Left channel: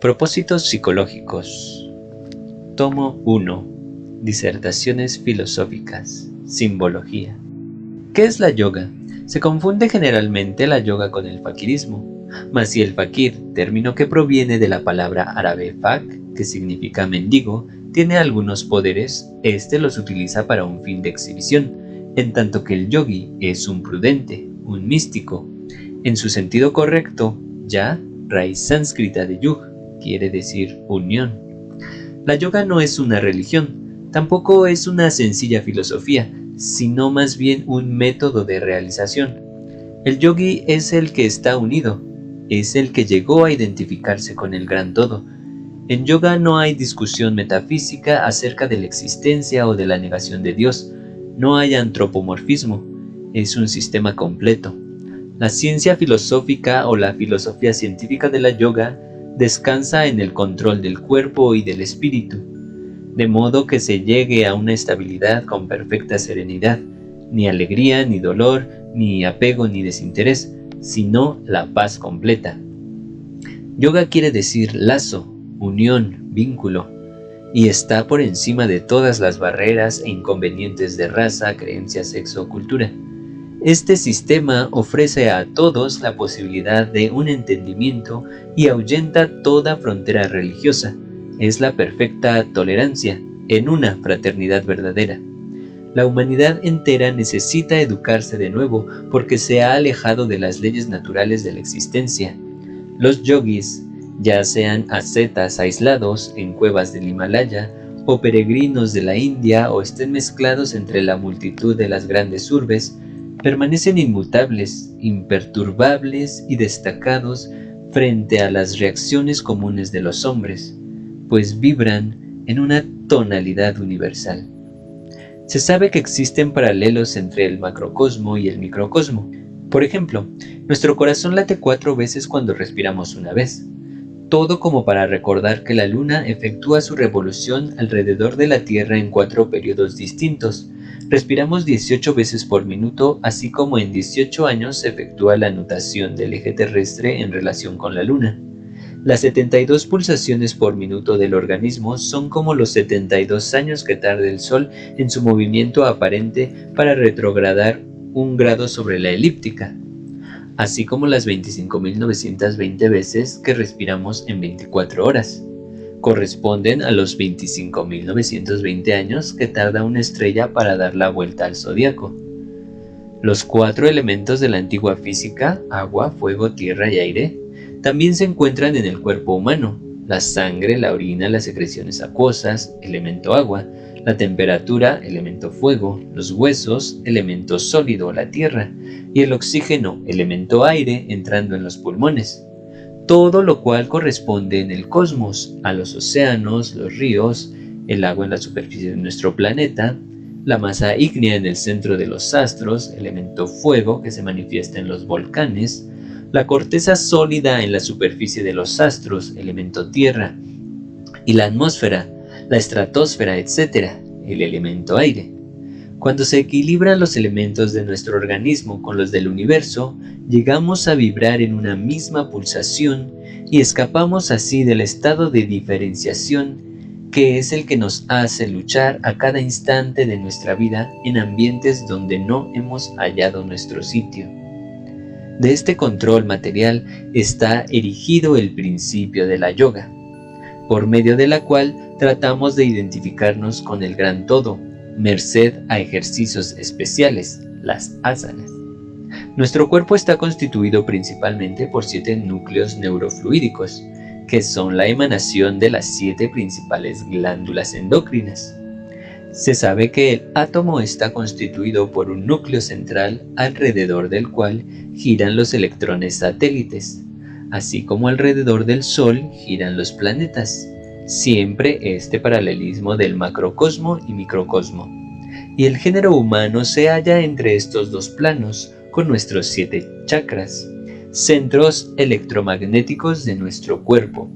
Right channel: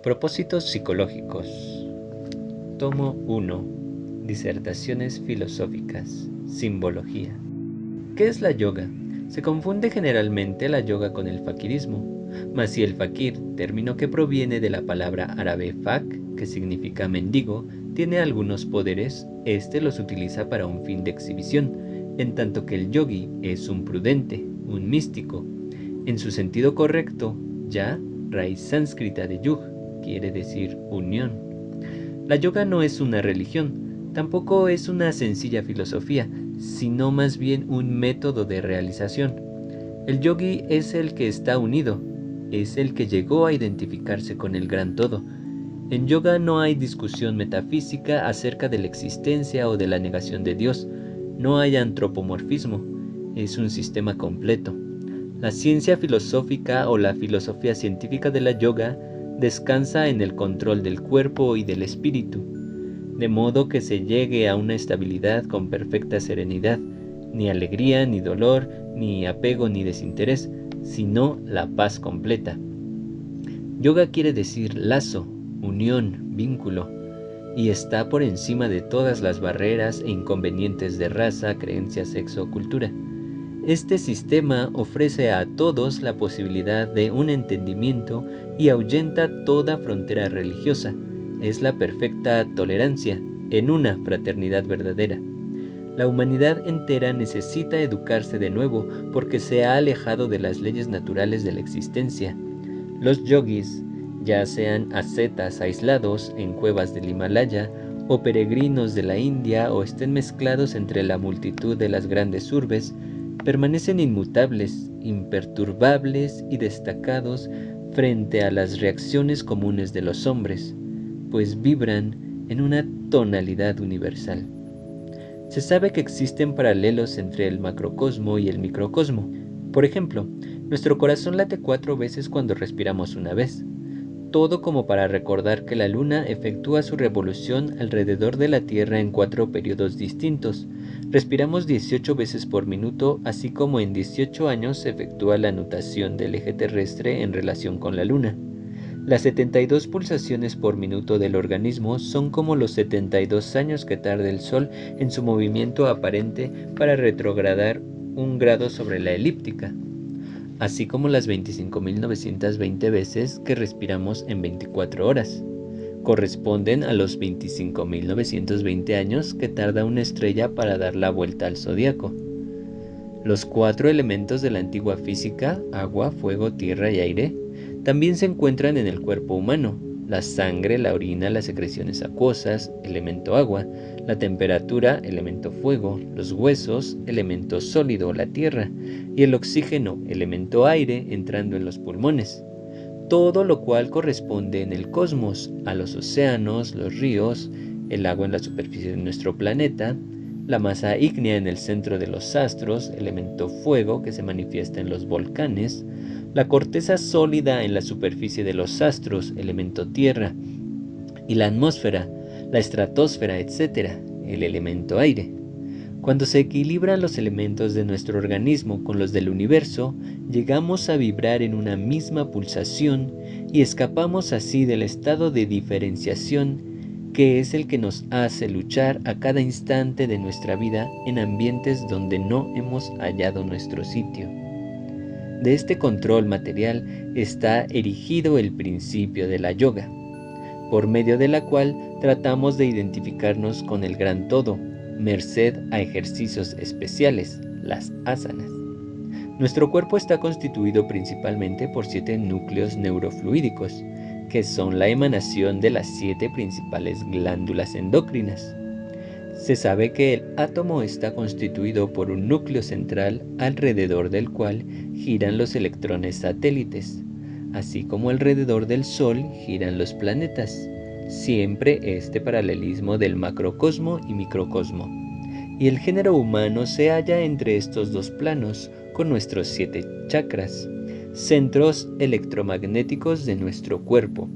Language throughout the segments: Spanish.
Propósitos psicológicos. Tomo 1. Disertaciones filosóficas. Simbología. ¿Qué es la yoga? Se confunde generalmente la yoga con el fakirismo, mas si el fakir, término que proviene de la palabra árabe fak, que significa mendigo, tiene algunos poderes, este los utiliza para un fin de exhibición, en tanto que el yogi es un prudente, un místico. En su sentido correcto, ya, raíz sánscrita de yug, quiere decir unión. La yoga no es una religión, tampoco es una sencilla filosofía, sino más bien un método de realización. El yogi es el que está unido, es el que llegó a identificarse con el gran todo. En yoga no hay discusión metafísica acerca de la existencia o de la negación de Dios, no hay antropomorfismo, es un sistema completo. La ciencia filosófica o la filosofía científica de la yoga descansa en el control del cuerpo y del espíritu, de modo que se llegue a una estabilidad con perfecta serenidad, ni alegría, ni dolor, ni apego, ni desinterés, sino la paz completa. Yoga quiere decir lazo, unión, vínculo, y está por encima de todas las barreras e inconvenientes de raza, creencia, sexo o cultura. Este sistema ofrece a todos la posibilidad de un entendimiento y ahuyenta toda frontera religiosa. Es la perfecta tolerancia en una fraternidad verdadera. La humanidad entera necesita educarse de nuevo porque se ha alejado de las leyes naturales de la existencia. Los yogis, ya sean ascetas aislados en cuevas del Himalaya, o peregrinos de la India, o estén mezclados entre la multitud de las grandes urbes, permanecen inmutables, imperturbables y destacados frente a las reacciones comunes de los hombres, pues vibran en una tonalidad universal. Se sabe que existen paralelos entre el macrocosmo y el microcosmo. Por ejemplo, nuestro corazón late 4 veces cuando respiramos una vez. Todo como para recordar que la Luna efectúa su revolución alrededor de la Tierra en 4 periodos distintos. Respiramos 18 veces por minuto, así como en 18 años se efectúa la nutación del eje terrestre en relación con la Luna. Las 72 pulsaciones por minuto del organismo son como los 72 años que tarda el Sol en su movimiento aparente para retrogradar 1 grado sobre la elíptica, así como las 25.920 veces que respiramos en 24 horas. Corresponden a los 25.920 años que tarda una estrella para dar la vuelta al zodiaco. Los 4 elementos de la antigua física, agua, fuego, tierra y aire, también se encuentran en el cuerpo humano: la sangre, la orina, las secreciones acuosas, elemento agua, la temperatura, elemento fuego, los huesos, elemento sólido, la tierra, y el oxígeno, elemento aire, entrando en los pulmones. Todo lo cual corresponde en el cosmos a los océanos, los ríos, el agua en la superficie de nuestro planeta, la masa ígnea en el centro de los astros, elemento fuego que se manifiesta en los volcanes, la corteza sólida en la superficie de los astros, elemento tierra, y la atmósfera, la estratosfera, etc., el elemento aire. Cuando se equilibran los elementos de nuestro organismo con los del universo, llegamos a vibrar en una misma pulsación y escapamos así del estado de diferenciación que es el que nos hace luchar a cada instante de nuestra vida en ambientes donde no hemos hallado nuestro sitio. De este control material está erigido el principio de la yoga, por medio de la cual tratamos de identificarnos con el gran todo, merced a ejercicios especiales, las asanas. Nuestro cuerpo está constituido principalmente por 7 núcleos neurofluídicos, que son la emanación de las 7 principales glándulas endocrinas. Se sabe que el átomo está constituido por un núcleo central alrededor del cual giran los electrones satélites, así como alrededor del Sol giran los planetas. Siempre este paralelismo del macrocosmo y microcosmo. Y el género humano se halla entre estos dos planos, con nuestros 7 chakras, centros electromagnéticos de nuestro cuerpo,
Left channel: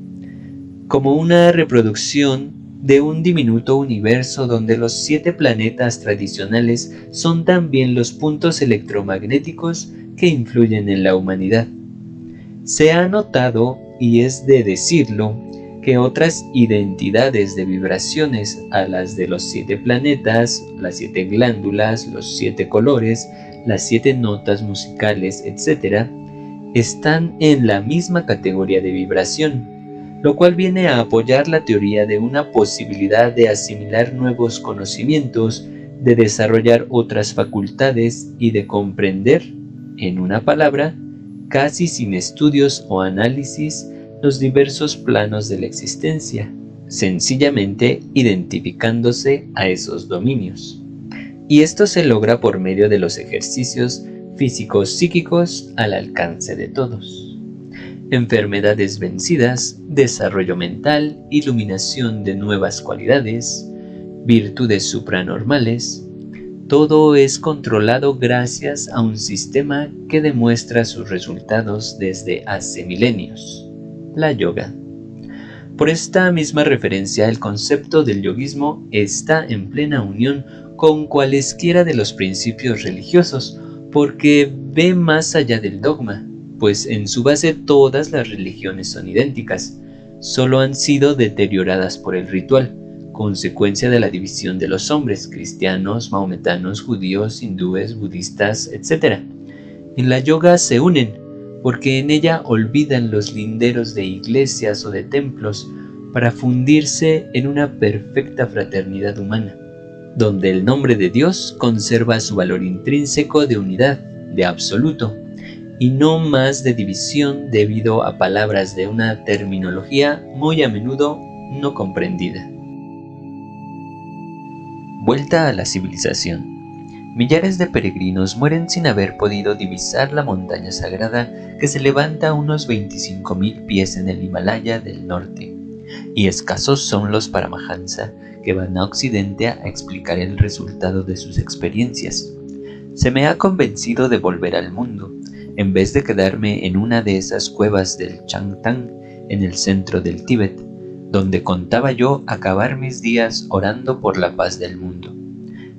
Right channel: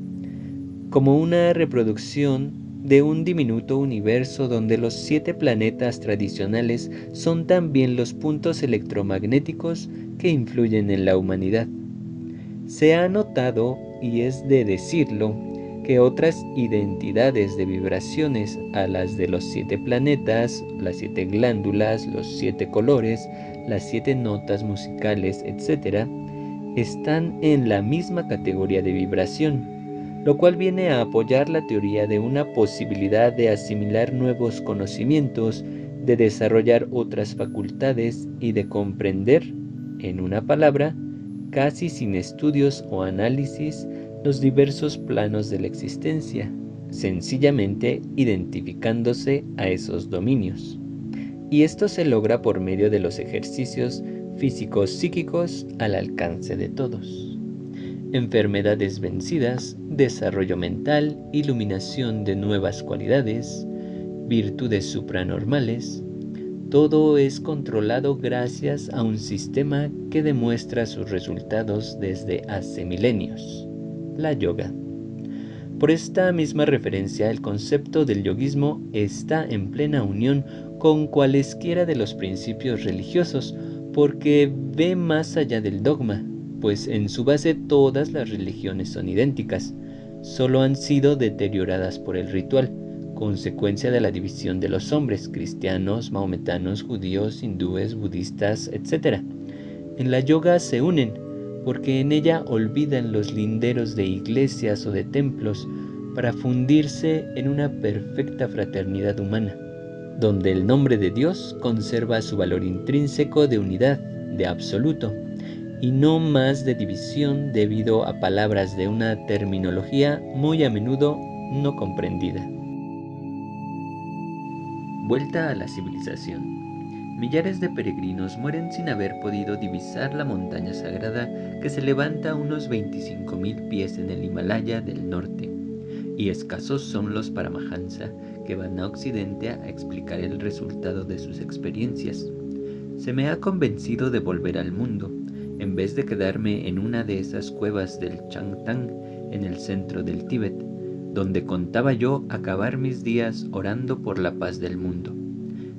como una reproducción de un diminuto universo donde los 7 planetas tradicionales son también los puntos electromagnéticos que influyen en la humanidad. Se ha notado y es de decirlo, que otras identidades de vibraciones a las de los 7 planetas, las 7 glándulas, los 7 colores, las 7 notas musicales, etc., están en la misma categoría de vibración, lo cual viene a apoyar la teoría de una posibilidad de asimilar nuevos conocimientos, de desarrollar otras facultades y de comprender, en una palabra, casi sin estudios o análisis, los diversos planos de la existencia, sencillamente identificándose a esos dominios. Y esto se logra por medio de los ejercicios físicos psíquicos al alcance de todos. Enfermedades vencidas, desarrollo mental, iluminación de nuevas cualidades, virtudes supranormales, todo es controlado gracias a un sistema que demuestra sus resultados desde hace milenios, la yoga. Por esta misma referencia, el concepto del yoguismo está en plena unión con cualesquiera de los principios religiosos, porque ve más allá del dogma, pues en su base todas las religiones son idénticas, solo han sido deterioradas por el ritual, consecuencia de la división de los hombres, cristianos, mahometanos, judíos, hindúes, budistas, etc. En la yoga se unen, porque en ella olvidan los linderos de iglesias o de templos para fundirse en una perfecta fraternidad humana, donde el nombre de Dios conserva su valor intrínseco de unidad, de absoluto, y no más de división debido a palabras de una terminología muy a menudo no comprendida. Vuelta a la civilización. Millares de peregrinos mueren sin haber podido divisar la montaña sagrada que se levanta a unos 25.000 pies en el Himalaya del norte, y escasos son los Paramahansa que van a Occidente a explicar el resultado de sus experiencias. Se me ha convencido de volver al mundo, en vez de quedarme en una de esas cuevas del Changtang en el centro del Tíbet, donde contaba yo acabar mis días orando por la paz del mundo.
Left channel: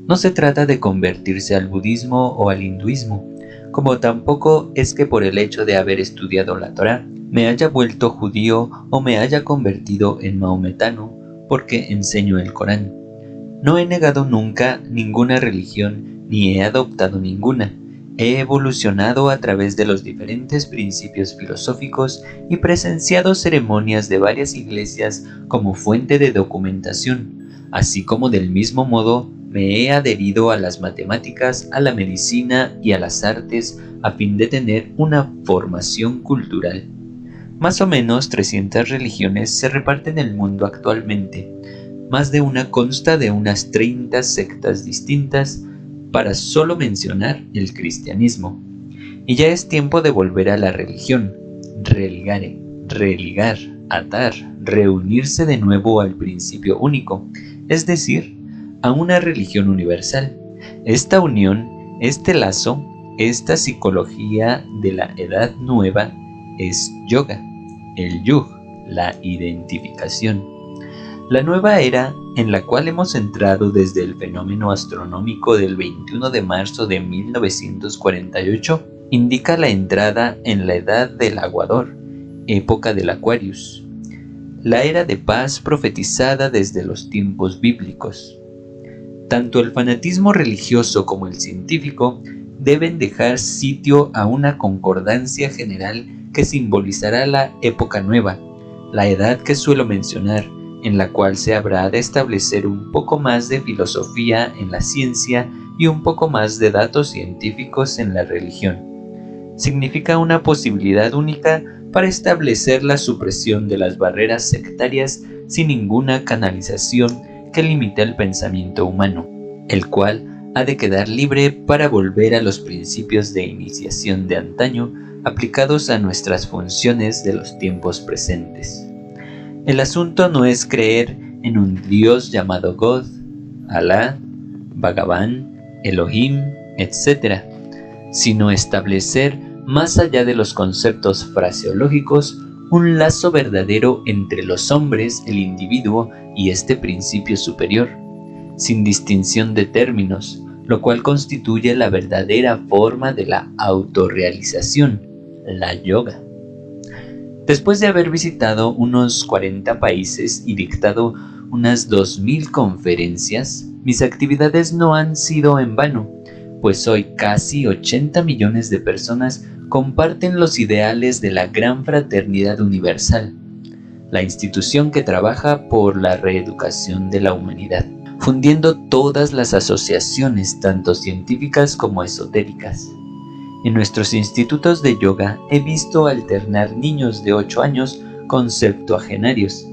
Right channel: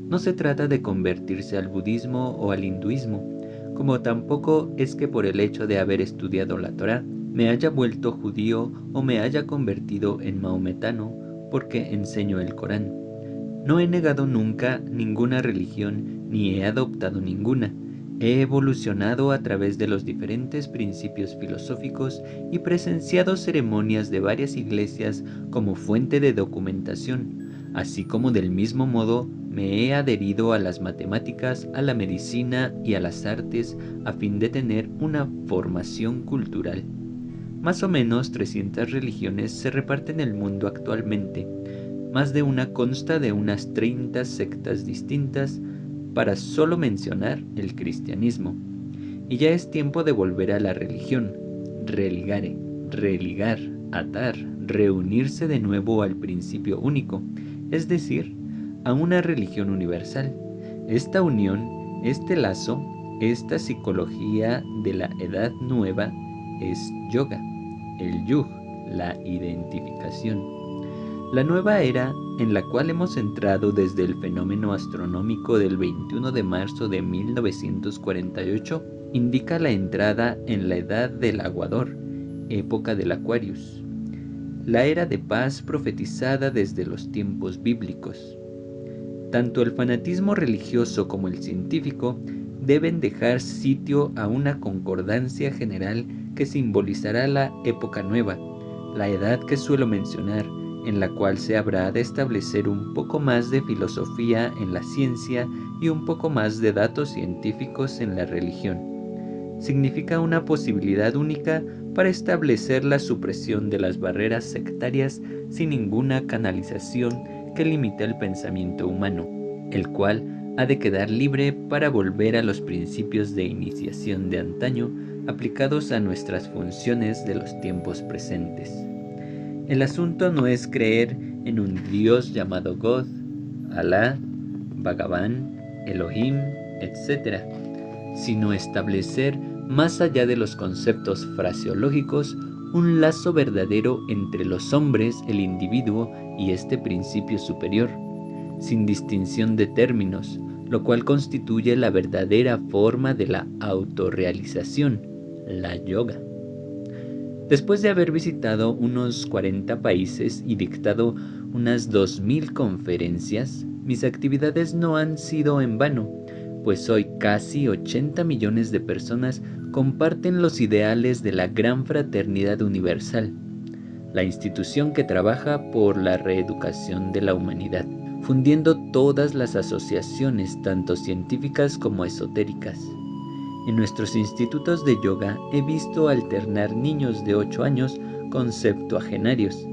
No se trata de convertirse al budismo o al hinduismo, como tampoco es que por el hecho de haber estudiado la Torá me haya vuelto judío o me haya convertido en mahometano porque enseño el Corán. No he negado nunca ninguna religión ni he adoptado ninguna. He evolucionado a través de los diferentes principios filosóficos y presenciado ceremonias de varias iglesias como fuente de documentación, así como del mismo modo me he adherido a las matemáticas, a la medicina y a las artes a fin de tener una formación cultural. Más o menos 300 religiones se reparten el mundo actualmente. Más de una consta de unas 30 sectas distintas, para solo mencionar el cristianismo. Y ya es tiempo de volver a la religión, religare, religar, atar, reunirse de nuevo al principio único, es decir, a una religión universal. Esta unión, este lazo, esta psicología de la edad nueva es yoga, el yug, la identificación. La nueva era en la cual hemos entrado desde el fenómeno astronómico del 21 de marzo de 1948 indica la entrada en la edad del aguador, época del Aquarius, la era de paz profetizada desde los tiempos bíblicos. Tanto el fanatismo religioso como el científico deben dejar sitio a una concordancia general que simbolizará la época nueva, la edad que suelo mencionar, en la cual se habrá de establecer un poco más de filosofía en la ciencia y un poco más de datos científicos en la religión. Significa una posibilidad única para establecer la supresión de las barreras sectarias sin ninguna canalización que limite el pensamiento humano, el cual ha de quedar libre para volver a los principios de iniciación de antaño aplicados a nuestras funciones de los tiempos presentes. El asunto no es creer en un Dios llamado God, Alá, Bhagavan, Elohim, etc., sino establecer, más allá de los conceptos fraseológicos, un lazo verdadero entre los hombres, el individuo y este principio superior, sin distinción de términos, lo cual constituye la verdadera forma de la autorrealización, la yoga. Después de haber visitado unos 40 países y dictado unas 2000 conferencias, mis actividades no han sido en vano, pues hoy casi 80 millones de personas comparten los ideales de la Gran Fraternidad Universal, la institución que trabaja por la reeducación de la humanidad, fundiendo todas las asociaciones, tanto científicas como esotéricas. En nuestros institutos de yoga he visto alternar niños de 8 años con septuagenarios,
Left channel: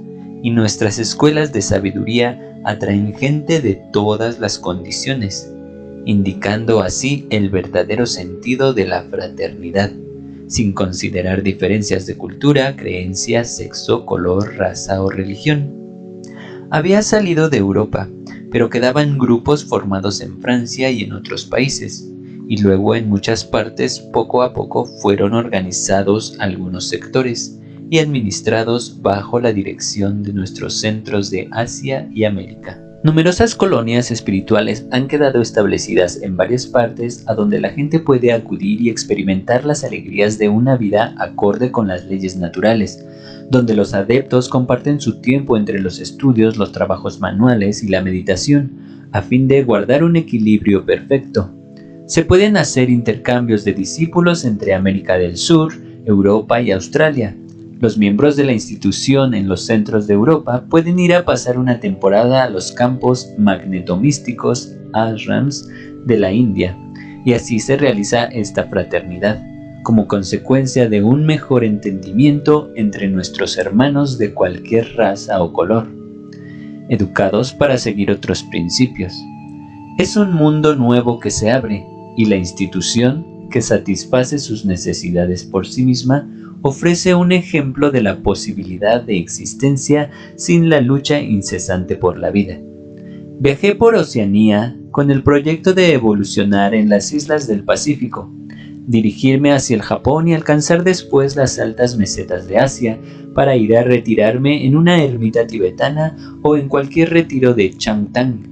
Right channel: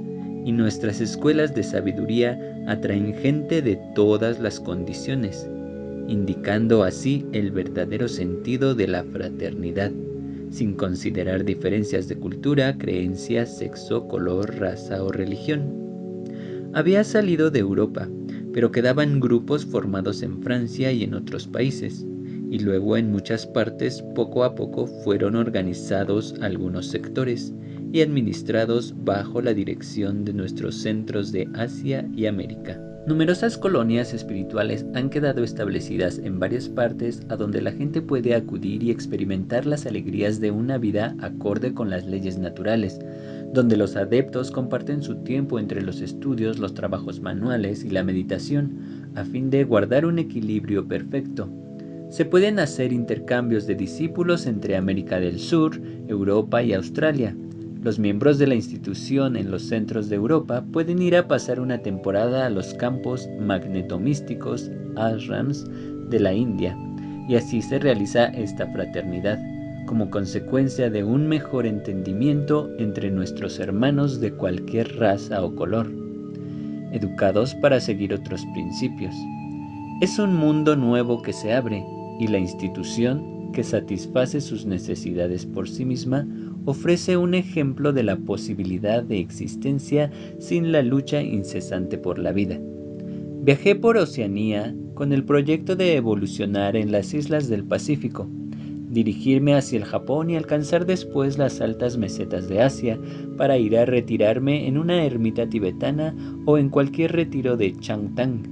y nuestras escuelas de sabiduría atraen gente de todas las condiciones, indicando así el verdadero sentido de la fraternidad, sin considerar diferencias de cultura, creencias, sexo, color, raza o religión. Había salido de Europa, pero quedaban grupos formados en Francia y en otros países, y luego en muchas partes poco a poco fueron organizados algunos sectores y administrados bajo la dirección de nuestros centros de Asia y América. Numerosas colonias espirituales han quedado establecidas en varias partes a donde la gente puede acudir y experimentar las alegrías de una vida acorde con las leyes naturales, donde los adeptos comparten su tiempo entre los estudios, los trabajos manuales y la meditación, a fin de guardar un equilibrio perfecto. Se pueden hacer intercambios de discípulos entre América del Sur, Europa y Australia. Los miembros de la institución en los centros de Europa pueden ir a pasar una temporada a los campos magnetomísticos, ashrams, de la India, y así se realiza esta fraternidad, como consecuencia de un mejor entendimiento entre nuestros hermanos de cualquier raza o color, educados para seguir otros principios. Es un mundo nuevo que se abre, y la institución, que satisface sus necesidades por sí misma, ofrece un ejemplo de la posibilidad de existencia sin la lucha incesante por la vida. Viajé por Oceanía con el proyecto de evolucionar en las islas del Pacífico, dirigirme hacia el Japón y alcanzar después las altas mesetas de Asia para ir a retirarme en una ermita tibetana o en cualquier retiro de Changtang.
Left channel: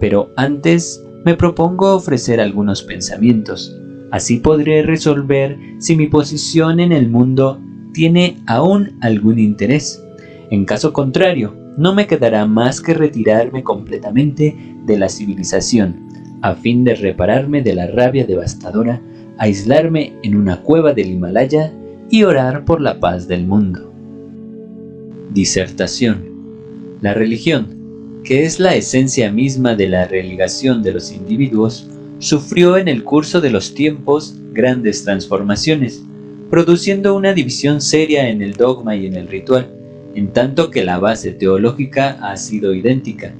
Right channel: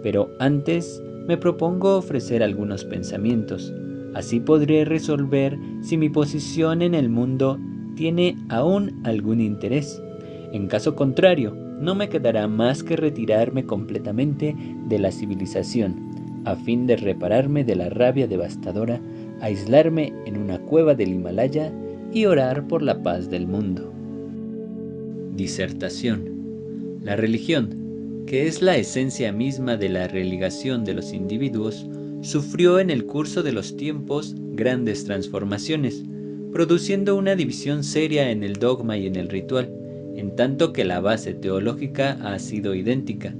Pero antes me propongo ofrecer algunos pensamientos. Así podré resolver si mi posición en el mundo tiene aún algún interés. En caso contrario, no me quedará más que retirarme completamente de la civilización, a fin de repararme de la rabia devastadora, aislarme en una cueva del Himalaya y orar por la paz del mundo. Disertación. La religión, que es la esencia misma de la religación de los individuos, sufrió en el curso de los tiempos grandes transformaciones, produciendo una división seria en el dogma y en el ritual, en tanto que la base teológica ha sido idéntica.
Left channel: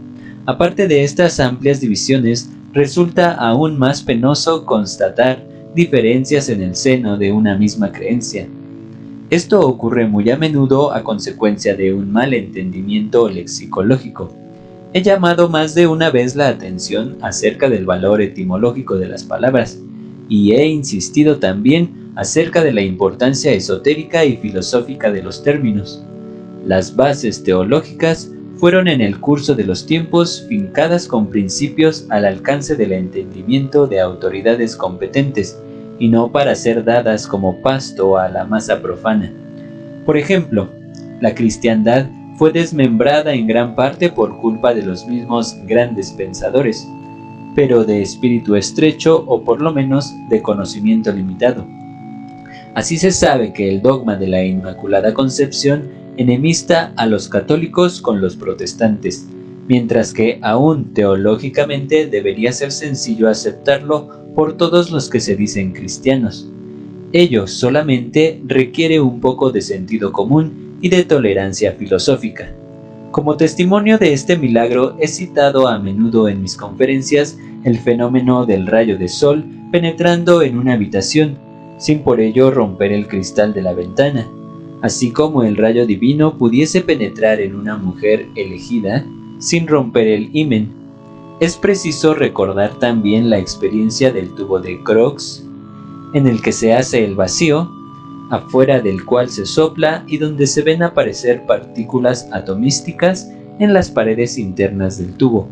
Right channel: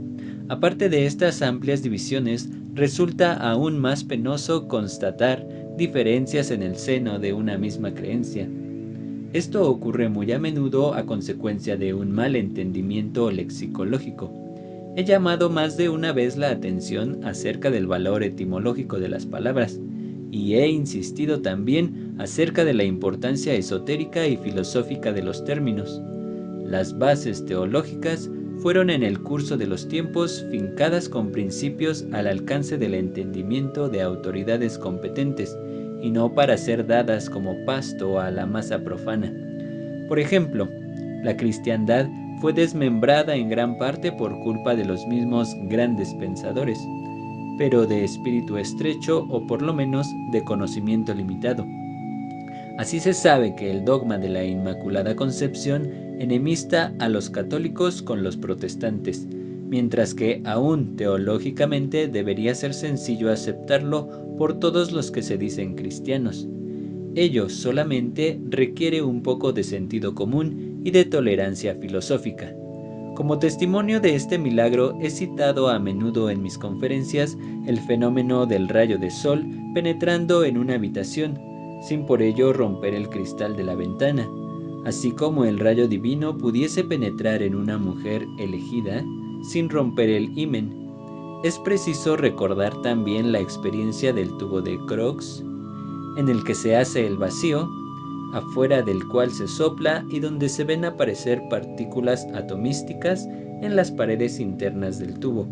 Aparte de estas amplias divisiones, resulta aún más penoso constatar diferencias en el seno de una misma creencia. Esto ocurre muy a menudo a consecuencia de un mal entendimiento lexicológico. He llamado más de una vez la atención acerca del valor etimológico de las palabras, y he insistido también acerca de la importancia esotérica y filosófica de los términos. Las bases teológicas fueron en el curso de los tiempos fincadas con principios al alcance del entendimiento de autoridades competentes, y no para ser dadas como pasto a la masa profana. Por ejemplo, la cristiandad fue desmembrada en gran parte por culpa de los mismos grandes pensadores, pero de espíritu estrecho o por lo menos de conocimiento limitado. Así se sabe que el dogma de la Inmaculada Concepción enemista a los católicos con los protestantes, mientras que aún teológicamente debería ser sencillo aceptarlo por todos los que se dicen cristianos. Ello solamente requiere un poco de sentido común y de tolerancia filosófica. Como testimonio de este milagro he citado a menudo en mis conferencias el fenómeno del rayo de sol penetrando en una habitación, sin por ello romper el cristal de la ventana, así como el rayo divino pudiese penetrar en una mujer elegida sin romper el himen. Es preciso recordar también la experiencia del tubo de Crookes, en el que se hace el vacío, afuera del cual se sopla y donde se ven aparecer partículas atomísticas en las paredes internas del tubo.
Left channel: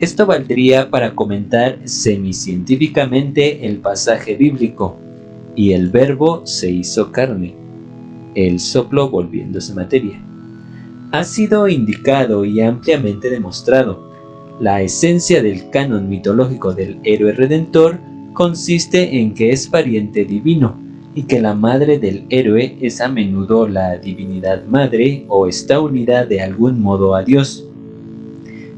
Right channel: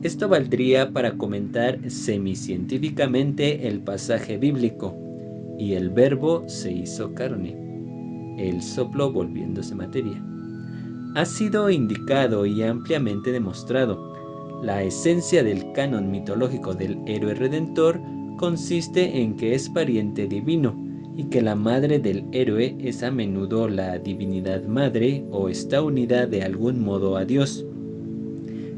Esto valdría para comentar semicientíficamente el pasaje bíblico, y el Verbo se hizo carne. el soplo volviéndose materia. Ha sido indicado y ampliamente demostrado. La esencia del canon mitológico del héroe redentor consiste en que es pariente divino y que la madre del héroe es a menudo la divinidad madre o está unida de algún modo a Dios.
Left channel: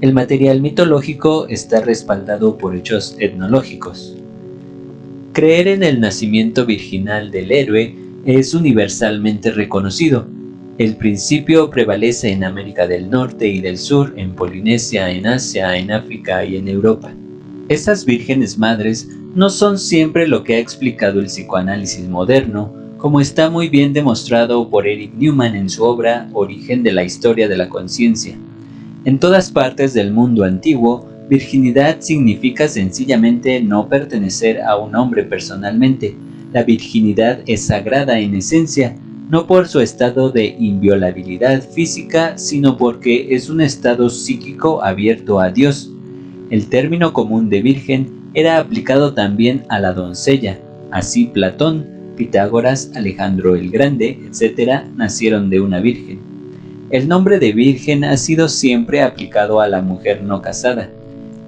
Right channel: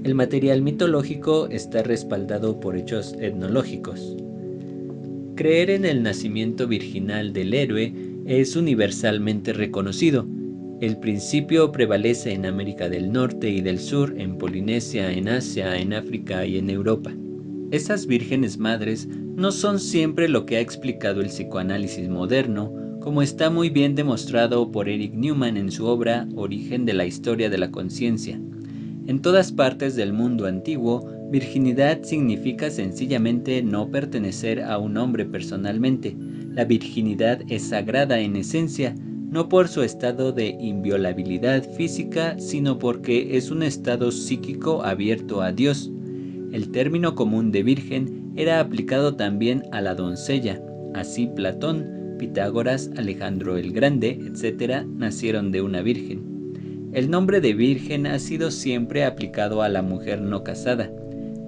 El material mitológico está respaldado por hechos etnológicos. Creer en el nacimiento virginal del héroe es universalmente reconocido. El principio prevalece en América del Norte y del Sur, en Polinesia, en Asia, en África y en Europa. Estas vírgenes madres no son siempre lo que ha explicado el psicoanálisis moderno, como está muy bien demostrado por Eric Newman en su obra Origen de la Historia de la Conciencia. En todas partes del mundo antiguo, virginidad significa sencillamente no pertenecer a un hombre personalmente. La virginidad es sagrada en esencia, no por su estado de inviolabilidad física, sino porque es un estado psíquico abierto a Dios. El término común de virgen era aplicado también a la doncella. Así Platón, Pitágoras, Alejandro el Grande, etc., nacieron de una virgen. El nombre de virgen ha sido siempre aplicado a la mujer no casada.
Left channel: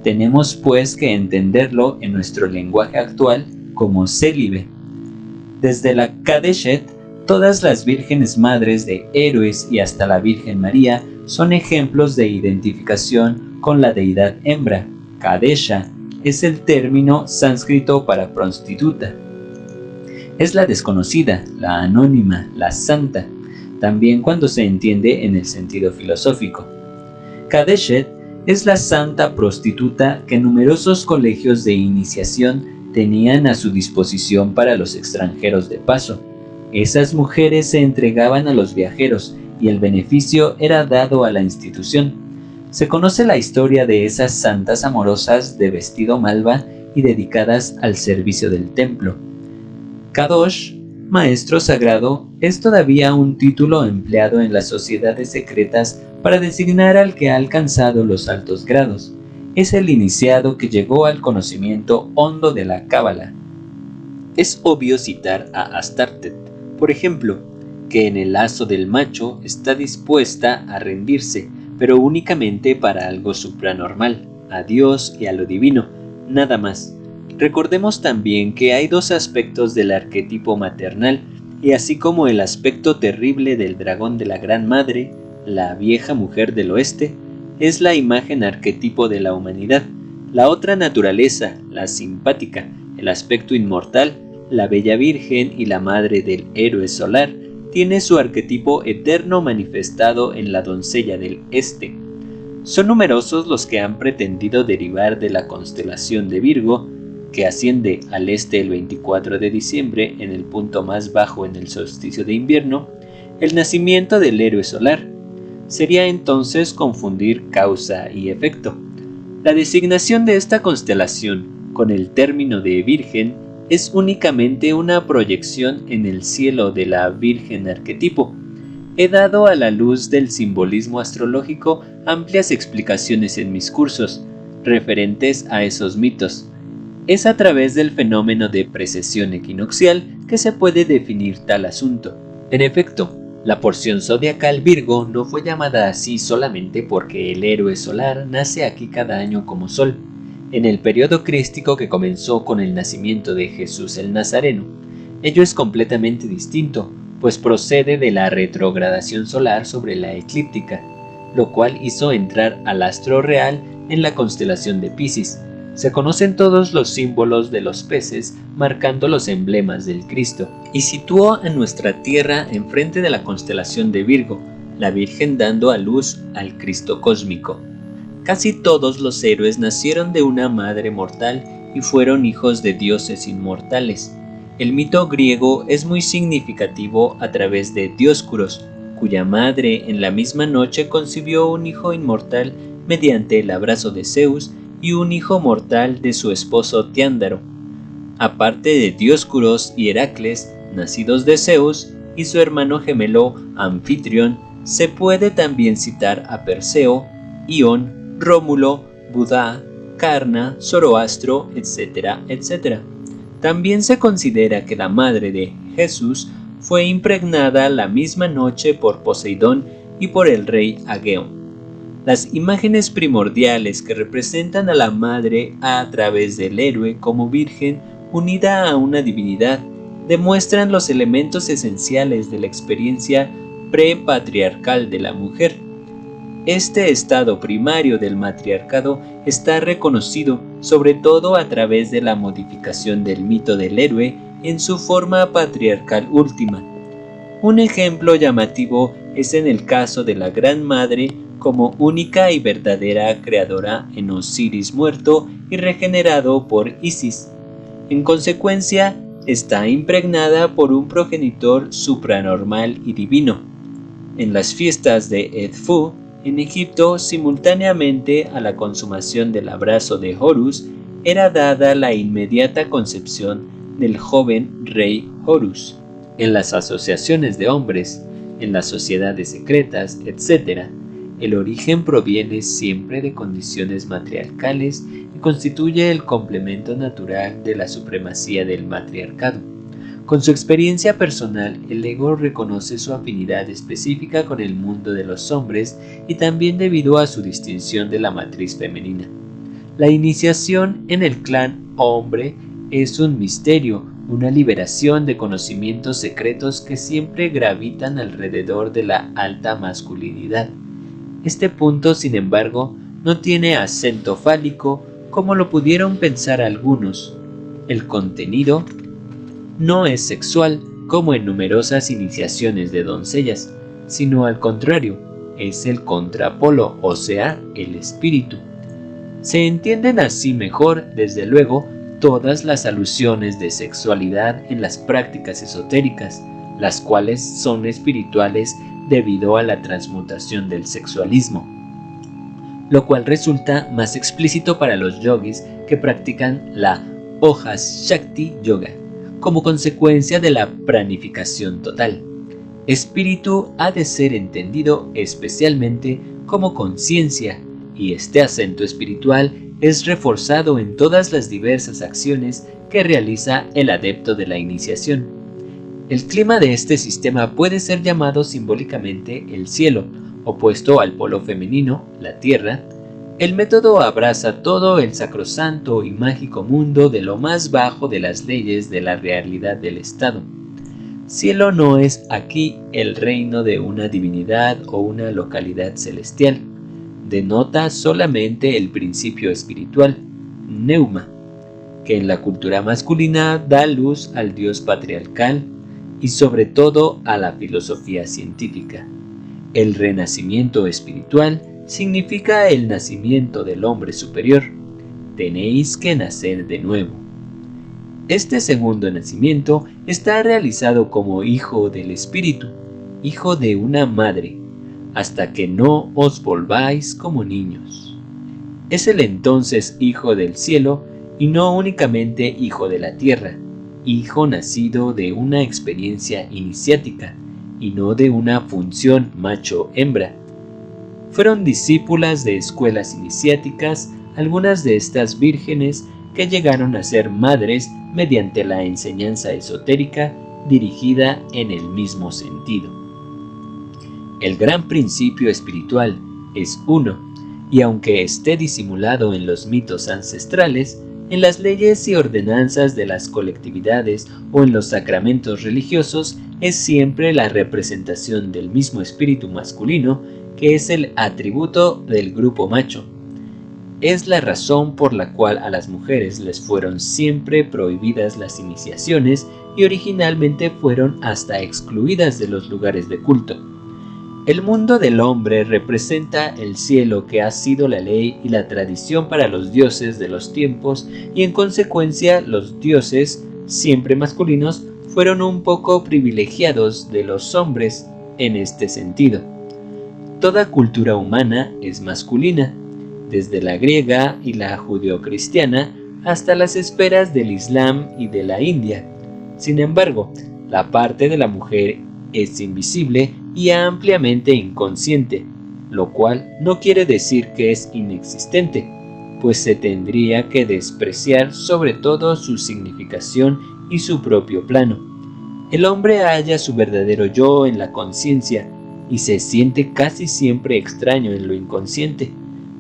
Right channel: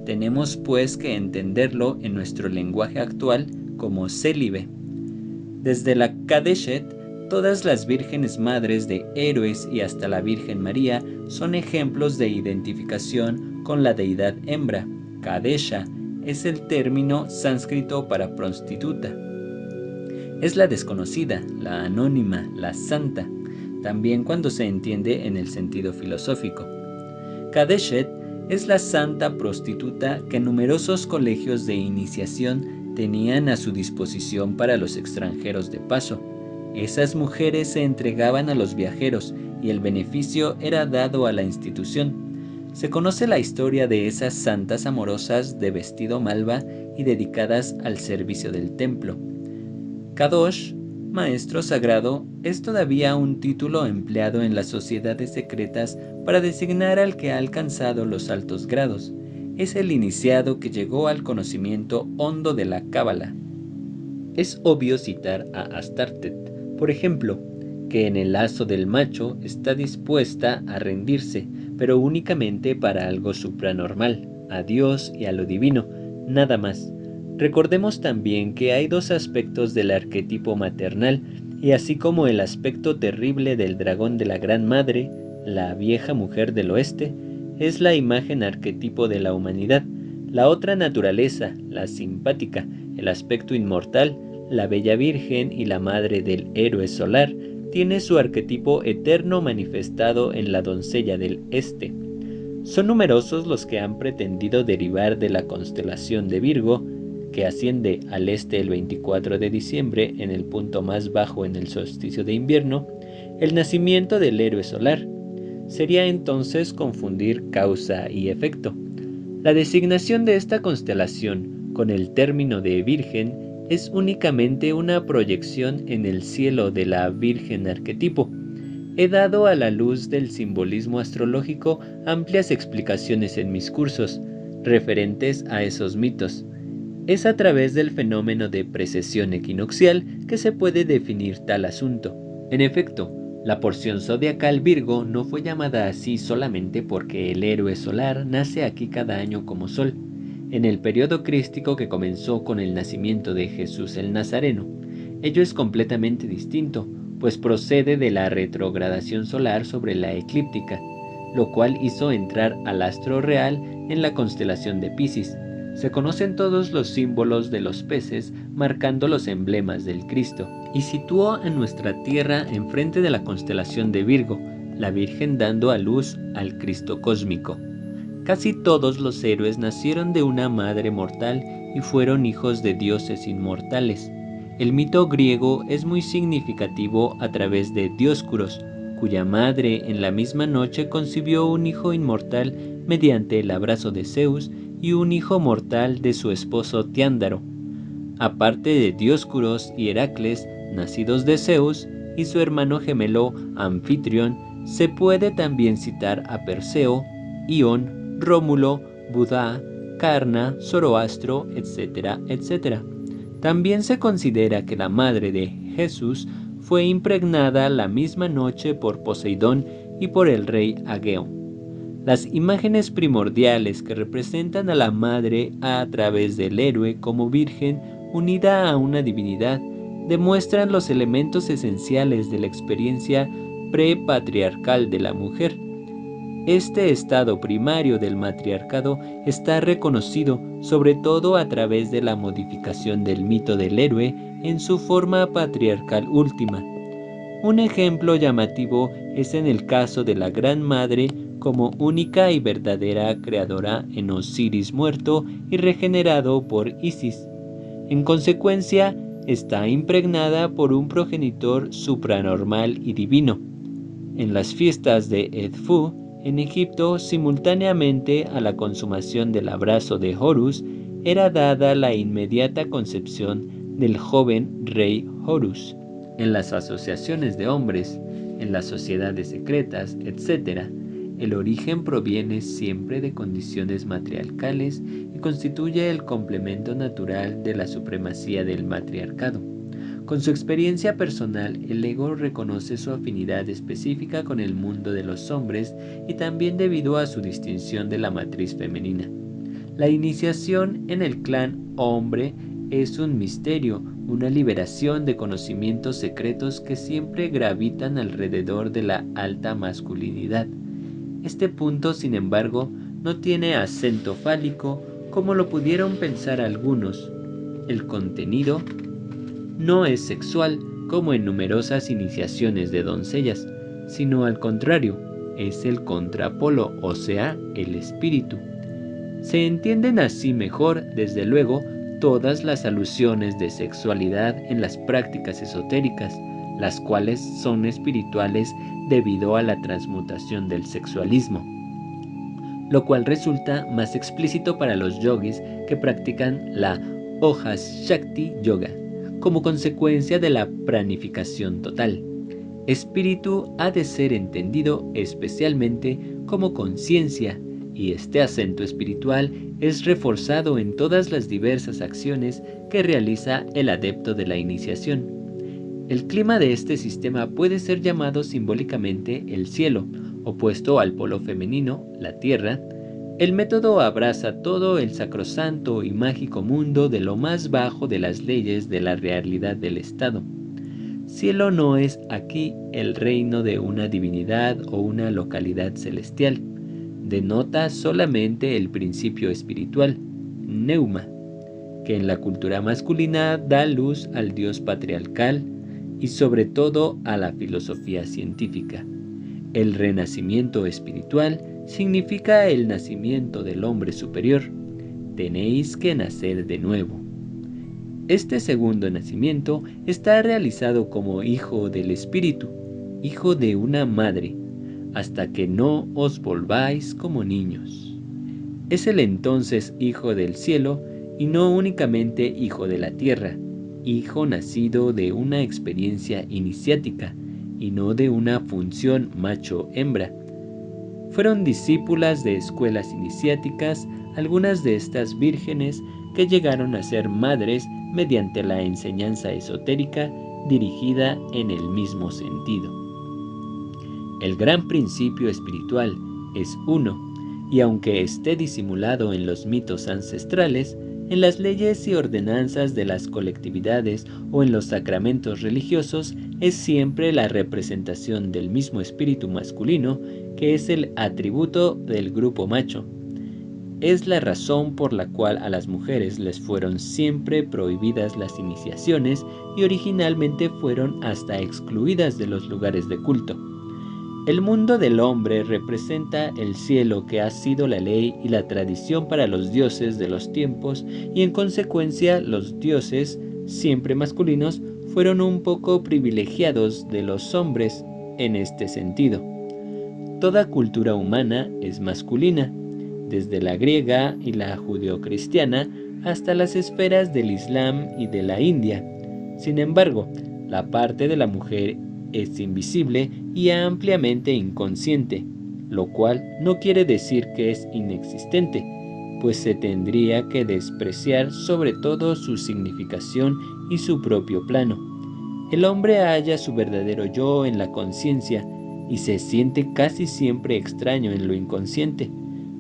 Tenemos pues que entenderlo en nuestro lenguaje actual como célibe. Desde la Kadeshet, todas las vírgenes madres de héroes y hasta la Virgen María son ejemplos de identificación con la deidad hembra. Kadesha es el término sánscrito para prostituta. Es la desconocida, la anónima, la santa, también cuando se entiende en el sentido filosófico. Kadeshet es la santa prostituta que numerosos colegios de iniciación tenían a su disposición para los extranjeros de paso. Esas mujeres se entregaban a los viajeros y el beneficio era dado a la institución. Se conoce la historia de esas santas amorosas de vestido malva y dedicadas al servicio del templo. Kadosh, maestro sagrado, es todavía un título empleado en las sociedades secretas para designar al que ha alcanzado los altos grados. Es el iniciado que llegó al conocimiento hondo de la Cábala. Es obvio citar a Astartet, por ejemplo, que en el lazo del macho está dispuesta a rendirse, pero únicamente para algo supranormal, a Dios y a lo divino, nada más. Recordemos también que hay dos aspectos del arquetipo maternal, y así como el aspecto terrible del dragón de la Gran Madre, la vieja mujer del oeste, es la imagen arquetipo de la humanidad. La otra naturaleza, la simpática, el aspecto inmortal, la bella virgen y la madre del héroe solar, tiene su arquetipo eterno manifestado en la doncella del este. Son numerosos los que han pretendido derivar de la constelación de Virgo, que asciende al este el 24 de diciembre en el punto más bajo en el solsticio de invierno, el nacimiento del héroe solar. Sería entonces confundir causa y efecto. La designación de esta constelación con el término de virgen es únicamente una proyección en el cielo de la virgen arquetipo. He dado a la luz del simbolismo astrológico amplias explicaciones en mis cursos, referentes a esos mitos. Es a través del fenómeno de precesión equinoccial que se puede definir tal asunto. En efecto, la porción zodiacal Virgo no fue llamada así solamente porque el héroe solar nace aquí cada año como sol, en el periodo crístico que comenzó con el nacimiento de Jesús el Nazareno. Ello es completamente distinto, pues procede de la retrogradación solar sobre la eclíptica, lo cual hizo entrar al astro real en la constelación de Piscis. Se conocen todos los símbolos de los peces marcando los emblemas del Cristo, y situó a nuestra tierra enfrente de la constelación de Virgo, la Virgen dando a luz al Cristo cósmico. Casi todos los héroes nacieron de una madre mortal y fueron hijos de dioses inmortales. El mito griego es muy significativo a través de Dioscuros, cuya madre en la misma noche concibió un hijo inmortal mediante el abrazo de Zeus y un hijo mortal de su esposo Tiándaro. Aparte de Dioscuros y Heracles, nacidos de Zeus, y su hermano gemelo Anfitrión, se puede también citar a Perseo, Ión, Rómulo, Budá, Carna, Zoroastro, etc., etc. También se considera que la madre de Jesús fue impregnada la misma noche por Poseidón y por el rey Ageo. Las imágenes primordiales que representan a la madre a través del héroe como virgen unida a una divinidad demuestran los elementos esenciales de la experiencia prepatriarcal de la mujer. Este estado primario del matriarcado está reconocido sobre todo a través de la modificación del mito del héroe en su forma patriarcal última. Un ejemplo llamativo es en el caso de la Gran Madre como única y verdadera creadora en Osiris muerto y regenerado por Isis. En consecuencia, está impregnada por un progenitor supranormal y divino. En las fiestas de Edfu, en Egipto, simultáneamente a la consumación del abrazo de Horus, era dada la inmediata concepción del joven rey Horus. En las asociaciones de hombres, en las sociedades secretas, etc., el origen proviene siempre de condiciones matriarcales y constituye el complemento natural de la supremacía del matriarcado. Con su experiencia personal, el ego reconoce su afinidad específica con el mundo de los hombres y también debido a su distinción de la matriz femenina. La iniciación en el clan hombre es un misterio, una liberación de conocimientos secretos que siempre gravitan alrededor de la alta masculinidad. Este punto, sin embargo, no tiene acento fálico como lo pudieron pensar algunos. El contenido no es sexual como en numerosas iniciaciones de doncellas, sino al contrario, es el contrapolo, o sea, el espíritu. Se entienden así mejor, desde luego, todas las alusiones de sexualidad en las prácticas esotéricas, las cuales son espirituales debido a la transmutación del sexualismo, lo cual resulta más explícito para los yogis que practican la Ojas Shakti Yoga, como consecuencia de la pranificación total. Espíritu ha de ser entendido especialmente como conciencia, y este acento espiritual es reforzado en todas las diversas acciones que realiza el adepto de la iniciación. El clima de este sistema puede ser llamado simbólicamente el cielo, opuesto al polo femenino, la tierra. El método abraza todo el sacrosanto y mágico mundo de lo más bajo de las leyes de la realidad del Estado. Cielo no es aquí el reino de una divinidad o una localidad celestial. Denota solamente el principio espiritual, Neuma, que en la cultura masculina da luz al dios patriarcal y sobre todo a la filosofía científica. El renacimiento espiritual significa el nacimiento del hombre superior. Tenéis que nacer de nuevo. Este segundo nacimiento está realizado como hijo del espíritu, hijo de una madre, hasta que no os volváis como niños. Es el entonces hijo del cielo y no únicamente hijo de la tierra, hijo nacido de una experiencia iniciática y no de una función macho-hembra. Fueron discípulas de escuelas iniciáticas algunas de estas vírgenes que llegaron a ser madres mediante la enseñanza esotérica dirigida en el mismo sentido. El gran principio espiritual es uno, y aunque esté disimulado en los mitos ancestrales, en las leyes y ordenanzas de las colectividades o en los sacramentos religiosos, es siempre la representación del mismo espíritu masculino que es el atributo del grupo macho. Es la razón por la cual a las mujeres les fueron siempre prohibidas las iniciaciones y originalmente fueron hasta excluidas de los lugares de culto. El mundo del hombre representa el cielo que ha sido la ley y la tradición para los dioses de los tiempos y en consecuencia los dioses, siempre masculinos, fueron un poco privilegiados de los hombres en este sentido. Toda cultura humana es masculina, desde la griega y la judeocristiana hasta las esferas del Islam y de la India. Sin embargo, la parte de la mujer es invisible y ampliamente inconsciente, lo cual no quiere decir que es inexistente, pues se tendría que despreciar sobre todo su significación y su propio plano. El hombre halla su verdadero yo en la conciencia y se siente casi siempre extraño en lo inconsciente.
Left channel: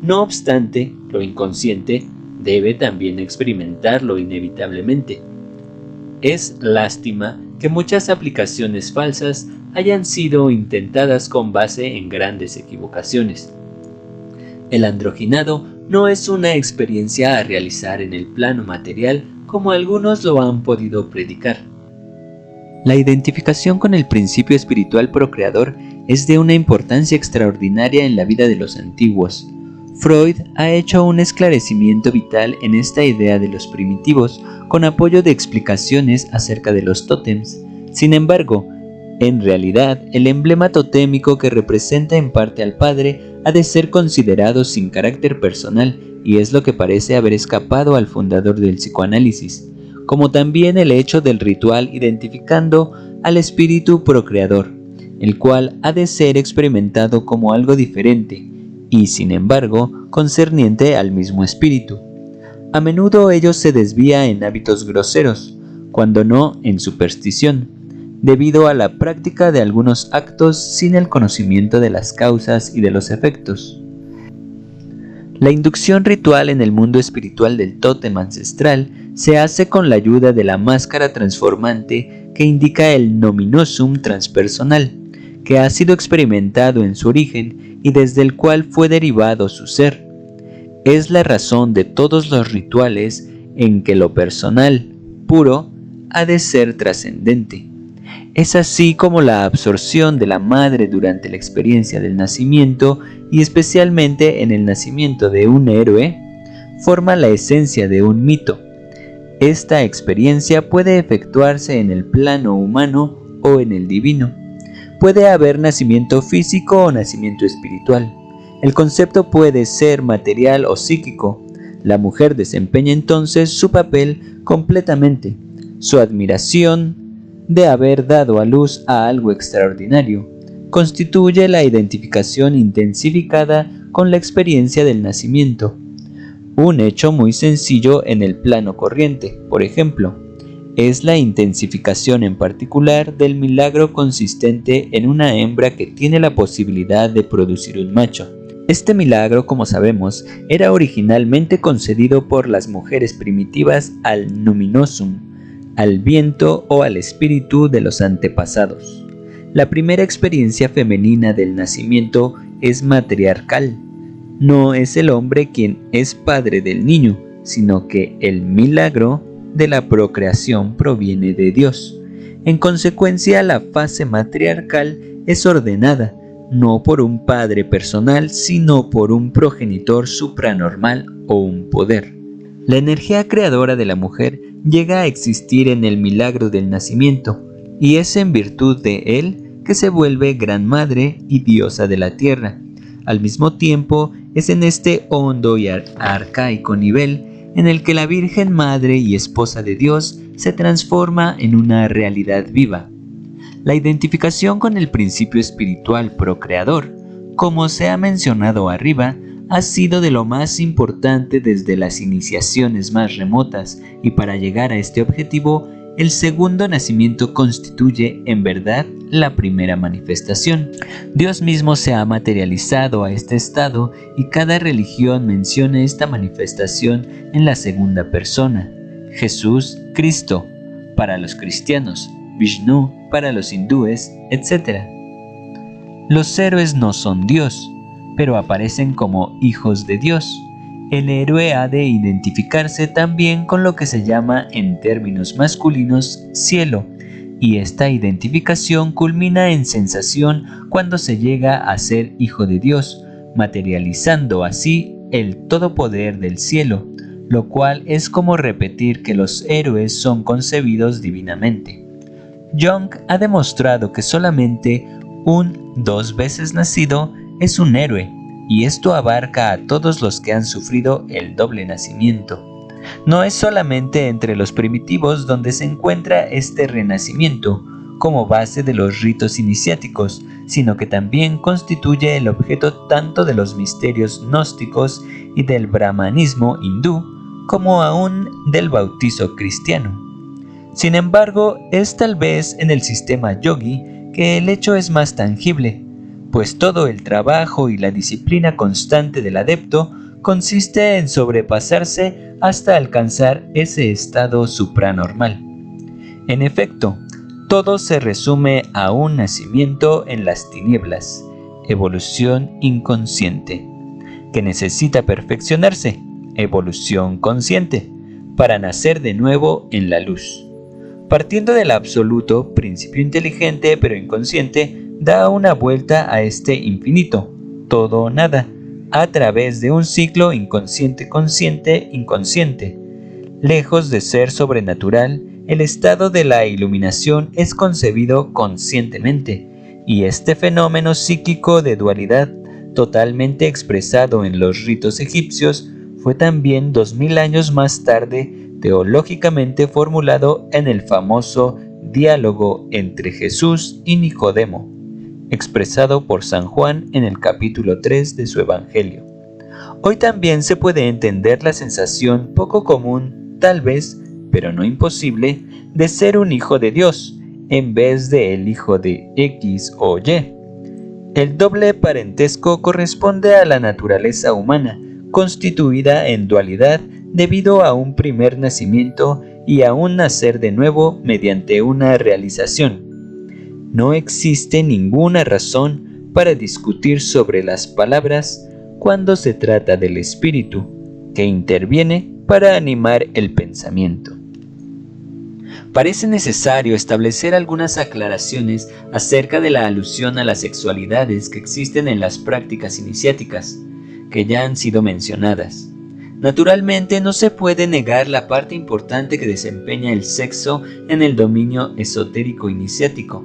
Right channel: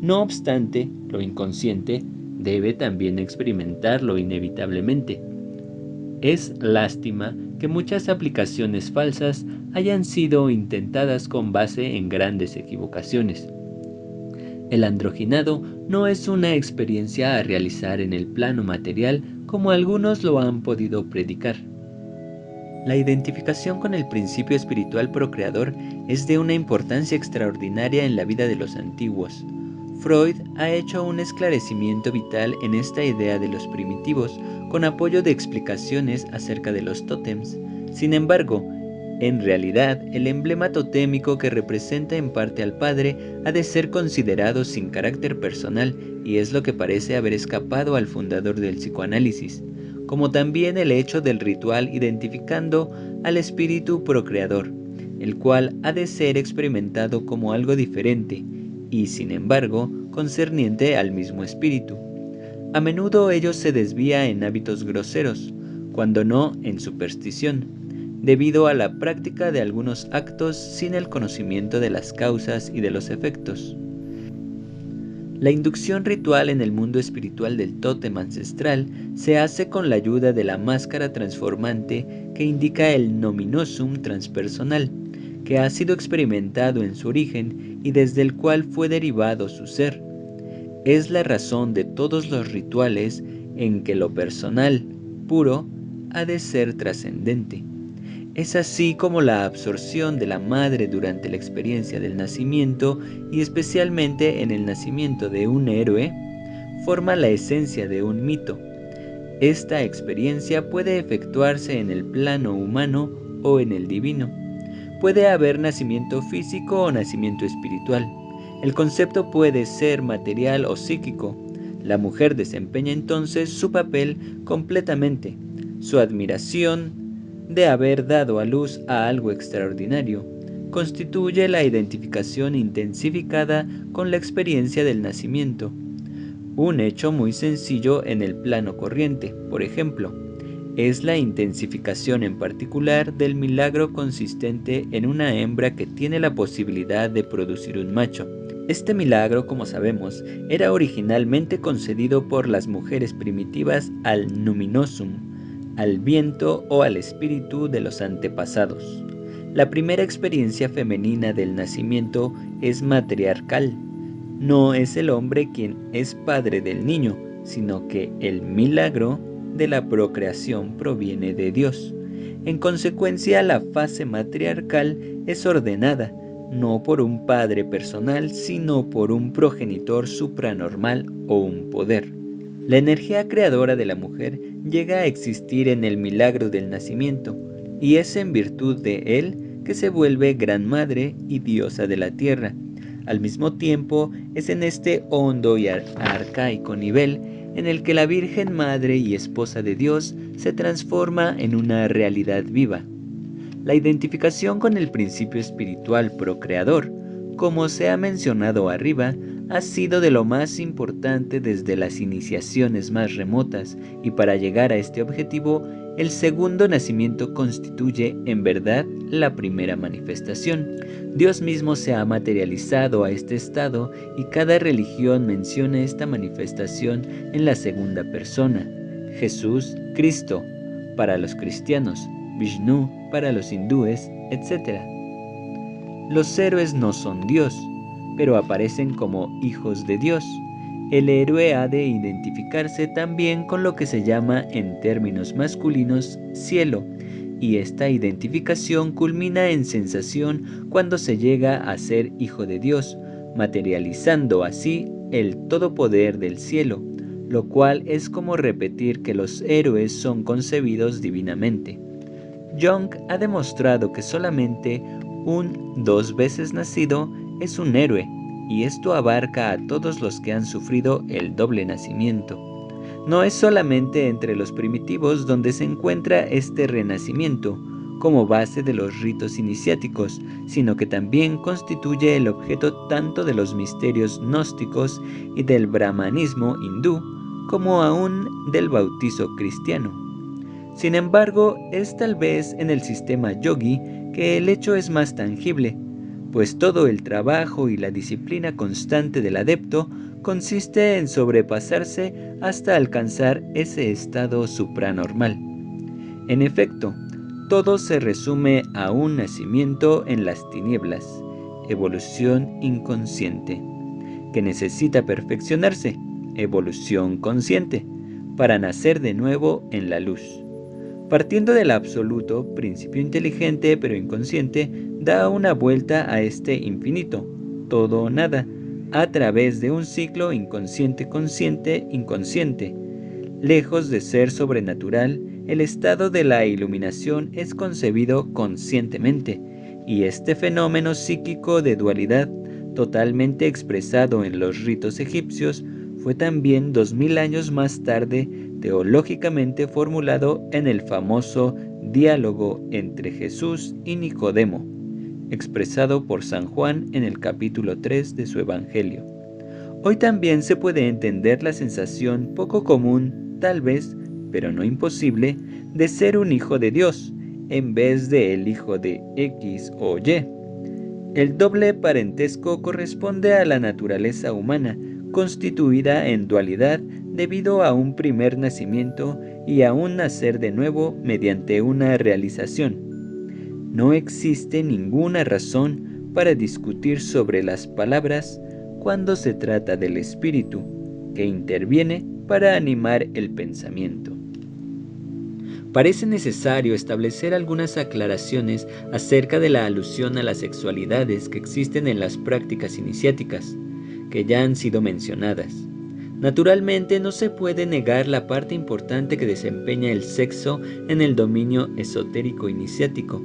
No obstante, lo inconsciente debe también experimentarlo inevitablemente. Es lástima que muchas aplicaciones falsas hayan sido intentadas con base en grandes equivocaciones. El androginado no es una experiencia a realizar en el plano material como algunos lo han podido predicar. La identificación con el principio espiritual procreador es de una importancia extraordinaria en la vida de los antiguos. Freud ha hecho un esclarecimiento vital en esta idea de los primitivos con apoyo de explicaciones acerca de los tótems. Sin embargo, en realidad, el emblema totémico que representa en parte al padre ha de ser considerado sin carácter personal y es lo que parece haber escapado al fundador del psicoanálisis, como también el hecho del ritual identificando al espíritu procreador, el cual ha de ser experimentado como algo diferente y, sin embargo, concerniente al mismo espíritu. A menudo ello se desvía en hábitos groseros, cuando no en superstición, debido a la práctica de algunos actos sin el conocimiento de las causas y de los efectos. La inducción ritual en el mundo espiritual del tótem ancestral se hace con la ayuda de la máscara transformante que indica el nominosum transpersonal, que ha sido experimentado en su origen y desde el cual fue derivado su ser. Es la razón de todos los rituales en que lo personal, puro, ha de ser trascendente. Es así como la absorción de la madre durante la experiencia del nacimiento y especialmente en el nacimiento de un héroe, forma la esencia de un mito. Esta experiencia puede efectuarse en el plano humano o en el divino. Puede haber nacimiento físico o nacimiento espiritual. El concepto puede ser material o psíquico. La mujer desempeña entonces su papel completamente. Su admiración de haber dado a luz a algo extraordinario constituye la identificación intensificada con la experiencia del nacimiento. Un hecho muy sencillo en el plano corriente, por ejemplo, es la intensificación en particular del milagro consistente en una hembra que tiene la posibilidad de producir un macho. Este milagro, como sabemos, era originalmente concedido por las mujeres primitivas al numinosum, al viento o al espíritu de los antepasados. La primera experiencia femenina del nacimiento es matriarcal. No es el hombre quien es padre del niño, sino que el milagro de la procreación proviene de Dios. En consecuencia, la fase matriarcal es ordenada, no por un padre personal, sino por un progenitor supranormal o un poder. La energía creadora de la mujer llega a existir en el milagro del nacimiento, y es en virtud de él que se vuelve gran madre y diosa de la tierra. Al mismo tiempo, es en este hondo y arcaico nivel en el que la Virgen Madre y Esposa de Dios se transforma en una realidad viva. La identificación con el principio espiritual procreador, como se ha mencionado arriba, ha sido de lo más importante desde las iniciaciones más remotas, y para llegar a este objetivo, el segundo nacimiento constituye, en verdad, la primera manifestación. Dios mismo se ha materializado a este estado y cada religión menciona esta manifestación en la segunda persona. Jesús, Cristo, para los cristianos, Vishnu, para los hindúes, etc. Los héroes no son Dios, pero aparecen como hijos de Dios. El héroe ha de identificarse también con lo que se llama en términos masculinos cielo, y esta identificación culmina en sensación cuando se llega a ser hijo de Dios, materializando así el todopoder del cielo, lo cual es como repetir que los héroes son concebidos divinamente. Jung ha demostrado que solamente un 2 veces nacido es un héroe, y esto abarca a todos los que han sufrido el doble nacimiento. No es solamente entre los primitivos donde se encuentra este renacimiento como base de los ritos iniciáticos, sino que también constituye el objeto tanto de los misterios gnósticos y del brahmanismo hindú, como aún del bautizo cristiano. Sin embargo, es tal vez en el sistema yogi que el hecho es más tangible, pues todo el trabajo y la disciplina constante del adepto consiste en sobrepasarse hasta alcanzar ese estado supranormal. En efecto, todo se resume a un nacimiento en las tinieblas, evolución inconsciente, que necesita perfeccionarse, evolución consciente, para nacer de nuevo en la luz. Partiendo del absoluto, principio inteligente pero inconsciente, da una vuelta a este infinito, todo o nada, a través de un ciclo inconsciente-inconsciente. Lejos de ser sobrenatural, el estado de la iluminación es concebido conscientemente, y este fenómeno psíquico de dualidad, totalmente expresado en los ritos egipcios, fue también 2000 años más tarde teológicamente formulado en el famoso diálogo entre Jesús y Nicodemo, expresado por San Juan en el capítulo 3 de su Evangelio. Hoy también se puede entender la sensación poco común, tal vez, pero no imposible, de ser un hijo de Dios, en vez de el hijo de X o Y. El doble parentesco corresponde a la naturaleza humana, constituida en dualidad debido a un primer nacimiento y a un nacer de nuevo mediante una realización. No existe ninguna razón para discutir sobre las palabras cuando se trata del espíritu, que interviene para animar el pensamiento. Parece necesario establecer algunas aclaraciones acerca de la alusión a las sexualidades que existen en las prácticas iniciáticas, que ya han sido mencionadas. Naturalmente, no se puede negar la parte importante que desempeña el sexo en el dominio esotérico iniciático.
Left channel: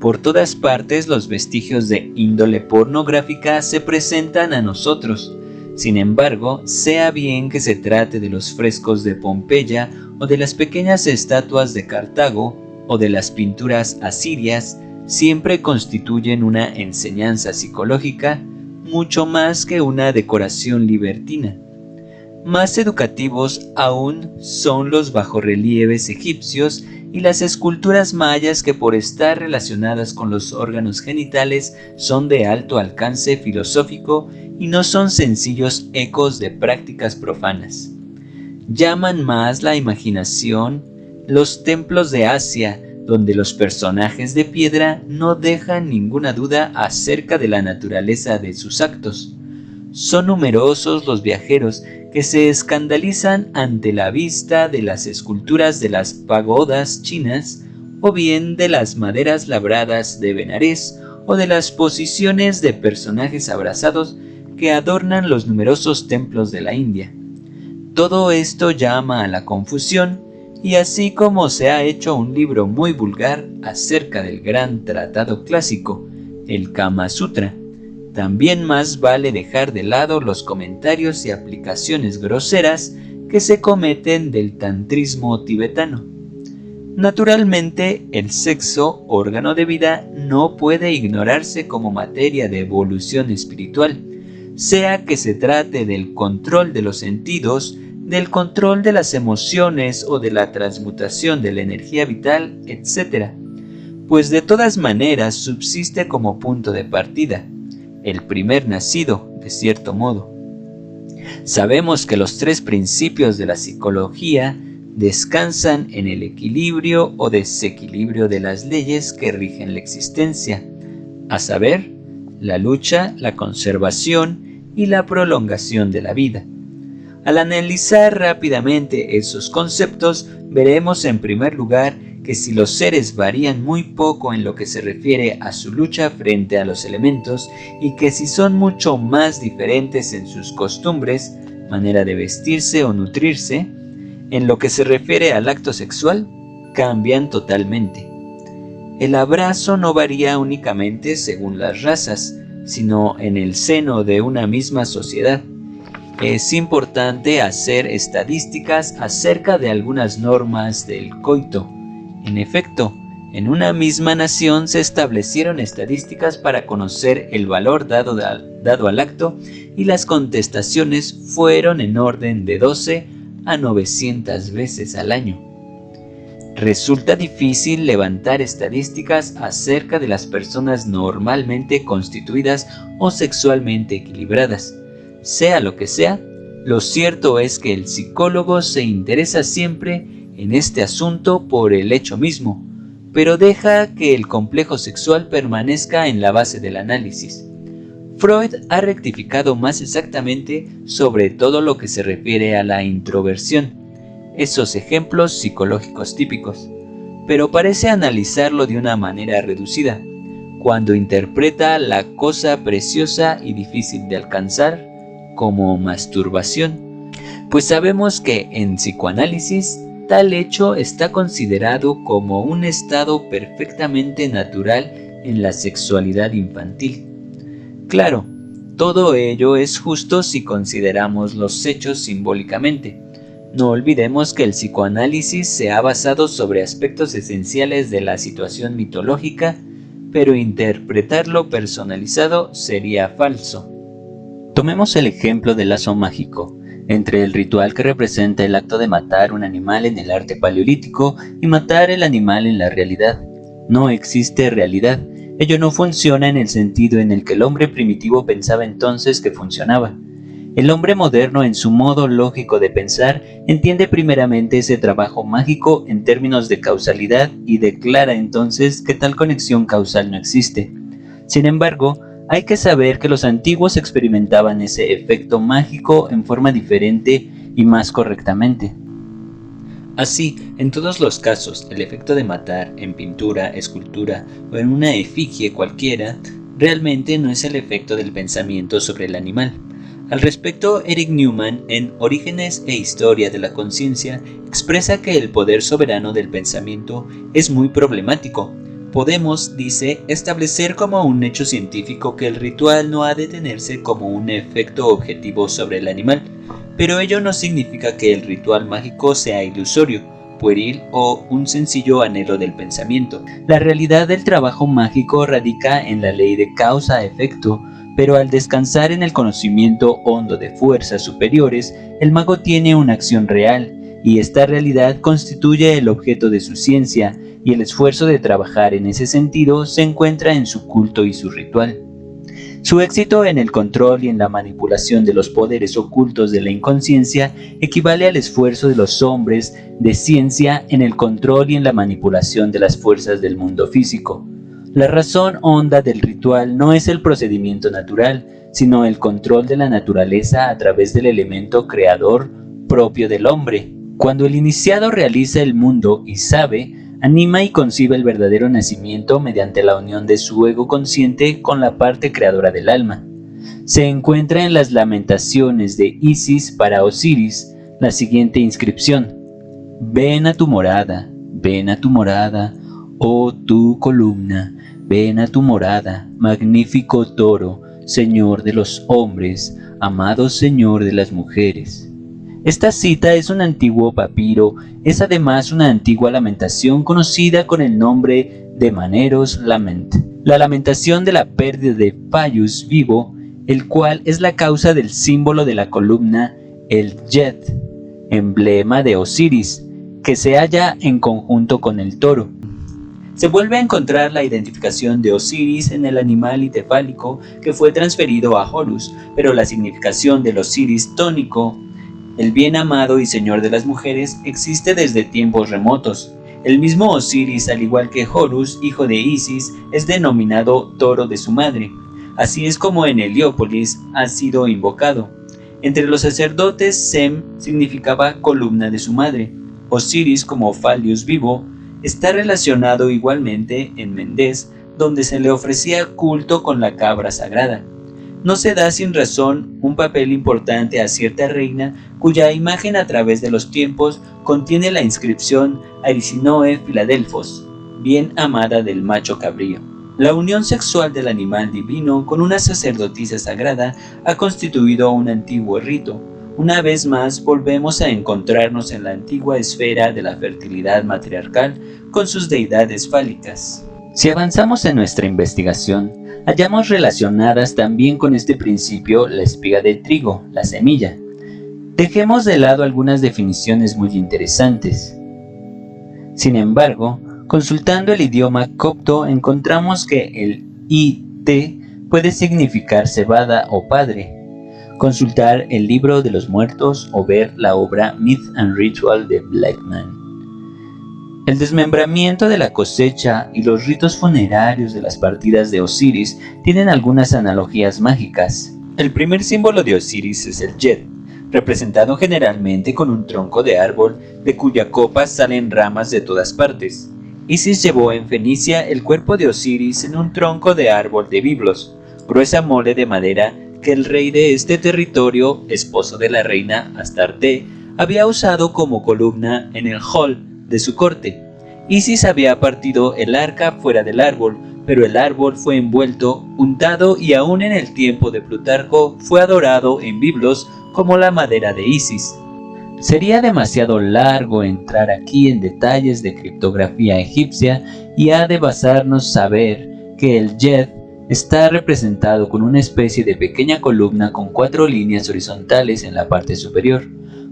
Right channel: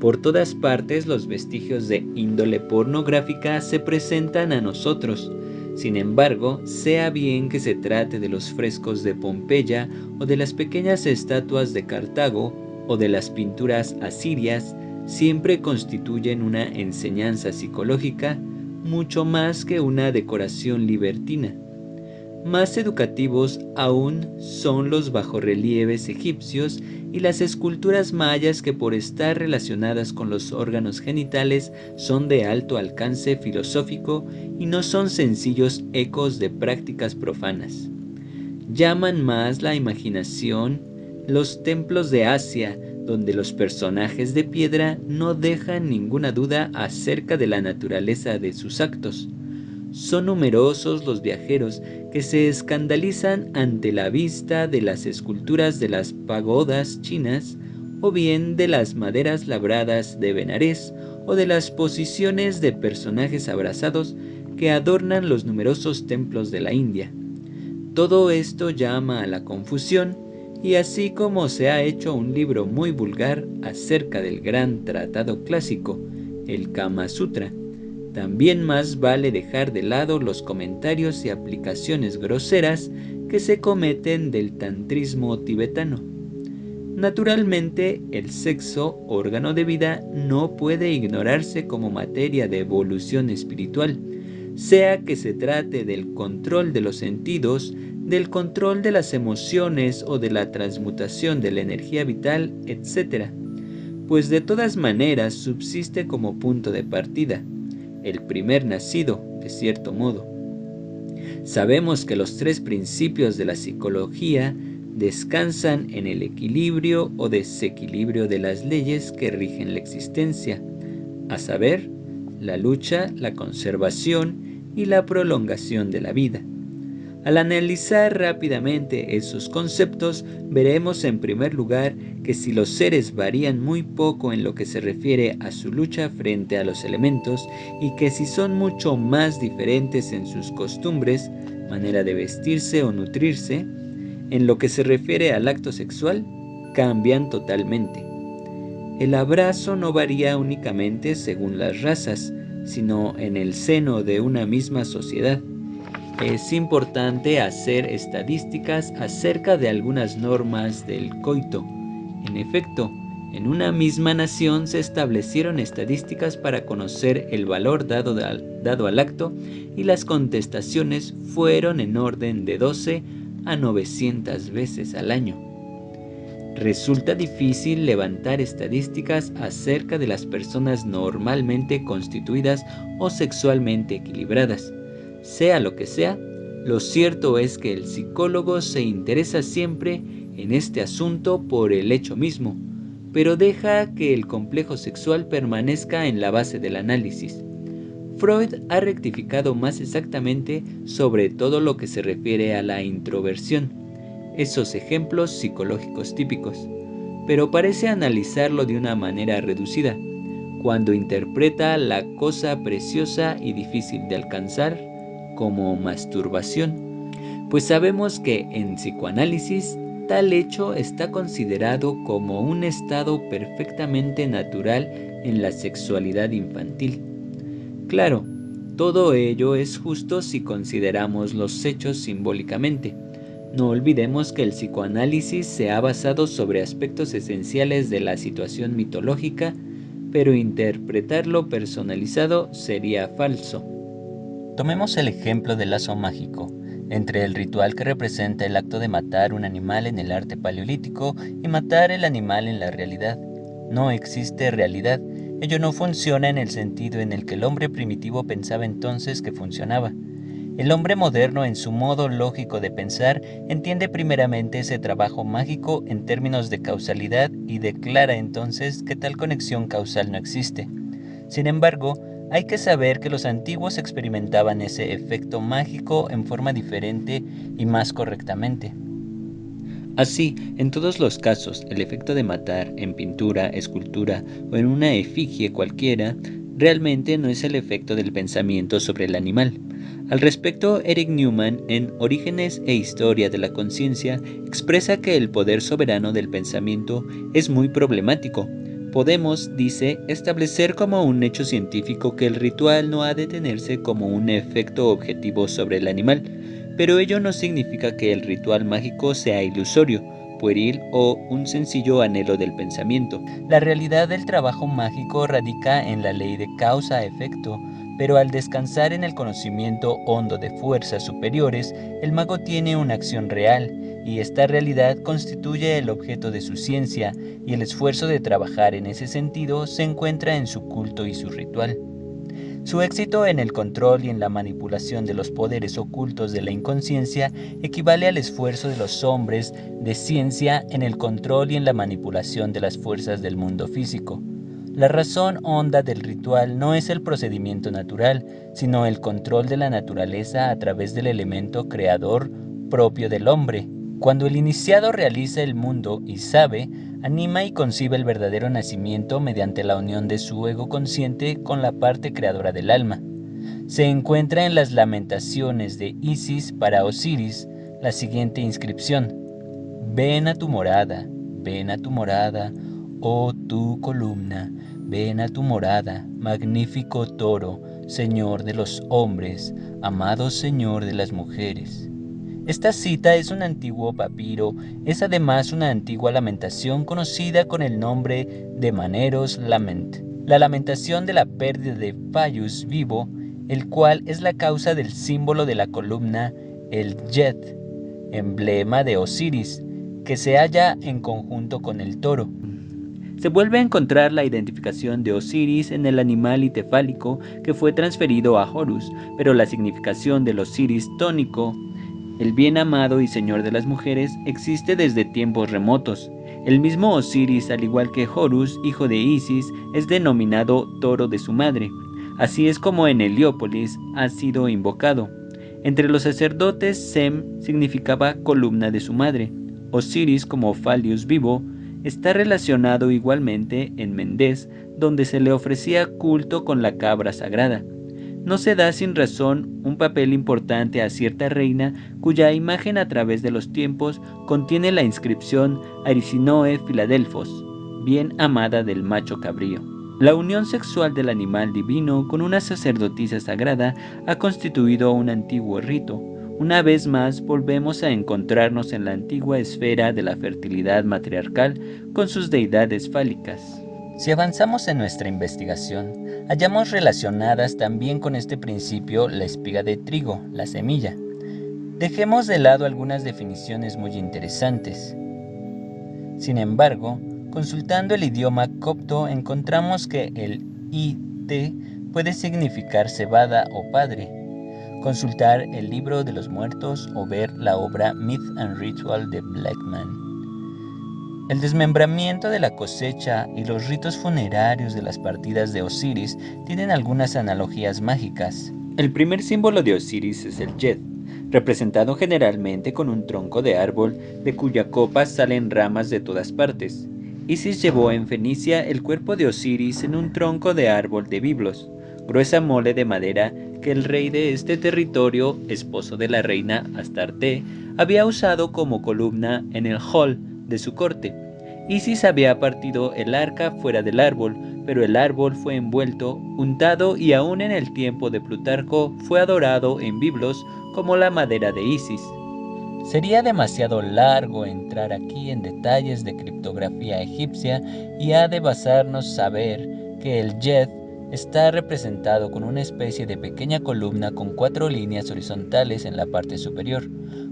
Por todas partes, los vestigios de índole pornográfica se presentan a nosotros. Sin embargo, sea bien que se trate de los frescos de Pompeya o de las pequeñas estatuas de Cartago o de las pinturas asirias, siempre constituyen una enseñanza psicológica mucho más que una decoración libertina. Más educativos aún son los bajorrelieves egipcios y las esculturas mayas que, por estar relacionadas con los órganos genitales, son de alto alcance filosófico y no son sencillos ecos de prácticas profanas. Llaman más la imaginación los templos de Asia, donde los personajes de piedra no dejan ninguna duda acerca de la naturaleza de sus actos. Son numerosos los viajeros que se escandalizan ante la vista de las esculturas de las pagodas chinas, o bien de las maderas labradas de Benarés, o de las posiciones de personajes abrazados que adornan los numerosos templos de la India. Todo esto llama a la confusión, y así como se ha hecho un libro muy vulgar acerca del gran tratado clásico, el Kama Sutra, también más vale dejar de lado los comentarios y aplicaciones groseras que se cometen del tantrismo tibetano. Naturalmente, el sexo, órgano de vida, no puede ignorarse como materia de evolución espiritual, sea que se trate del control de los sentidos, del control de las emociones o de la transmutación de la energía vital, etc. Pues de todas maneras subsiste como punto de partida, el primer nacido, de cierto modo. Sabemos que los tres principios de la psicología descansan en el equilibrio o desequilibrio de las leyes que rigen la existencia, a saber, la lucha, la conservación y la prolongación de la vida. Al analizar rápidamente esos conceptos, veremos en primer lugar que si los seres varían muy poco en lo que se refiere a su lucha frente a los elementos y que si son mucho más diferentes en sus costumbres, manera de vestirse o nutrirse, en lo que se refiere al acto sexual, cambian totalmente. El abrazo no varía únicamente según las razas, sino en el seno de una misma sociedad. Es importante hacer estadísticas acerca de algunas normas del coito. En efecto, en una misma nación se establecieron estadísticas para conocer el valor dado al acto, y las contestaciones fueron en orden de 12 a 900 veces al año. Resulta difícil levantar estadísticas acerca de las personas normalmente constituidas o sexualmente equilibradas. Sea lo que sea, lo cierto es que el psicólogo se interesa siempre en este asunto por el hecho mismo, pero deja que el complejo sexual permanezca en la base del análisis. Freud ha rectificado más exactamente sobre todo lo que se refiere a la introversión, esos ejemplos psicológicos típicos, pero parece analizarlo de una manera reducida, cuando interpreta la cosa preciosa y difícil de alcanzar como masturbación, pues sabemos que en psicoanálisis tal hecho está considerado como un estado perfectamente natural en la sexualidad infantil. Claro, todo ello es justo si consideramos los hechos simbólicamente. No olvidemos que el psicoanálisis se ha basado sobre aspectos esenciales de la situación mitológica, pero interpretarlo personalizado sería falso. Tomemos el ejemplo del lazo mágico, entre el ritual que representa el acto de matar un animal en el arte paleolítico y matar el animal en la realidad. No existe realidad. Ello no funciona en el sentido en el que el hombre primitivo pensaba entonces que funcionaba. El hombre moderno, en su modo lógico de pensar, entiende primeramente ese trabajo mágico en términos de causalidad y declara entonces que tal conexión causal no existe. Sin embargo, hay que saber que los antiguos experimentaban ese efecto mágico en forma diferente y más correctamente. Así, en todos los casos, el efecto de matar en pintura, escultura o en una efigie cualquiera realmente no es el efecto del pensamiento sobre el animal. Al respecto, Eric Newman, en Orígenes e Historia de la Conciencia, expresa que el poder soberano del pensamiento es muy problemático. Podemos, dice, establecer como un hecho científico que el ritual no ha de tenerse como un efecto objetivo sobre el animal, pero ello no significa que el ritual mágico sea ilusorio, pueril o un sencillo anhelo del pensamiento. La realidad del trabajo mágico radica en la ley de causa-efecto, pero al descansar en el conocimiento hondo de fuerzas superiores, el mago tiene una acción real, y esta realidad constituye el objeto de su ciencia, y el esfuerzo de trabajar en ese sentido se encuentra en su culto y su ritual. Su éxito en el control y en la manipulación de los poderes ocultos de la inconsciencia equivale al esfuerzo de los hombres de ciencia en el control y en la manipulación de las fuerzas del mundo físico. La razón honda del ritual no es el procedimiento natural, sino el control de la naturaleza a través del elemento creador propio del hombre. Cuando el iniciado realiza el mundo y sabe, anima y concibe el verdadero nacimiento mediante la unión de su ego consciente con la parte creadora del alma. Se encuentra en las lamentaciones de Isis para Osiris la siguiente inscripción: ven a tu morada, oh tu columna, ven a tu morada, magnífico toro, señor de los hombres, amado señor de las mujeres. Esta cita es un antiguo papiro, es además una antigua lamentación conocida con el nombre de Maneros Lament, la lamentación de la pérdida de Phallus vivo, el cual es la causa del símbolo de la columna, el Yed, emblema de Osiris, que se halla en conjunto con el toro. Se vuelve a encontrar la identificación de Osiris en el animal itefálico que fue transferido a Horus, pero la significación del Osiris tónico, el bien amado y señor de las mujeres, existe desde tiempos remotos. El mismo Osiris, al igual que Horus, hijo de Isis, es denominado toro de su madre. Así es como en Heliópolis ha sido invocado. Entre los sacerdotes, Sem significaba columna de su madre. Osiris, como Phallus vivo, está relacionado igualmente en Mendes, donde se le ofrecía culto con la cabra sagrada. No se da sin razón un papel importante a cierta reina cuya imagen a través de los tiempos contiene la inscripción Arisinoe Filadelfos, bien amada del macho cabrío. La unión sexual del animal divino con una sacerdotisa sagrada ha constituido un antiguo rito. Una vez más volvemos a encontrarnos en la antigua esfera de la fertilidad matriarcal con sus deidades fálicas. Si avanzamos en nuestra investigación, hallamos relacionadas también con este principio la espiga de trigo, la semilla. Dejemos de lado algunas definiciones muy interesantes. Sin embargo, consultando el idioma copto encontramos que el IT puede significar cebada o padre. Consultar el libro de los muertos o ver la obra Myth and Ritual de Blackman. El desmembramiento de la cosecha y los ritos funerarios de las partidas de Osiris tienen algunas analogías mágicas. El primer símbolo de Osiris es el Yed, representado generalmente con un tronco de árbol de cuya copa salen ramas de todas partes. Isis llevó en Fenicia el cuerpo de Osiris en un tronco de árbol de biblos, gruesa mole de madera que el rey de este territorio, esposo de la reina Astarte, había usado como columna en el hall de su corte. Isis había partido el arca fuera del árbol, pero el árbol fue envuelto, untado y aún en el tiempo de Plutarco fue adorado en Biblos como la madera de Isis. Sería demasiado largo entrar aquí en detalles de criptografía egipcia y ha de basarnos saber que el Yed está representado con una especie de pequeña columna con 4 líneas horizontales en la parte superior.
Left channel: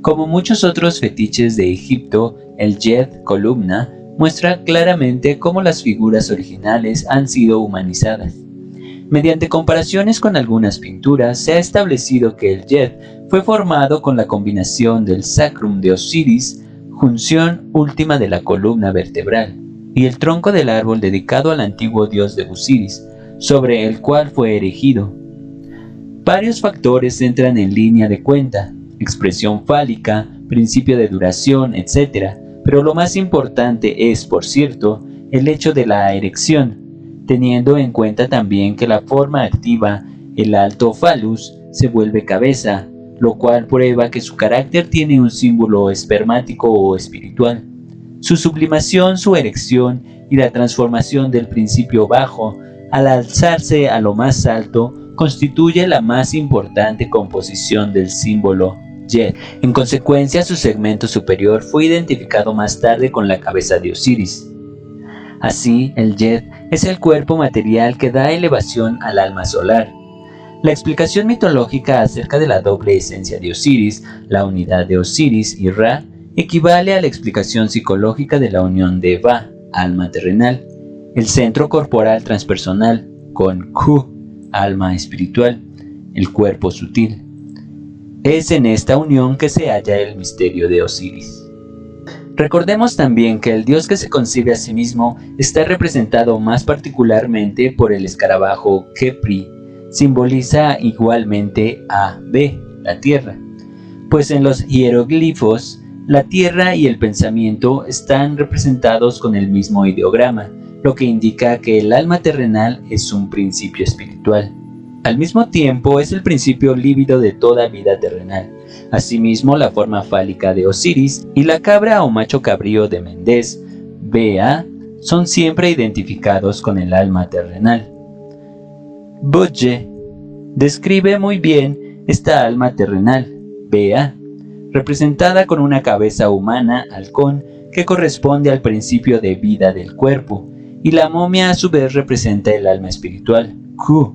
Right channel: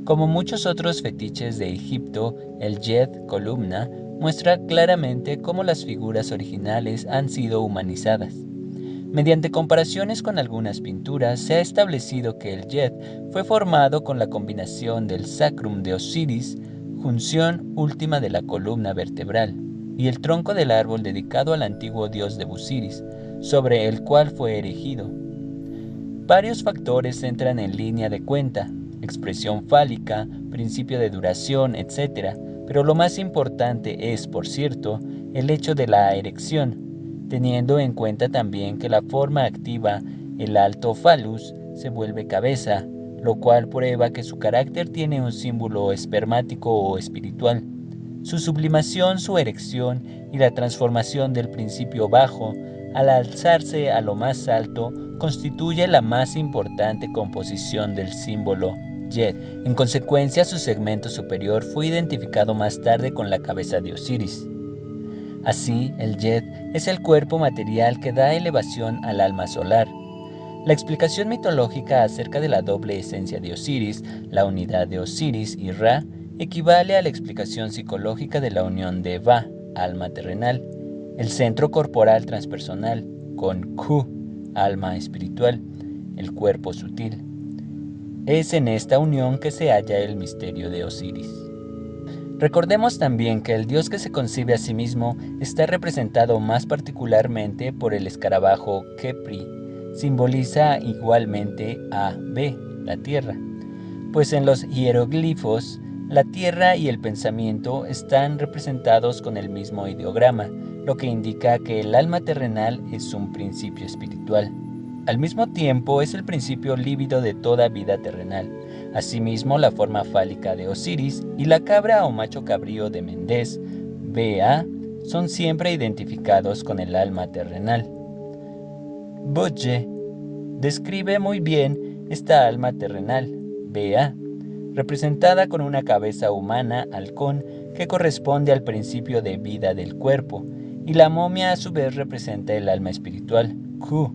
Como muchos otros fetiches de Egipto, el Yed columna muestra claramente cómo las figuras originales han sido humanizadas. Mediante comparaciones con algunas pinturas, se ha establecido que el Yed fue formado con la combinación del sacrum de Osiris, junción última de la columna vertebral, y el tronco del árbol dedicado al antiguo dios de Busiris, sobre el cual fue erigido. Varios factores entran en línea de cuenta: expresión fálica, principio de duración, etc. Pero lo más importante es, por cierto, el hecho de la erección, teniendo en cuenta también que la forma activa, el alto phallus, se vuelve cabeza, lo cual prueba que su carácter tiene un símbolo espermático o espiritual. Su sublimación, su erección y la transformación del principio bajo al alzarse a lo más alto constituye la más importante composición del símbolo Yed. En consecuencia, su segmento superior fue identificado más tarde con la cabeza de Osiris. Así, el Yed es el cuerpo material que da elevación al alma solar. La explicación mitológica acerca de la doble esencia de Osiris, la unidad de Osiris y Ra, equivale a la explicación psicológica de la unión de Va, alma terrenal, el centro corporal transpersonal, con Khu, alma espiritual, el cuerpo sutil. Es en esta unión que se halla el misterio de Osiris. Recordemos también que el dios que se concibe a sí mismo está representado más particularmente por el escarabajo Khepri. Simboliza igualmente a B, la tierra, pues en los hieroglifos la tierra y el pensamiento están representados con el mismo ideograma, lo que indica que el alma terrenal es un principio espiritual. Al mismo tiempo es el principio lívido de toda vida terrenal. Asimismo, la forma fálica de Osiris y la cabra o macho cabrío de Mendes, Ba, son siempre identificados con el alma terrenal. Budge describe muy bien esta alma terrenal, Ba, representada con una cabeza humana, halcón, que corresponde al principio de vida del cuerpo, y la momia a su vez representa el alma espiritual, Khu,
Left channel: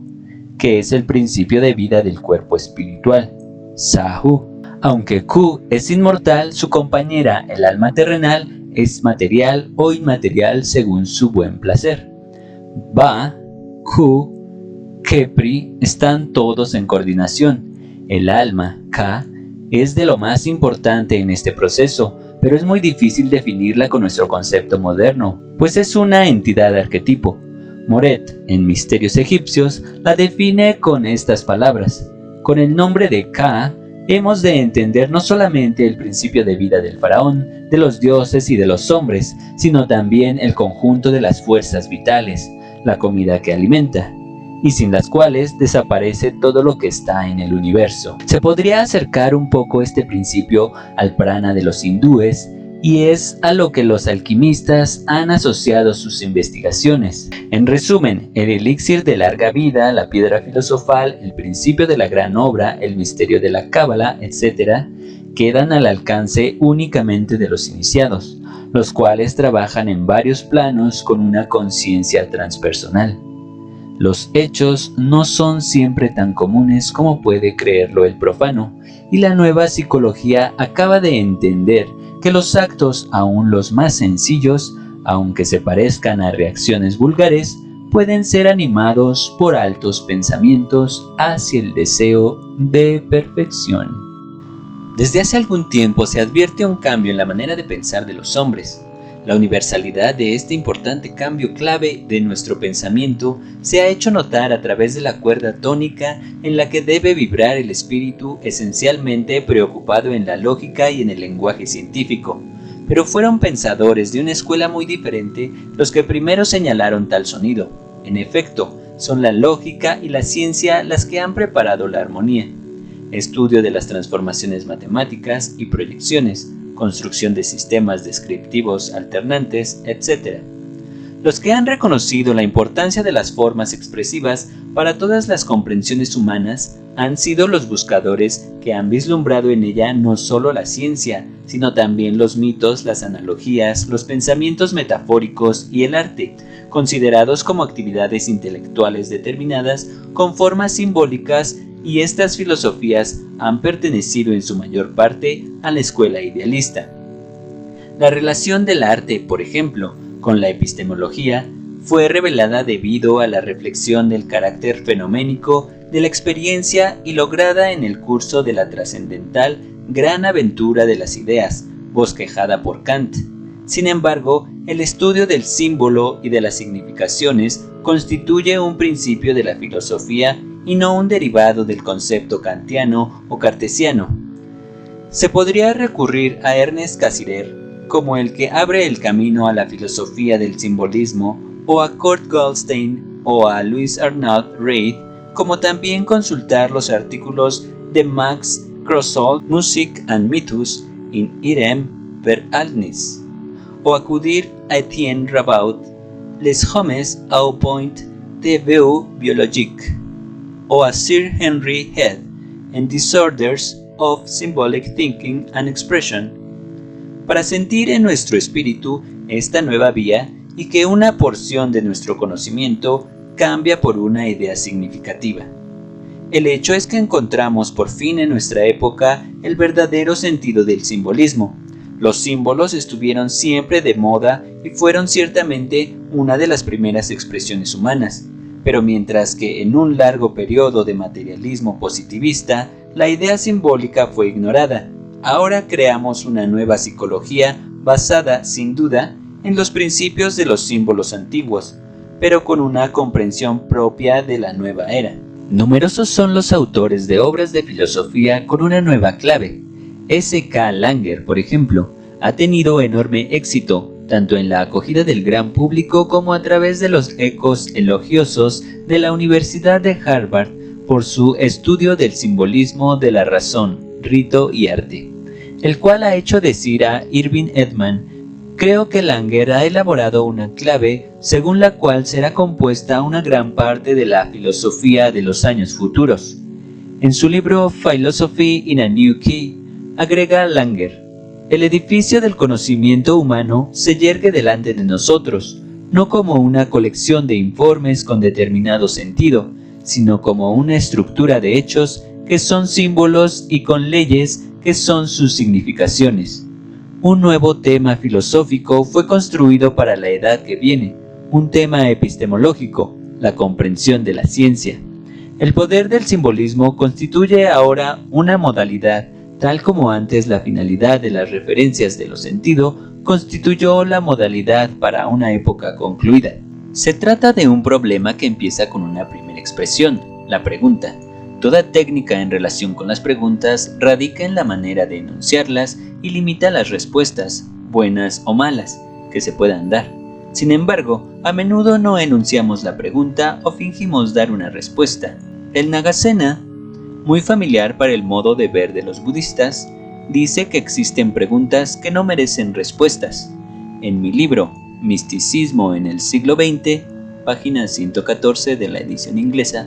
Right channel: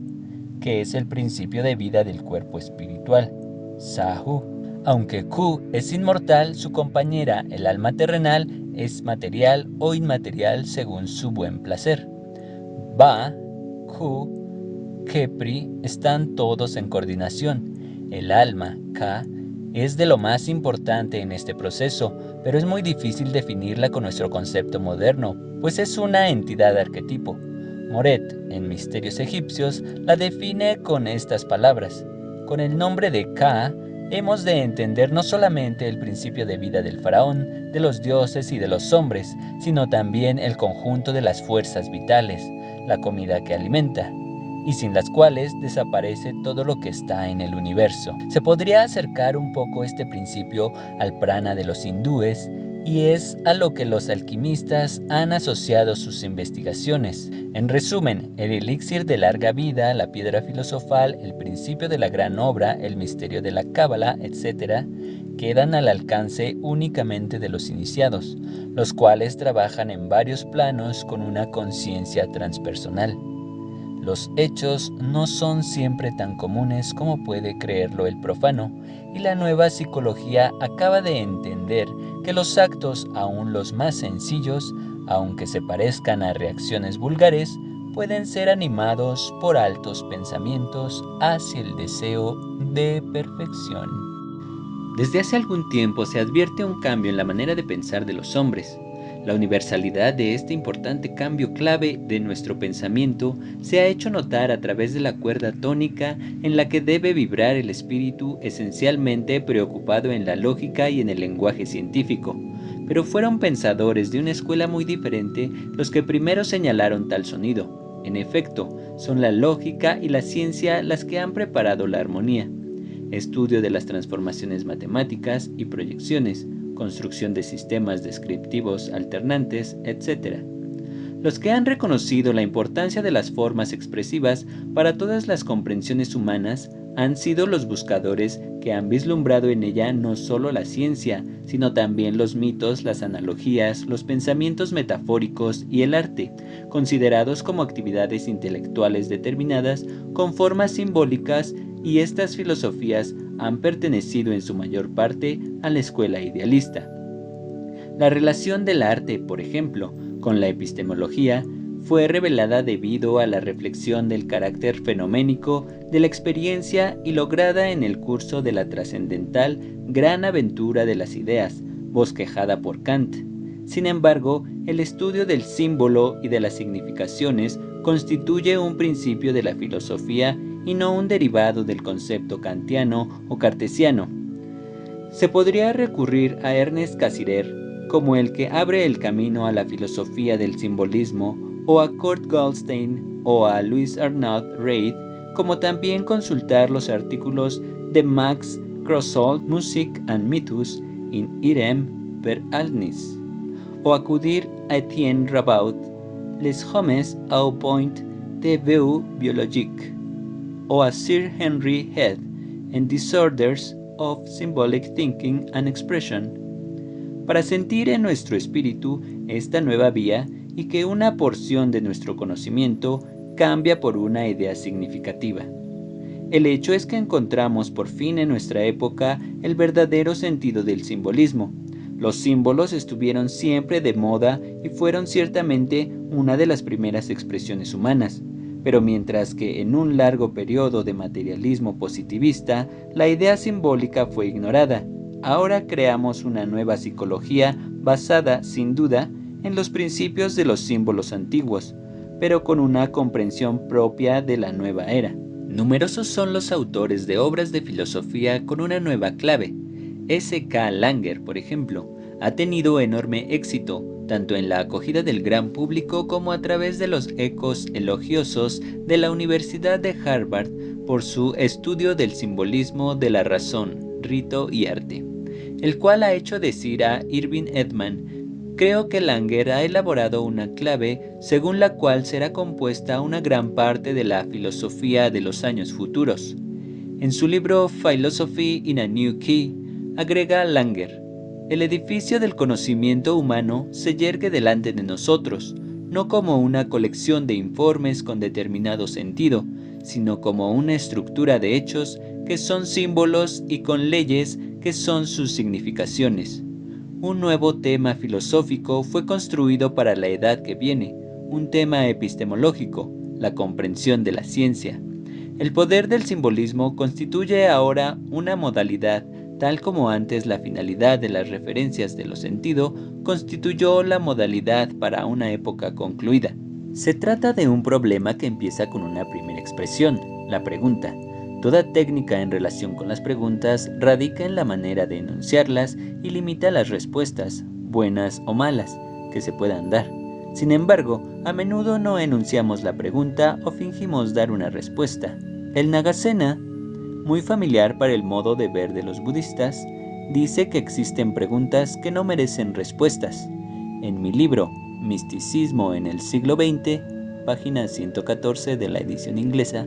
que es el principio de vida del cuerpo espiritual, Sahu. Aunque Khu es inmortal, su compañera, el alma terrenal, es material o inmaterial según su buen placer. Ba, Khu, Khepri están todos en coordinación. El alma, Ka, es de lo más importante en este proceso, pero es muy difícil definirla con nuestro concepto moderno, pues es una entidad arquetipo. Moret, en Misterios Egipcios, la define con estas palabras: con el nombre de Ka, hemos de entender no solamente el principio de vida del faraón, de los dioses y de los hombres, sino también el conjunto de las fuerzas vitales, la comida que alimenta, y sin las cuales desaparece todo lo que está en el universo. Se podría acercar un poco este principio al prana de los hindúes, y es a lo que los alquimistas han asociado sus investigaciones. En resumen, el elixir de larga vida, la piedra filosofal, el principio de la gran obra, el misterio de la cábala, etc., quedan al alcance únicamente de los iniciados, los cuales trabajan en varios planos con una conciencia transpersonal. Los hechos no son siempre tan comunes como puede creerlo el profano, y la nueva psicología acaba de entender que los actos, aun los más sencillos, aunque se parezcan a reacciones vulgares, pueden ser animados por altos pensamientos hacia el deseo de perfección. Desde hace algún tiempo se advierte un cambio en la manera de pensar de los hombres. La universalidad de este importante cambio clave de nuestro pensamiento se ha hecho notar a través de la cuerda tónica en la que debe vibrar el espíritu, esencialmente preocupado en la lógica y en el lenguaje científico. Pero fueron pensadores de una escuela muy diferente los que primero señalaron tal sonido. En efecto, son la lógica y la ciencia las que han preparado la armonía, estudio de las transformaciones matemáticas y proyecciones, construcción de sistemas descriptivos alternantes, etc. Los que han reconocido la importancia de las formas expresivas para todas las comprensiones humanas han sido los buscadores que han vislumbrado en ella no solo la ciencia, sino también los mitos, las analogías, los pensamientos metafóricos y el arte, considerados como actividades intelectuales determinadas con formas simbólicas, y estas filosofías han pertenecido en su mayor parte a la escuela idealista. La relación del arte, por ejemplo, con la epistemología fue revelada debido a la reflexión del carácter fenoménico de la experiencia y lograda en el curso de la trascendental Gran Aventura de las Ideas, bosquejada por Kant. Sin embargo, el estudio del símbolo y de las significaciones constituye un principio de la filosofía y no un derivado del concepto kantiano o cartesiano. Se podría recurrir a Ernest Cassirer como el que abre el camino a la filosofía del simbolismo, o a Kurt Goldstein o a Louis Arnaud Reid, como también consultar los artículos de Max Krossold, Musik and Mythos in Irem Verhältnis, o acudir a Etienne Rabaut, Les Hommes au point de vue biologique, o a Sir Henry Head en Disorders of Symbolic Thinking and Expression, para sentir en nuestro espíritu esta nueva vía y que una porción de nuestro conocimiento cambia por una idea significativa. El hecho es que encontramos por fin en nuestra época el verdadero sentido del simbolismo. Los símbolos estuvieron siempre de moda y fueron ciertamente una de las primeras expresiones humanas. Pero mientras que en un largo periodo de materialismo positivista, la idea simbólica fue ignorada, ahora creamos una nueva psicología basada, sin duda, en los principios de los símbolos antiguos, pero con una comprensión propia de la nueva era. Numerosos son los autores de obras de filosofía con una nueva clave. S.K. Langer, por ejemplo, ha tenido enorme éxito tanto en la acogida del gran público como a través de los ecos elogiosos de la Universidad de Harvard por su estudio del simbolismo de la razón, rito y arte, el cual ha hecho decir a Irving Edman: creo que Langer ha elaborado una clave según la cual será compuesta una gran parte de la filosofía de los años futuros. En su libro Philosophy in a New Key, agrega Langer: el edificio del conocimiento humano se yergue delante de nosotros, no como una colección de informes con determinado sentido, sino como una estructura de hechos que son símbolos y con leyes que son sus significaciones. Un nuevo tema filosófico fue construido para la edad que viene, un tema epistemológico, la comprensión de la ciencia. El poder del simbolismo constituye ahora una modalidad, tal como antes la finalidad de las referencias de lo sentido constituyó la modalidad para una época concluida. Se trata de un problema que empieza con una primera expresión, la pregunta. Toda técnica en relación con las preguntas radica en la manera de enunciarlas y limita las respuestas, buenas o malas, que se puedan dar. Sin embargo, a menudo no enunciamos la pregunta o fingimos dar una respuesta. El Nagasena, muy familiar para el modo de ver de los budistas, dice que existen preguntas que no merecen respuestas. En mi libro, Misticismo en el siglo XX, página 114 de la edición inglesa,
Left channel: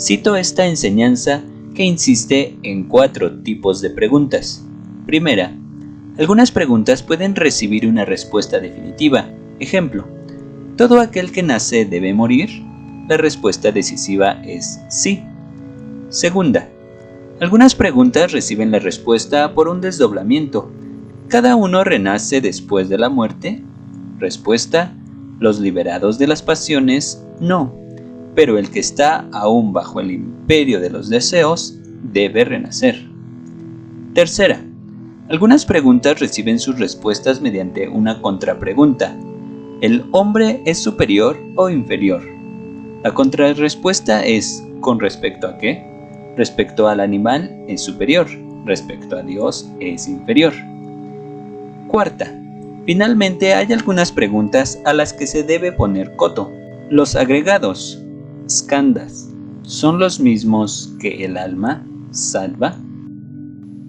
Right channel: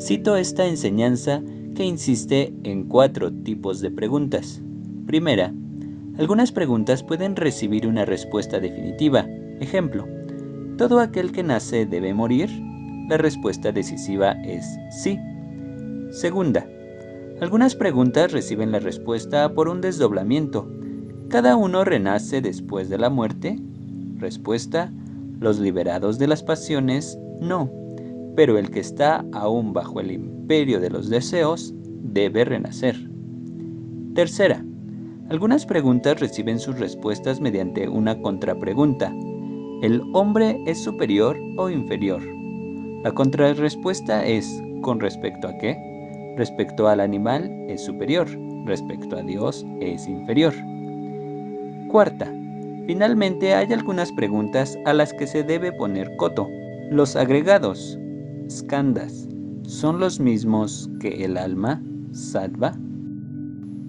cito esta enseñanza que insiste en 4 tipos de preguntas. Primera, algunas preguntas pueden recibir una respuesta definitiva. Ejemplo, ¿todo aquel que nace debe morir? la respuesta decisiva es sí. Segunda, algunas preguntas reciben la respuesta por un desdoblamiento. ¿Cada uno renace después de la muerte? Respuesta, los liberados de las pasiones, no, pero el que está aún bajo el imperio de los deseos debe renacer. Tercera, algunas preguntas reciben sus respuestas mediante una contrapregunta. ¿El hombre es superior o inferior? La contrarrespuesta es ¿con respecto a qué? Respecto al animal es superior, respecto a Dios es inferior. Cuarta, finalmente hay algunas preguntas a las que se debe poner coto. Los agregados, skandhas, ¿son los mismos que el alma, sattva?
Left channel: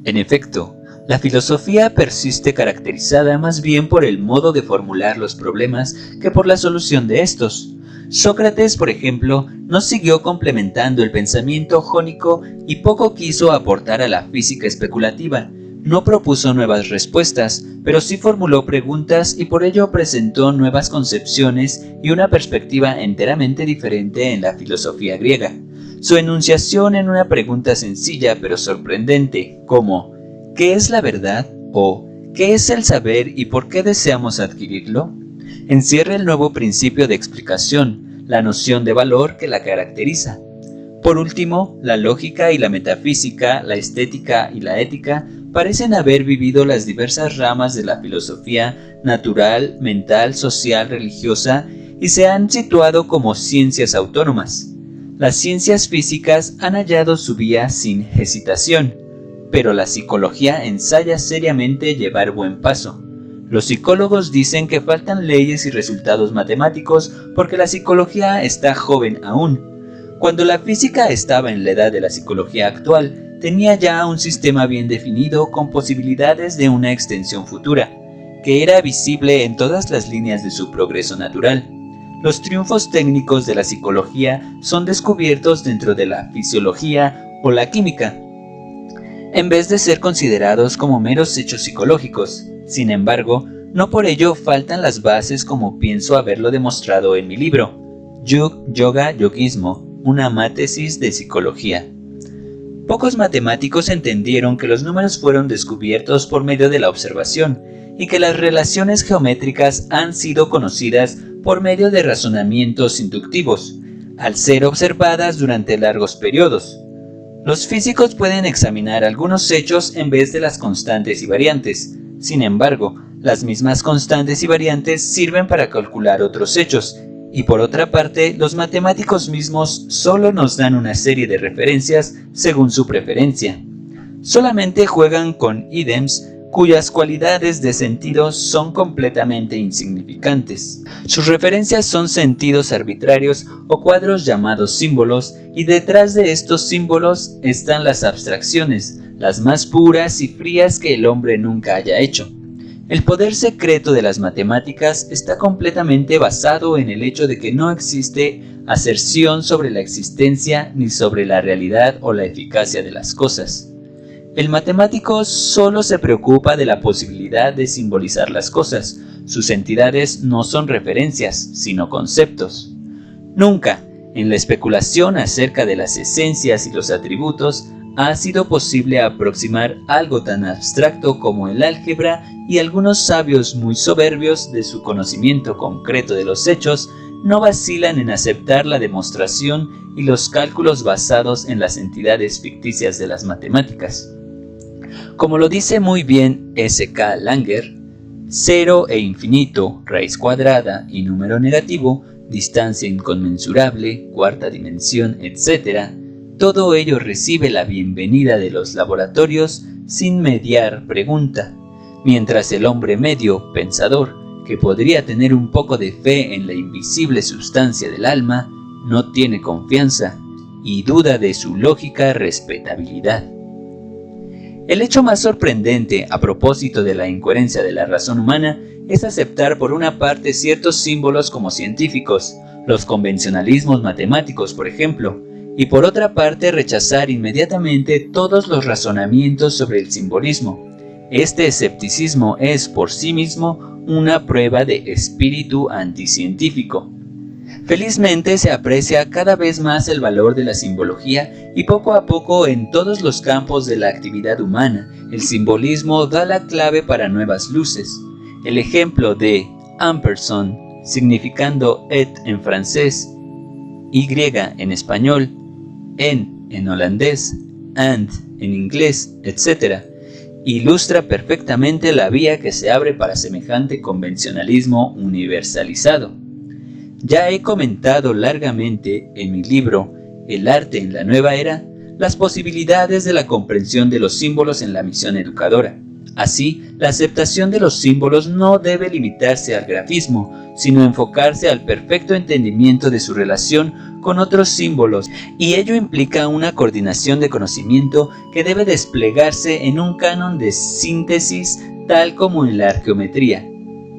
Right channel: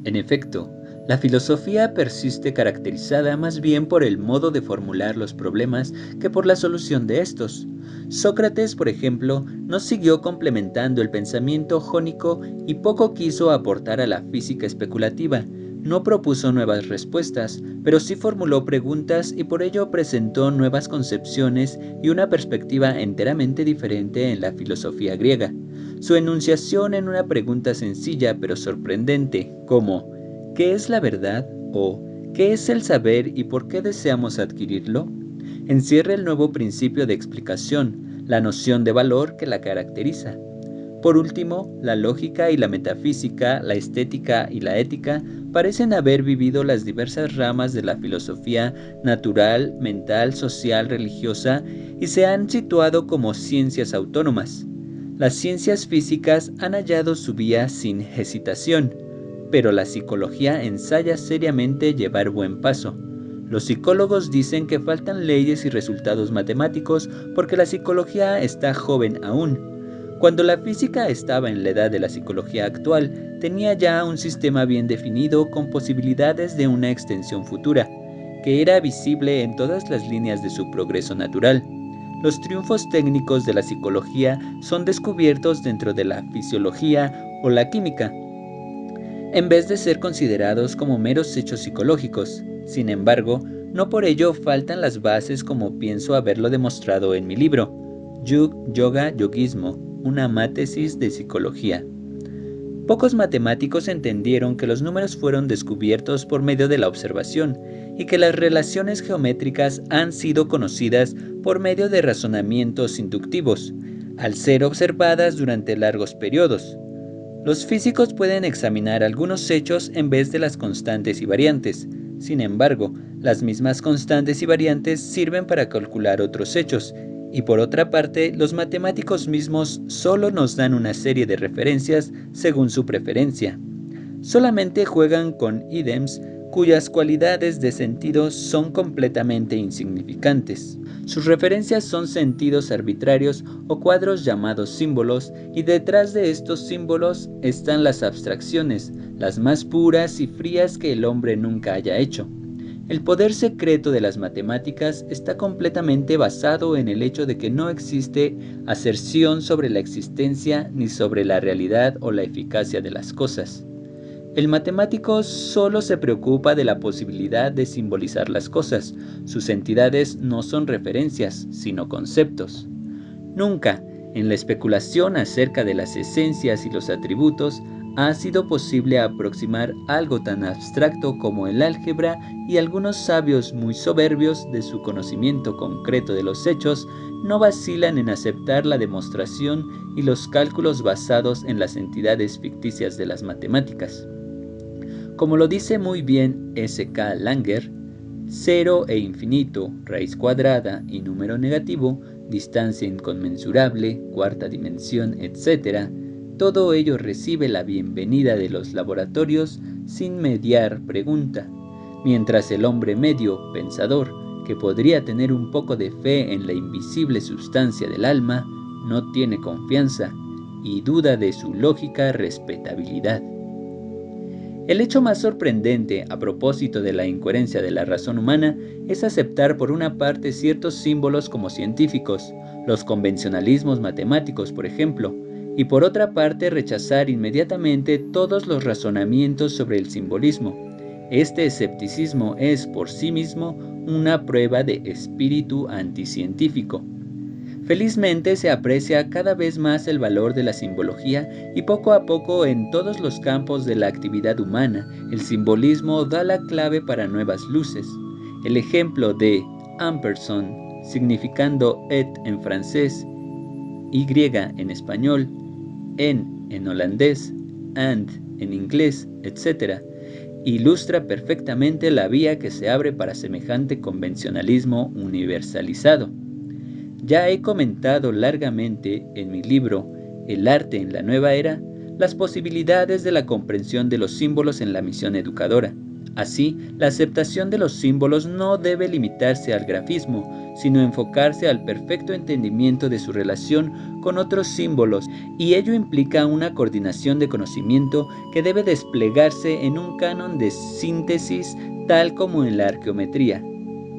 En efecto, la filosofía persiste caracterizada más bien por el modo de formular los problemas que por la solución de estos. Sócrates, por ejemplo, no siguió complementando el pensamiento jónico y poco quiso aportar a la física especulativa. No propuso nuevas respuestas, pero sí formuló preguntas y por ello presentó nuevas concepciones y una perspectiva enteramente diferente en la filosofía griega. Su enunciación en una pregunta sencilla pero sorprendente, como ¿qué es la verdad? O ¿qué es el saber y por qué deseamos adquirirlo?, encierra el nuevo principio de explicación, la noción de valor que la caracteriza. Por último, la lógica y la metafísica, la estética y la ética parecen haber vivido las diversas ramas de la filosofía natural, mental, social, religiosa y se han situado como ciencias autónomas. Las ciencias físicas han hallado su vía sin hesitación, pero la psicología ensaya seriamente llevar buen paso. Los psicólogos dicen que faltan leyes y resultados matemáticos porque la psicología está joven aún. Cuando la física estaba en la edad de la psicología actual, tenía ya un sistema bien definido con posibilidades de una extensión futura, que era visible en todas las líneas de su progreso natural. Los triunfos técnicos de la psicología son descubiertos dentro de la fisiología o la química, en vez de ser considerados como meros hechos psicológicos. Sin embargo, no por ello faltan las bases como pienso haberlo demostrado en mi libro, Yug, Yoga, Yogismo, una mátesis de psicología. Pocos matemáticos entendieron que los números fueron descubiertos por medio de la observación y que las relaciones geométricas han sido conocidas por medio de razonamientos inductivos, al ser observadas durante largos periodos. Los físicos pueden examinar algunos hechos en vez de las constantes y variantes. Sin embargo, las mismas constantes y variantes sirven para calcular otros hechos, y por otra parte, los matemáticos mismos solo nos dan una serie de referencias según su preferencia. Solamente juegan con ítems cuyas cualidades de sentido son completamente insignificantes. Sus referencias son sentidos arbitrarios o cuadros llamados símbolos, y detrás de estos símbolos están las abstracciones, las más puras y frías que el hombre nunca haya hecho. El poder secreto de las matemáticas está completamente basado en el hecho de que no existe aserción sobre la existencia ni sobre la realidad o la eficacia de las cosas. El matemático solo se preocupa de la posibilidad de simbolizar las cosas. Sus entidades no son referencias, sino conceptos. Nunca, en la especulación acerca de las esencias y los atributos, ha sido posible aproximar algo tan abstracto como el álgebra, y algunos sabios muy soberbios de su conocimiento concreto de los hechos no vacilan en aceptar la demostración y los cálculos basados en las entidades ficticias de las matemáticas. Como lo dice muy bien S.K. Langer, cero e infinito, raíz cuadrada y número negativo, distancia inconmensurable, cuarta dimensión, etc., todo ello recibe la bienvenida de los laboratorios sin mediar pregunta, mientras el hombre medio, pensador, que podría tener un poco de fe en la invisible sustancia del alma, no tiene confianza y duda de su lógica respetabilidad. El hecho más sorprendente a propósito de la incoherencia de la razón humana es aceptar por una parte ciertos símbolos como científicos, los convencionalismos matemáticos por ejemplo, y por otra parte rechazar inmediatamente todos los razonamientos sobre el simbolismo. Este escepticismo es por sí mismo una prueba de espíritu anticientífico. Felizmente se aprecia cada vez más el valor de la simbología y poco a poco en todos los campos de la actividad humana, el simbolismo da la clave para nuevas luces. El ejemplo de ampersand, significando et en francés, y en español, en holandés, and en inglés, etc., ilustra perfectamente la vía que se abre para semejante convencionalismo universalizado. Ya he comentado largamente en mi libro El arte en la nueva era las posibilidades de la comprensión de los símbolos en la misión educadora. Así, la aceptación de los símbolos no debe limitarse al grafismo, sino enfocarse al perfecto entendimiento de su relación con otros símbolos, y ello implica una coordinación de conocimiento que debe desplegarse en un canon de síntesis tal como en la arqueometría.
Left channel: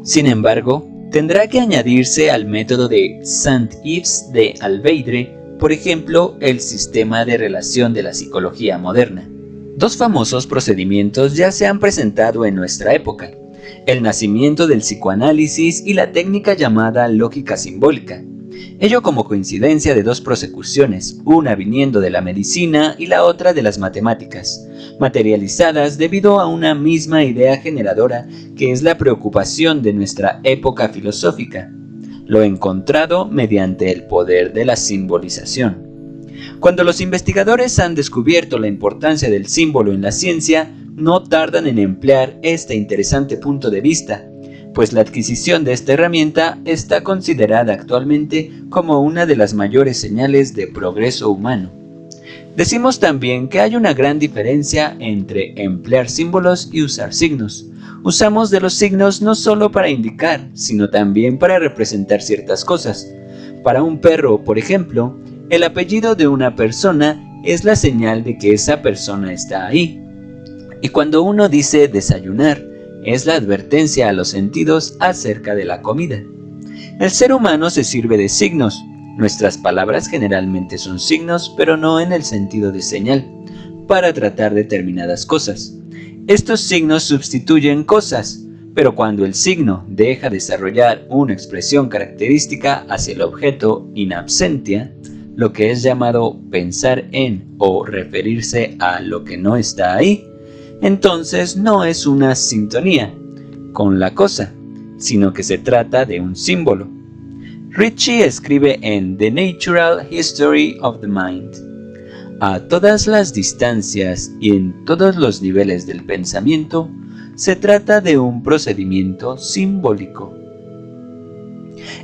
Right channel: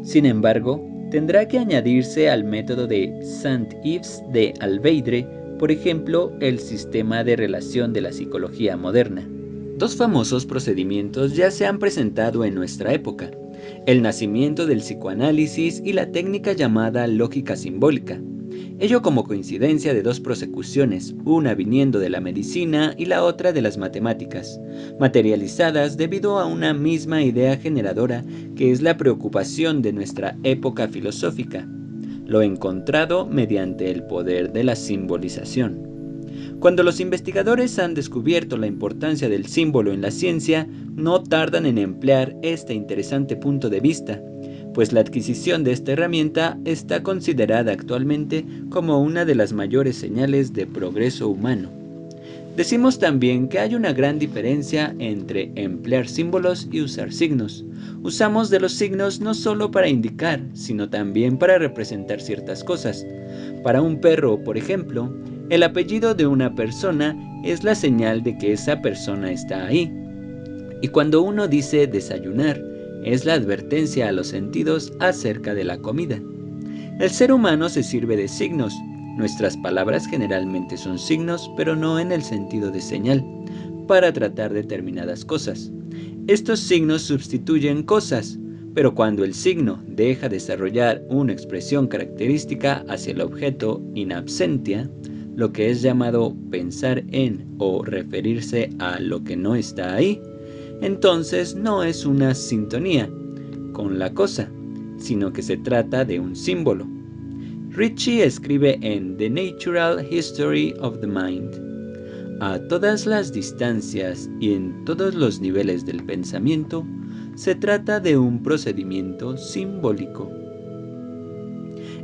Sin embargo, tendrá que añadirse al método de Saint-Yves de Alveidre, por ejemplo, el sistema de relación de la psicología moderna. Dos famosos procedimientos ya se han presentado en nuestra época: el nacimiento del psicoanálisis y la técnica llamada lógica simbólica. Ello como coincidencia de dos prosecuciones, una viniendo de la medicina y la otra de las matemáticas, materializadas debido a una misma idea generadora que es la preocupación de nuestra época filosófica, lo encontrado mediante el poder de la simbolización. Cuando los investigadores han descubierto la importancia del símbolo en la ciencia, no tardan en emplear este interesante punto de vista, pues la adquisición de esta herramienta está considerada actualmente como una de las mayores señales de progreso humano. Decimos también que hay una gran diferencia entre emplear símbolos y usar signos. Usamos de los signos no solo para indicar, sino también para representar ciertas cosas. Para un perro, por ejemplo, el apellido de una persona es la señal de que esa persona está ahí. Y cuando uno dice desayunar, es la advertencia a los sentidos acerca de la comida. El ser humano se sirve de signos. Nuestras palabras generalmente son signos, pero no en el sentido de señal, para tratar determinadas cosas. Estos signos sustituyen cosas, pero cuando el signo deja desarrollar una expresión característica hacia el objeto in absentia, lo que es llamado pensar en o referirse a lo que no está ahí, entonces no es una sintonía con la cosa, sino que se trata de un símbolo. Ritchie escribe en The Natural History of the Mind: a todas las distancias y en todos los niveles del pensamiento, se trata de un procedimiento simbólico.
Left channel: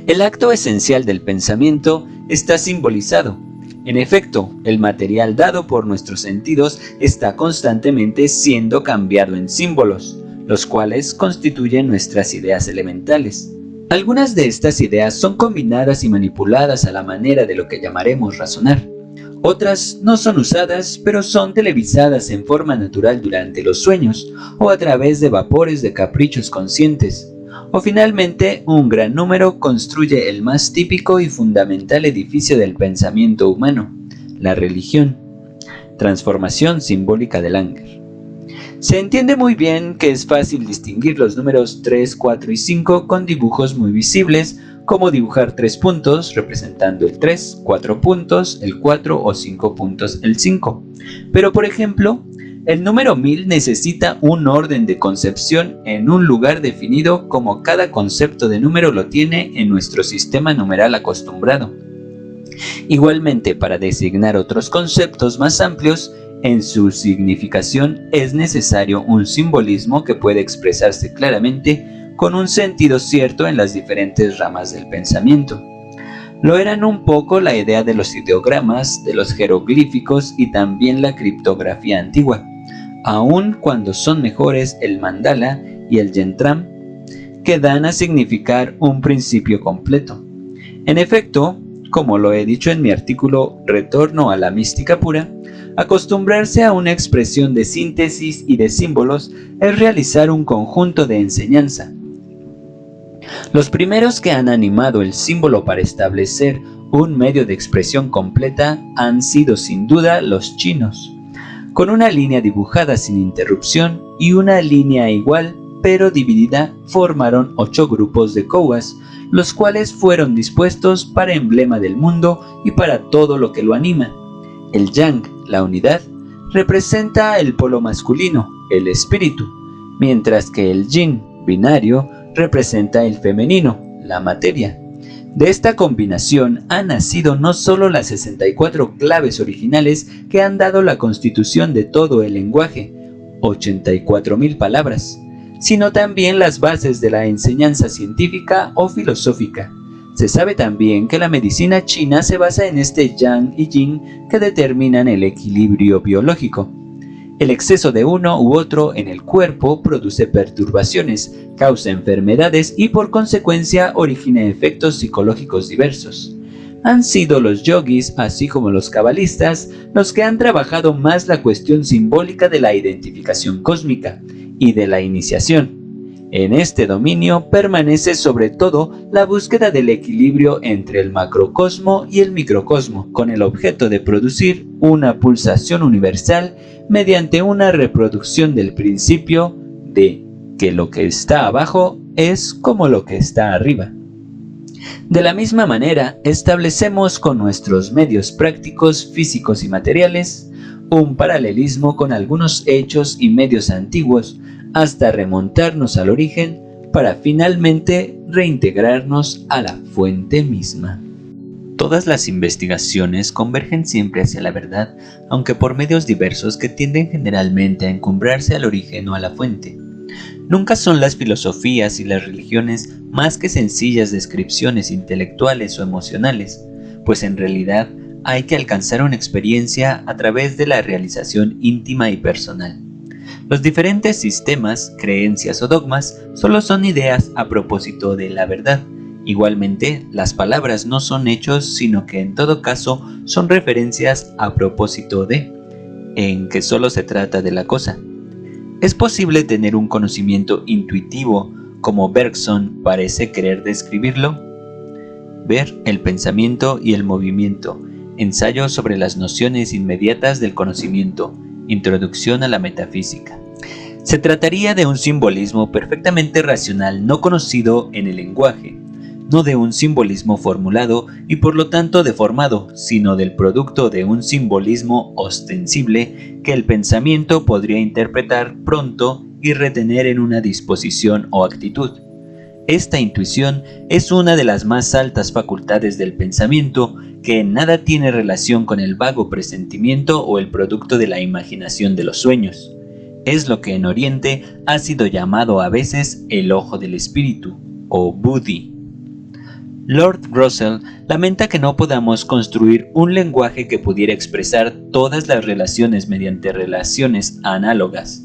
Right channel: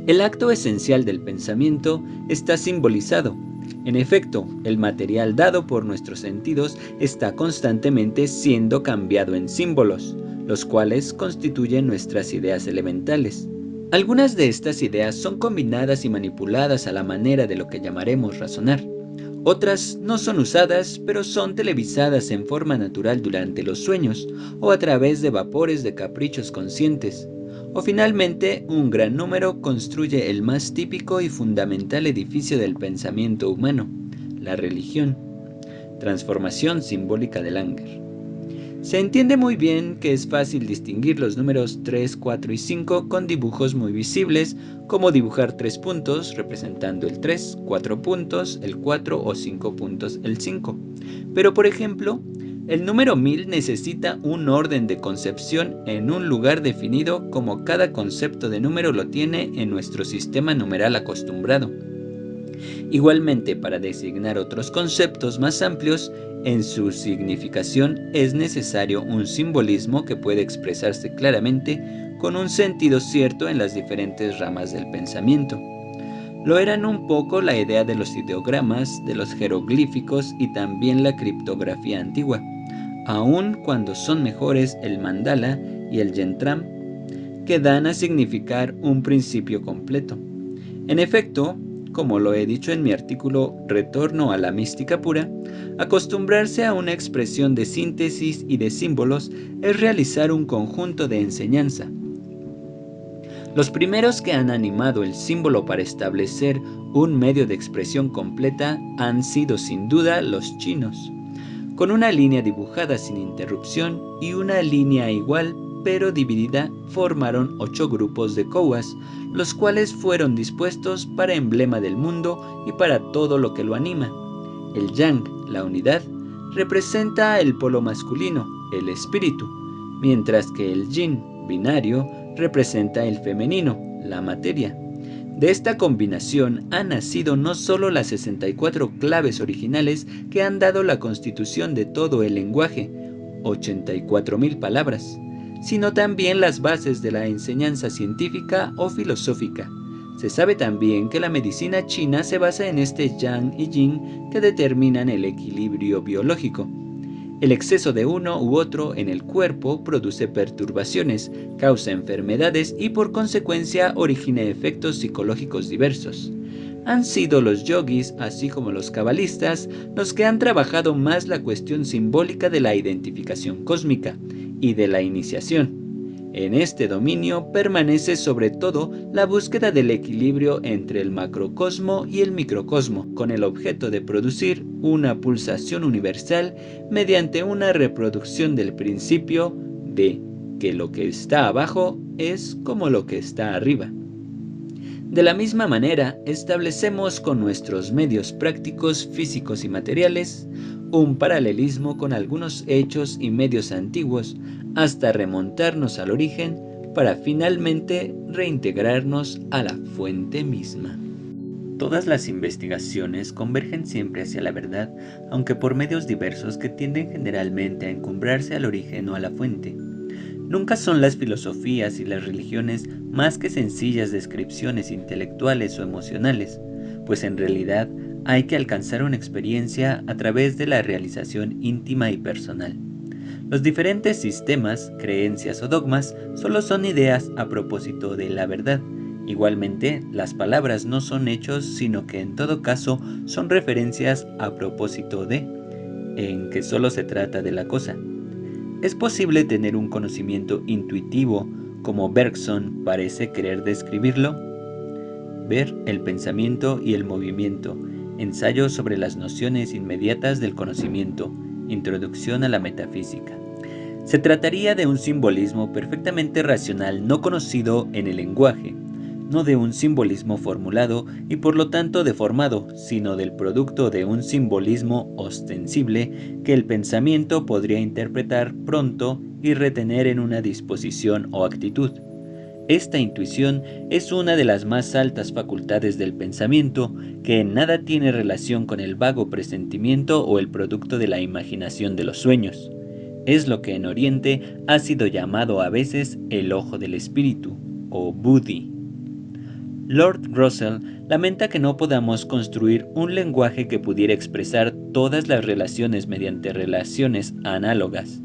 El acto esencial del pensamiento está simbolizado. En efecto, el material dado por nuestros sentidos está constantemente siendo cambiado en símbolos, los cuales constituyen nuestras ideas elementales. Algunas de estas ideas son combinadas y manipuladas a la manera de lo que llamaremos razonar. Otras no son usadas, pero son televisadas en forma natural durante los sueños o a través de vapores de caprichos conscientes. O finalmente, un gran número construye el más típico y fundamental edificio del pensamiento humano, la religión. Transformación simbólica de Langer. Se entiende muy bien que es fácil distinguir los números 3, 4 y 5 con dibujos muy visibles, como dibujar 3 puntos representando el 3, 4 puntos el 4 o 5 puntos el 5. Pero por ejemplo, el número 1000 necesita un orden de concepción en un lugar definido como cada concepto de número lo tiene en nuestro sistema numeral acostumbrado. Igualmente, para designar otros conceptos más amplios, en su significación es necesario un simbolismo que pueda expresarse claramente con un sentido cierto en las diferentes ramas del pensamiento. Lo eran un poco la idea de los ideogramas, de los jeroglíficos y también la criptografía antigua, aun cuando son mejores el mandala y el yentram, que dan a significar un principio completo. En efecto, como lo he dicho en mi artículo Retorno a la mística pura, acostumbrarse a una expresión de síntesis y de símbolos es realizar un conjunto de enseñanza. Los primeros que han animado el símbolo para establecer un medio de expresión completa han sido sin duda los chinos, con una línea dibujada sin interrupción y una línea igual pero dividida formaron 8 grupos de kowas, los cuales fueron dispuestos para emblema del mundo y para todo lo que lo anima. El yang, la unidad, representa el polo masculino, el espíritu, mientras que el yin, binario, representa el femenino, la materia. De esta combinación han nacido no solo las 64 claves originales que han dado la constitución de todo el lenguaje, 84.000 palabras, sino también las bases de la enseñanza científica o filosófica. Se sabe también que la medicina china se basa en este yang y yin que determinan el equilibrio biológico. El exceso de uno u otro en el cuerpo produce perturbaciones, causa enfermedades y por consecuencia origina efectos psicológicos diversos. Han sido los yogis, así como los cabalistas, los que han trabajado más la cuestión simbólica de la identificación cósmica y de la iniciación. En este dominio permanece sobre todo la búsqueda del equilibrio entre el macrocosmo y el microcosmo, con el objeto de producir una pulsación universal mediante una reproducción del principio de que lo que está abajo es como lo que está arriba. De la misma manera, establecemos con nuestros medios prácticos, físicos y materiales un paralelismo con algunos hechos y medios antiguos, hasta remontarnos al origen para finalmente reintegrarnos a la fuente misma. Todas las investigaciones convergen siempre hacia la verdad, aunque por medios diversos que tienden generalmente a encumbrarse al origen o a la fuente. Nunca son las filosofías y las religiones más que sencillas descripciones intelectuales o emocionales, pues en realidad hay que alcanzar una experiencia a través de la realización íntima y personal. Los diferentes sistemas, creencias o dogmas solo son ideas a propósito de la verdad. Igualmente, las palabras no son hechos, sino que en todo caso son referencias a propósito de, en que solo se trata de la cosa. ¿Es posible tener un conocimiento intuitivo como Bergson parece querer describirlo? Ver el pensamiento y el movimiento. Ensayo sobre las nociones inmediatas del conocimiento. Introducción a la metafísica. Se trataría de un simbolismo perfectamente racional no conocido en el lenguaje, no de un simbolismo formulado y por lo tanto deformado, sino del producto de un simbolismo ostensible que el pensamiento podría interpretar pronto y retener en una disposición o actitud. Esta intuición es una de las más altas facultades del pensamiento, que en nada tiene relación con el vago presentimiento o el producto de la imaginación de los sueños. Es lo que en Oriente ha sido llamado a veces el ojo del espíritu, o buddhi. Lord Russell lamenta que no podamos construir un lenguaje que pudiera expresar todas las relaciones mediante relaciones análogas.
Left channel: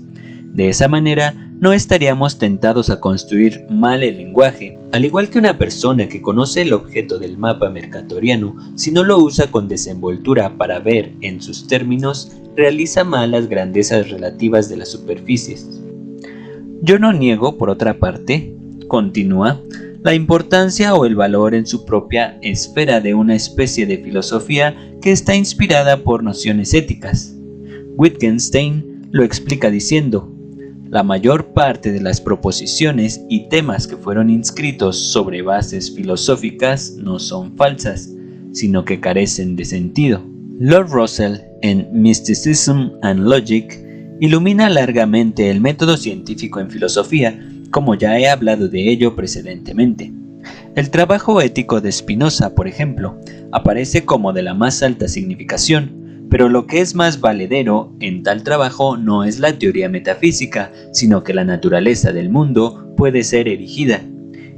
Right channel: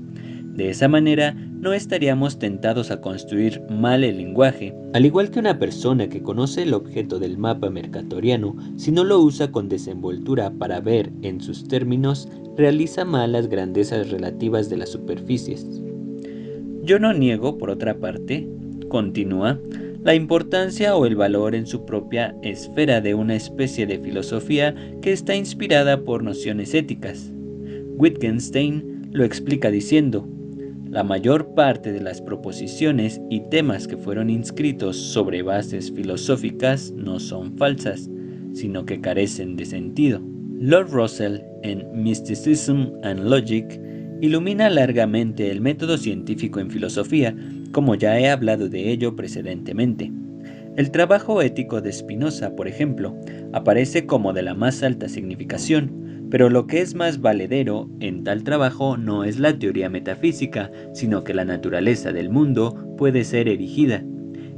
De esa manera, no estaríamos tentados a construir mal el lenguaje, al igual que una persona que conoce el objeto del mapa mercatoriano, si no lo usa con desenvoltura para ver en sus términos, realiza mal las grandezas relativas de las superficies. Yo no niego, por otra parte, continúa, la importancia o el valor en su propia esfera de una especie de filosofía que está inspirada por nociones éticas. Wittgenstein lo explica diciendo: la mayor parte de las proposiciones y temas que fueron inscritos sobre bases filosóficas no son falsas, sino que carecen de sentido. Lord Russell, en Mysticism and Logic, ilumina largamente el método científico en filosofía, como ya he hablado de ello precedentemente. El trabajo ético de Spinoza, por ejemplo, aparece como de la más alta significación, pero lo que es más valedero en tal trabajo no es la teoría metafísica, sino que la naturaleza del mundo puede ser erigida,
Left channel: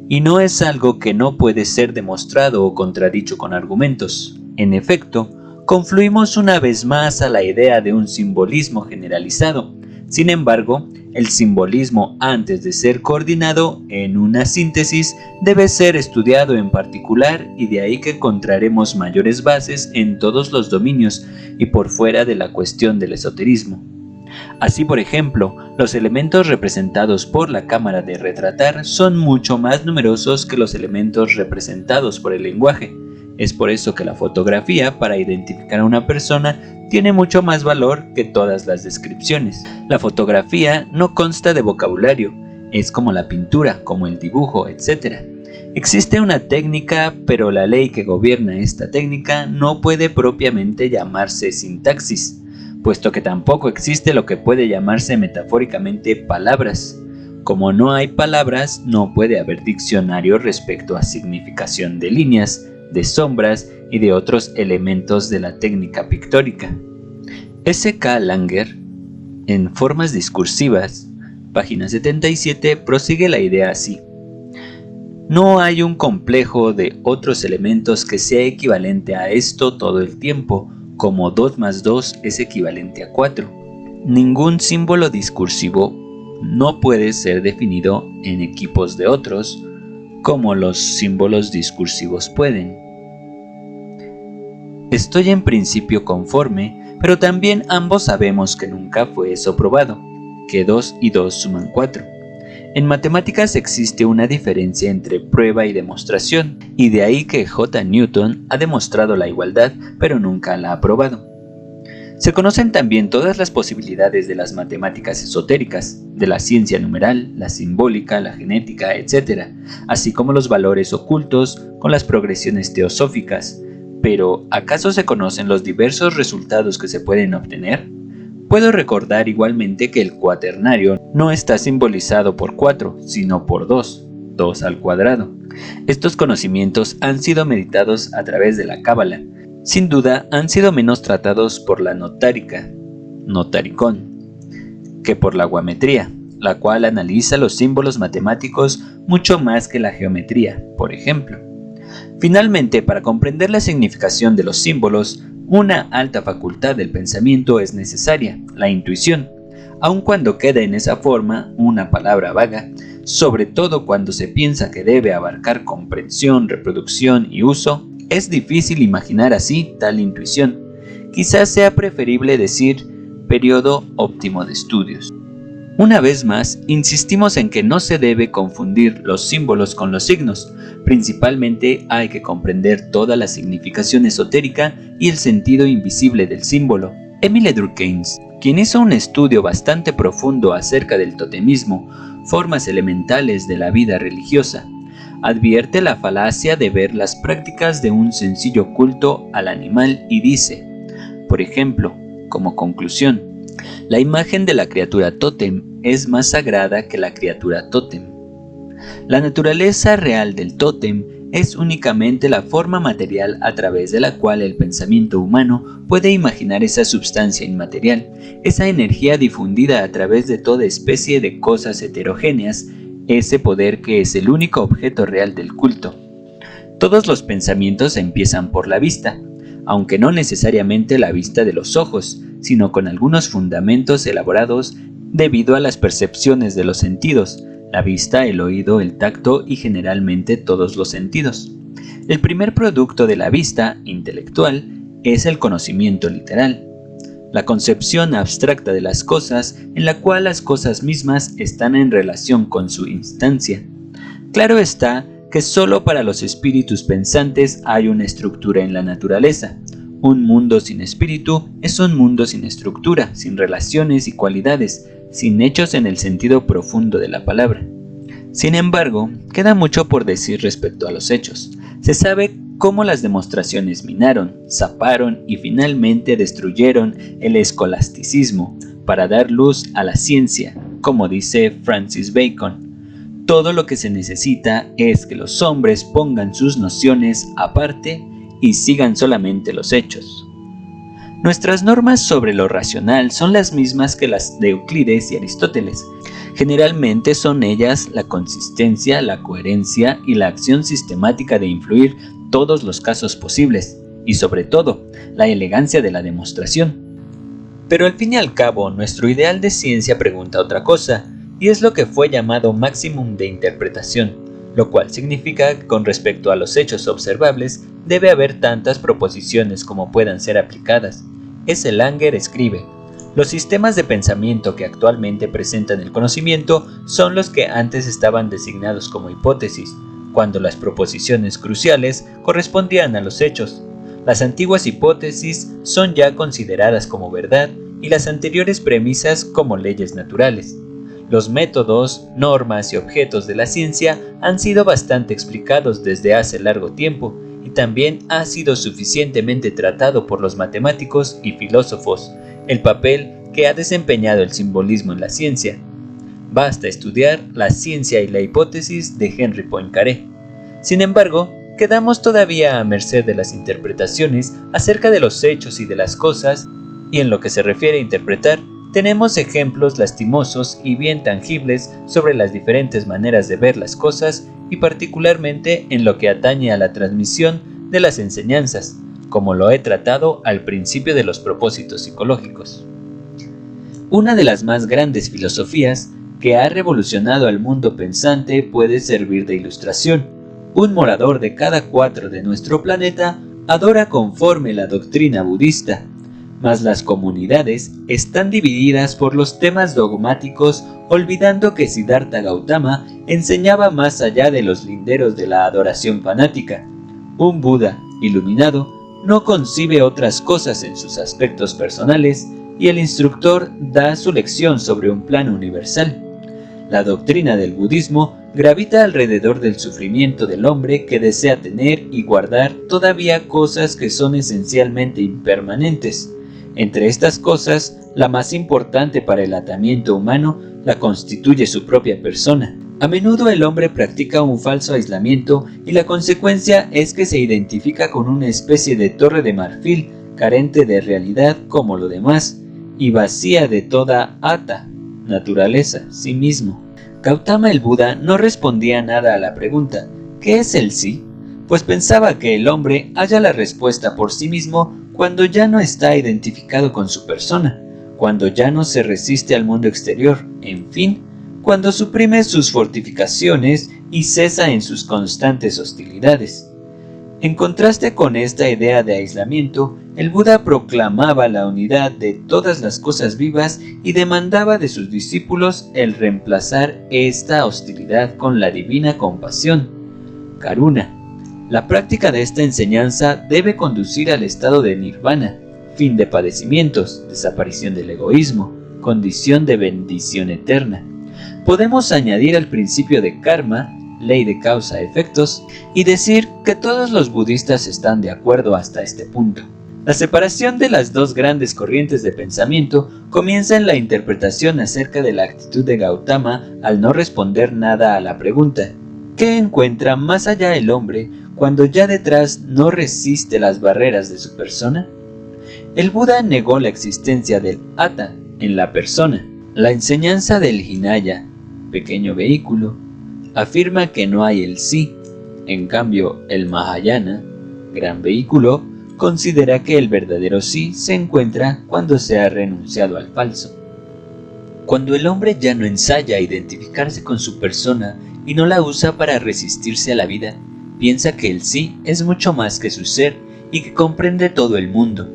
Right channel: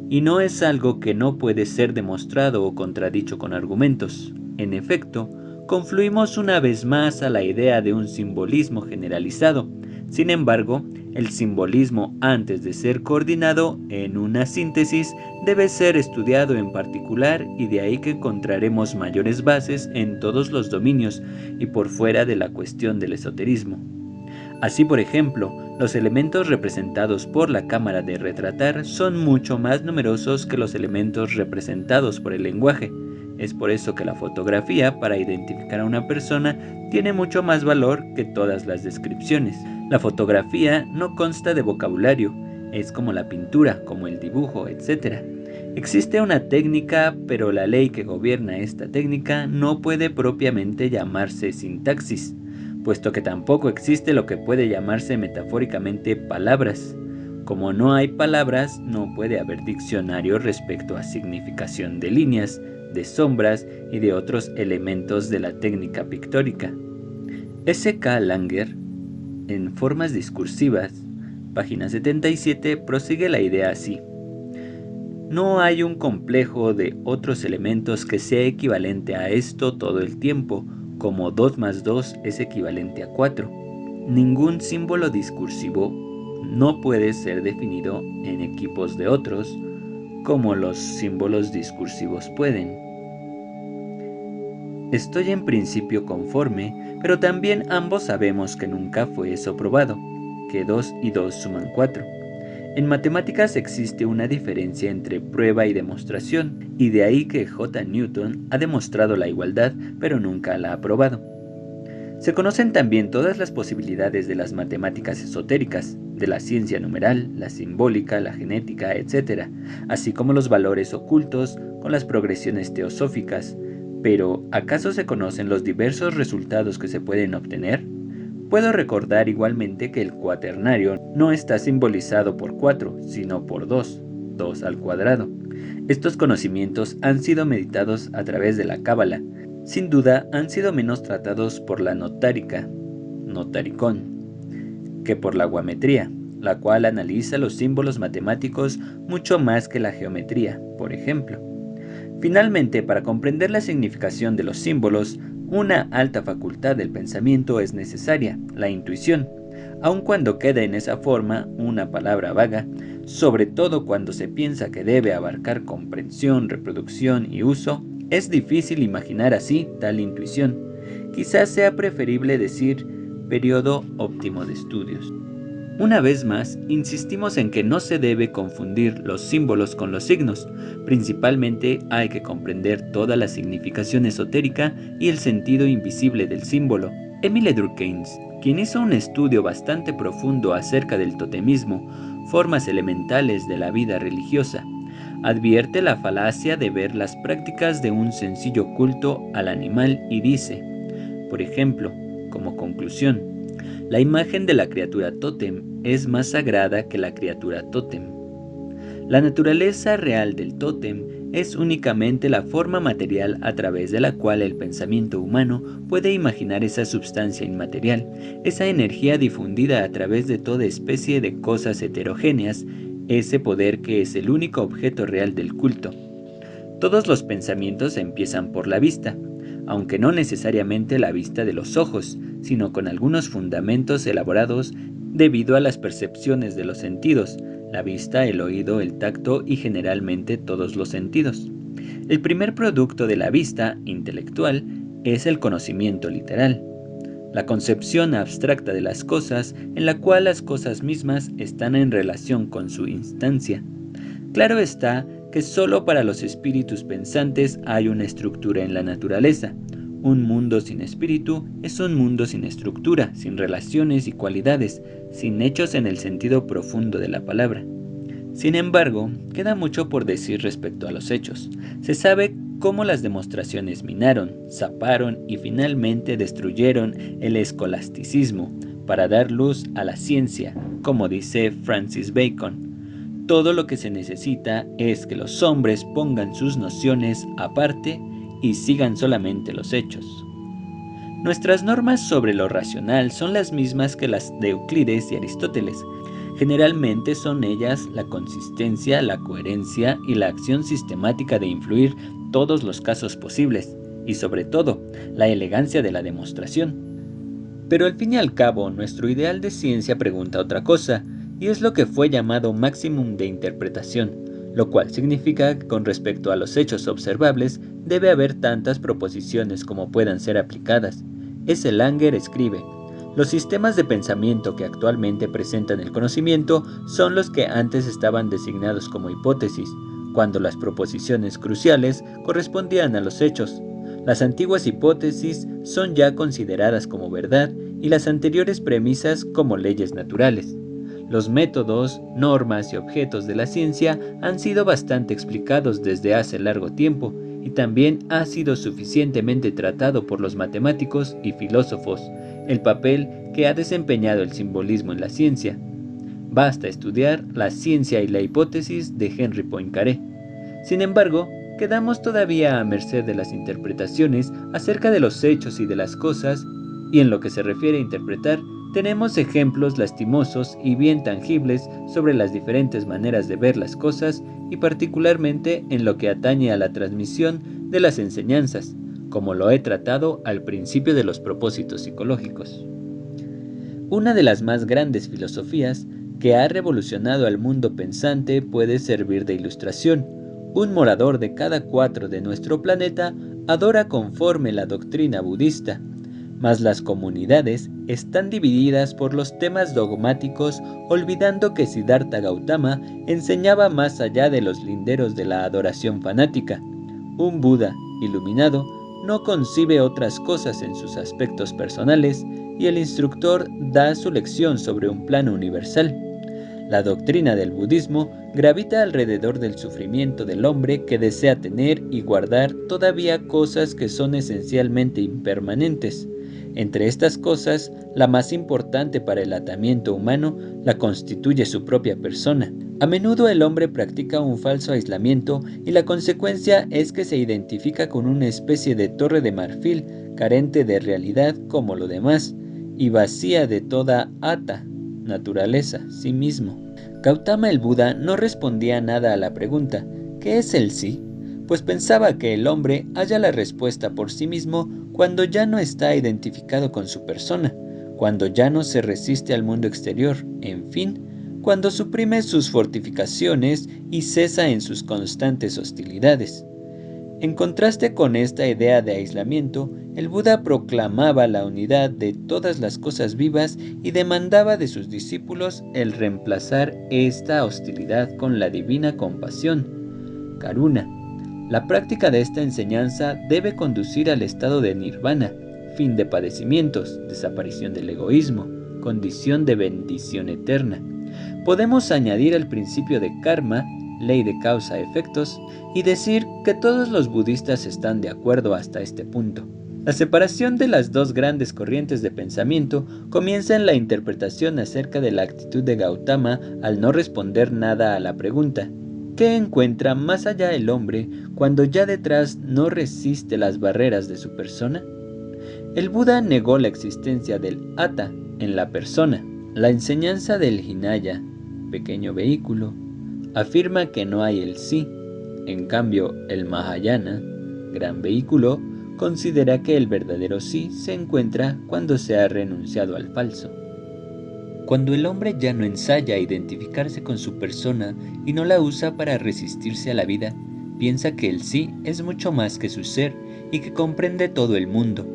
y no es algo que no puede ser demostrado o contradicho con argumentos. En efecto, confluimos una vez más a la idea de un simbolismo generalizado. Sin embargo, el simbolismo, antes de ser coordinado en una síntesis, debe ser estudiado en particular, y de ahí que encontraremos mayores bases en todos los dominios y por fuera de la cuestión del esoterismo. Así, por ejemplo, los elementos representados por la cámara de retratar son mucho más numerosos que los elementos representados por el lenguaje. Es por eso que la fotografía, para identificar a una persona, tiene mucho más valor que todas las descripciones. La fotografía no consta de vocabulario, es como la pintura, como el dibujo, etc. Existe una técnica, pero la ley que gobierna esta técnica no puede propiamente llamarse sintaxis, puesto que tampoco existe lo que puede llamarse metafóricamente palabras. Como no hay palabras, no puede haber diccionario respecto a significación de líneas, de sombras y de otros elementos de la técnica pictórica. S.K. Langer, en Formas discursivas, página 77, prosigue la idea así. No hay un complejo de otros elementos que sea equivalente a esto todo el tiempo, como 2 más 2 es equivalente a 4. Ningún símbolo discursivo no puede ser definido en equipos de otros, como los símbolos discursivos pueden. Estoy en principio conforme, pero también ambos sabemos que nunca fue eso probado, que 2 y 2 suman 4. En matemáticas existe una diferencia entre prueba y demostración, y de ahí que J. Newton ha demostrado la igualdad, pero nunca la ha probado. Se conocen también todas las posibilidades de las matemáticas esotéricas, de la ciencia numeral, la simbólica, la genética, etc., así como los valores ocultos con las progresiones teosóficas. Pero, ¿acaso se conocen los diversos resultados que se pueden obtener? Puedo recordar igualmente que el cuaternario no está simbolizado por 4, sino por 2, 2 al cuadrado. Estos conocimientos han sido meditados a través de la cábala. Sin duda han sido menos tratados por la notárica, notaricón, que por la guametría, la cual analiza los símbolos matemáticos mucho más que la geometría, por ejemplo. Finalmente, para comprender la significación de los símbolos, una alta facultad del pensamiento es necesaria, la intuición, aun cuando queda en esa forma una palabra vaga, sobre todo cuando se piensa que debe abarcar comprensión, reproducción y uso. Es difícil imaginar así tal intuición. Quizás sea preferible decir periodo óptimo de estudios. Una vez más, insistimos en que no se debe confundir los símbolos con los signos. Principalmente hay que comprender toda la significación esotérica y el sentido invisible del símbolo. Émile Durkheim, quien hizo un estudio bastante profundo acerca del totemismo, formas elementales de la vida religiosa, advierte la falacia de ver las prácticas de un sencillo culto al animal y dice, por ejemplo, como conclusión, la imagen de la criatura tótem es más sagrada que la criatura tótem. La naturaleza real del tótem es únicamente la forma material a través de la cual el pensamiento humano puede imaginar esa substancia inmaterial, esa energía difundida a través de toda especie de cosas heterogéneas, ese poder que es el único objeto real del culto. Todos los pensamientos empiezan por la vista, aunque no necesariamente la vista de los ojos, sino con algunos fundamentos elaborados debido a las percepciones de los sentidos, la vista, el oído, el tacto y generalmente todos los sentidos. El primer producto de la vista, intelectual, es el conocimiento literal, la concepción abstracta de las cosas en la cual las cosas mismas están en relación con su instancia. Claro está que solo para los espíritus pensantes hay una estructura en la naturaleza. Un mundo sin espíritu es un mundo sin estructura, sin relaciones y cualidades, sin hechos en el sentido profundo de la palabra. Sin embargo, queda mucho por decir respecto a los hechos. Se sabe cómo las demostraciones minaron, zaparon y finalmente destruyeron el escolasticismo para dar luz a la ciencia, como dice Francis Bacon. Todo lo que se necesita es que los hombres pongan sus nociones aparte y sigan solamente los hechos. Nuestras normas sobre lo racional son las mismas que las de Euclides y Aristóteles. Generalmente son ellas la consistencia, la coherencia y la acción sistemática de influir todos los casos posibles, y sobre todo, la elegancia de la demostración. Pero al fin y al cabo, nuestro ideal de ciencia pregunta otra cosa, y es lo que fue llamado máximum de interpretación, lo cual significa que con respecto a los hechos observables debe haber tantas proposiciones como puedan ser aplicadas. S. Langer escribe, los sistemas de pensamiento que actualmente presentan el conocimiento son los que antes estaban designados como hipótesis, cuando las proposiciones cruciales correspondían a los hechos. Las antiguas hipótesis son ya consideradas como verdad y las anteriores premisas como leyes naturales. Los métodos, normas y objetos de la ciencia han sido bastante explicados desde hace largo tiempo y también ha sido suficientemente tratado por los matemáticos y filósofos el papel que ha desempeñado el simbolismo en la ciencia. Basta estudiar La ciencia y la hipótesis de Henry Poincaré. Sin embargo, quedamos todavía a merced de las interpretaciones acerca de los hechos y de las cosas, y en lo que se refiere a interpretar, tenemos ejemplos lastimosos y bien tangibles sobre las diferentes maneras de ver las cosas y particularmente en lo que atañe a la transmisión de las enseñanzas, como lo he tratado al principio de los propósitos psicológicos. Una de las más grandes filosofías que ha revolucionado al mundo pensante puede servir de ilustración. Un morador de cada 4 de nuestro planeta adora conforme la doctrina budista, mas las comunidades están divididas por los temas dogmáticos, olvidando que Siddhartha Gautama enseñaba más allá de los linderos de la adoración fanática. Un Buda iluminado no concibe otras cosas en sus aspectos personales y el instructor da su lección sobre un plano universal. La doctrina del budismo gravita alrededor del sufrimiento del hombre que desea tener y guardar todavía cosas que son esencialmente impermanentes. Entre estas cosas, la más importante para el atamiento humano la constituye su propia persona. A menudo el hombre practica un falso aislamiento y la consecuencia es que se identifica con una especie de torre de marfil, carente de realidad como lo demás, y vacía de toda atta, naturaleza, sí mismo. Gautama el Buda no respondía nada a la pregunta, ¿qué es el sí? Pues pensaba que el hombre halla la respuesta por sí mismo cuando ya no está identificado con su persona, cuando ya no se resiste al mundo exterior, en fin, cuando suprime sus fortificaciones y cesa en sus constantes hostilidades. En contraste con esta idea de aislamiento, el Buda proclamaba la unidad de todas las cosas vivas y demandaba de sus discípulos el reemplazar esta hostilidad con la divina compasión, karuna. La práctica de esta enseñanza debe conducir al estado de nirvana, fin de padecimientos, desaparición del egoísmo, condición de bendición eterna. Podemos añadir el principio de karma, ley de causa-efectos, y decir que todos los budistas están de acuerdo hasta este punto. La separación de las dos grandes corrientes de pensamiento comienza en la interpretación acerca de la actitud de Gautama al no responder nada a la pregunta, ¿qué encuentra más allá el hombre cuando ya detrás no resiste las barreras de su persona? El Buda negó la existencia del atta en la persona. La enseñanza del Hinaya, pequeño vehículo, afirma que no hay el sí. En cambio, el Mahayana, gran vehículo, considera que el verdadero sí se encuentra cuando se ha renunciado al falso. Cuando el hombre ya no ensaya identificarse con su persona y no la usa para resistirse a la vida, piensa que el sí es mucho más que su ser y que comprende todo el mundo.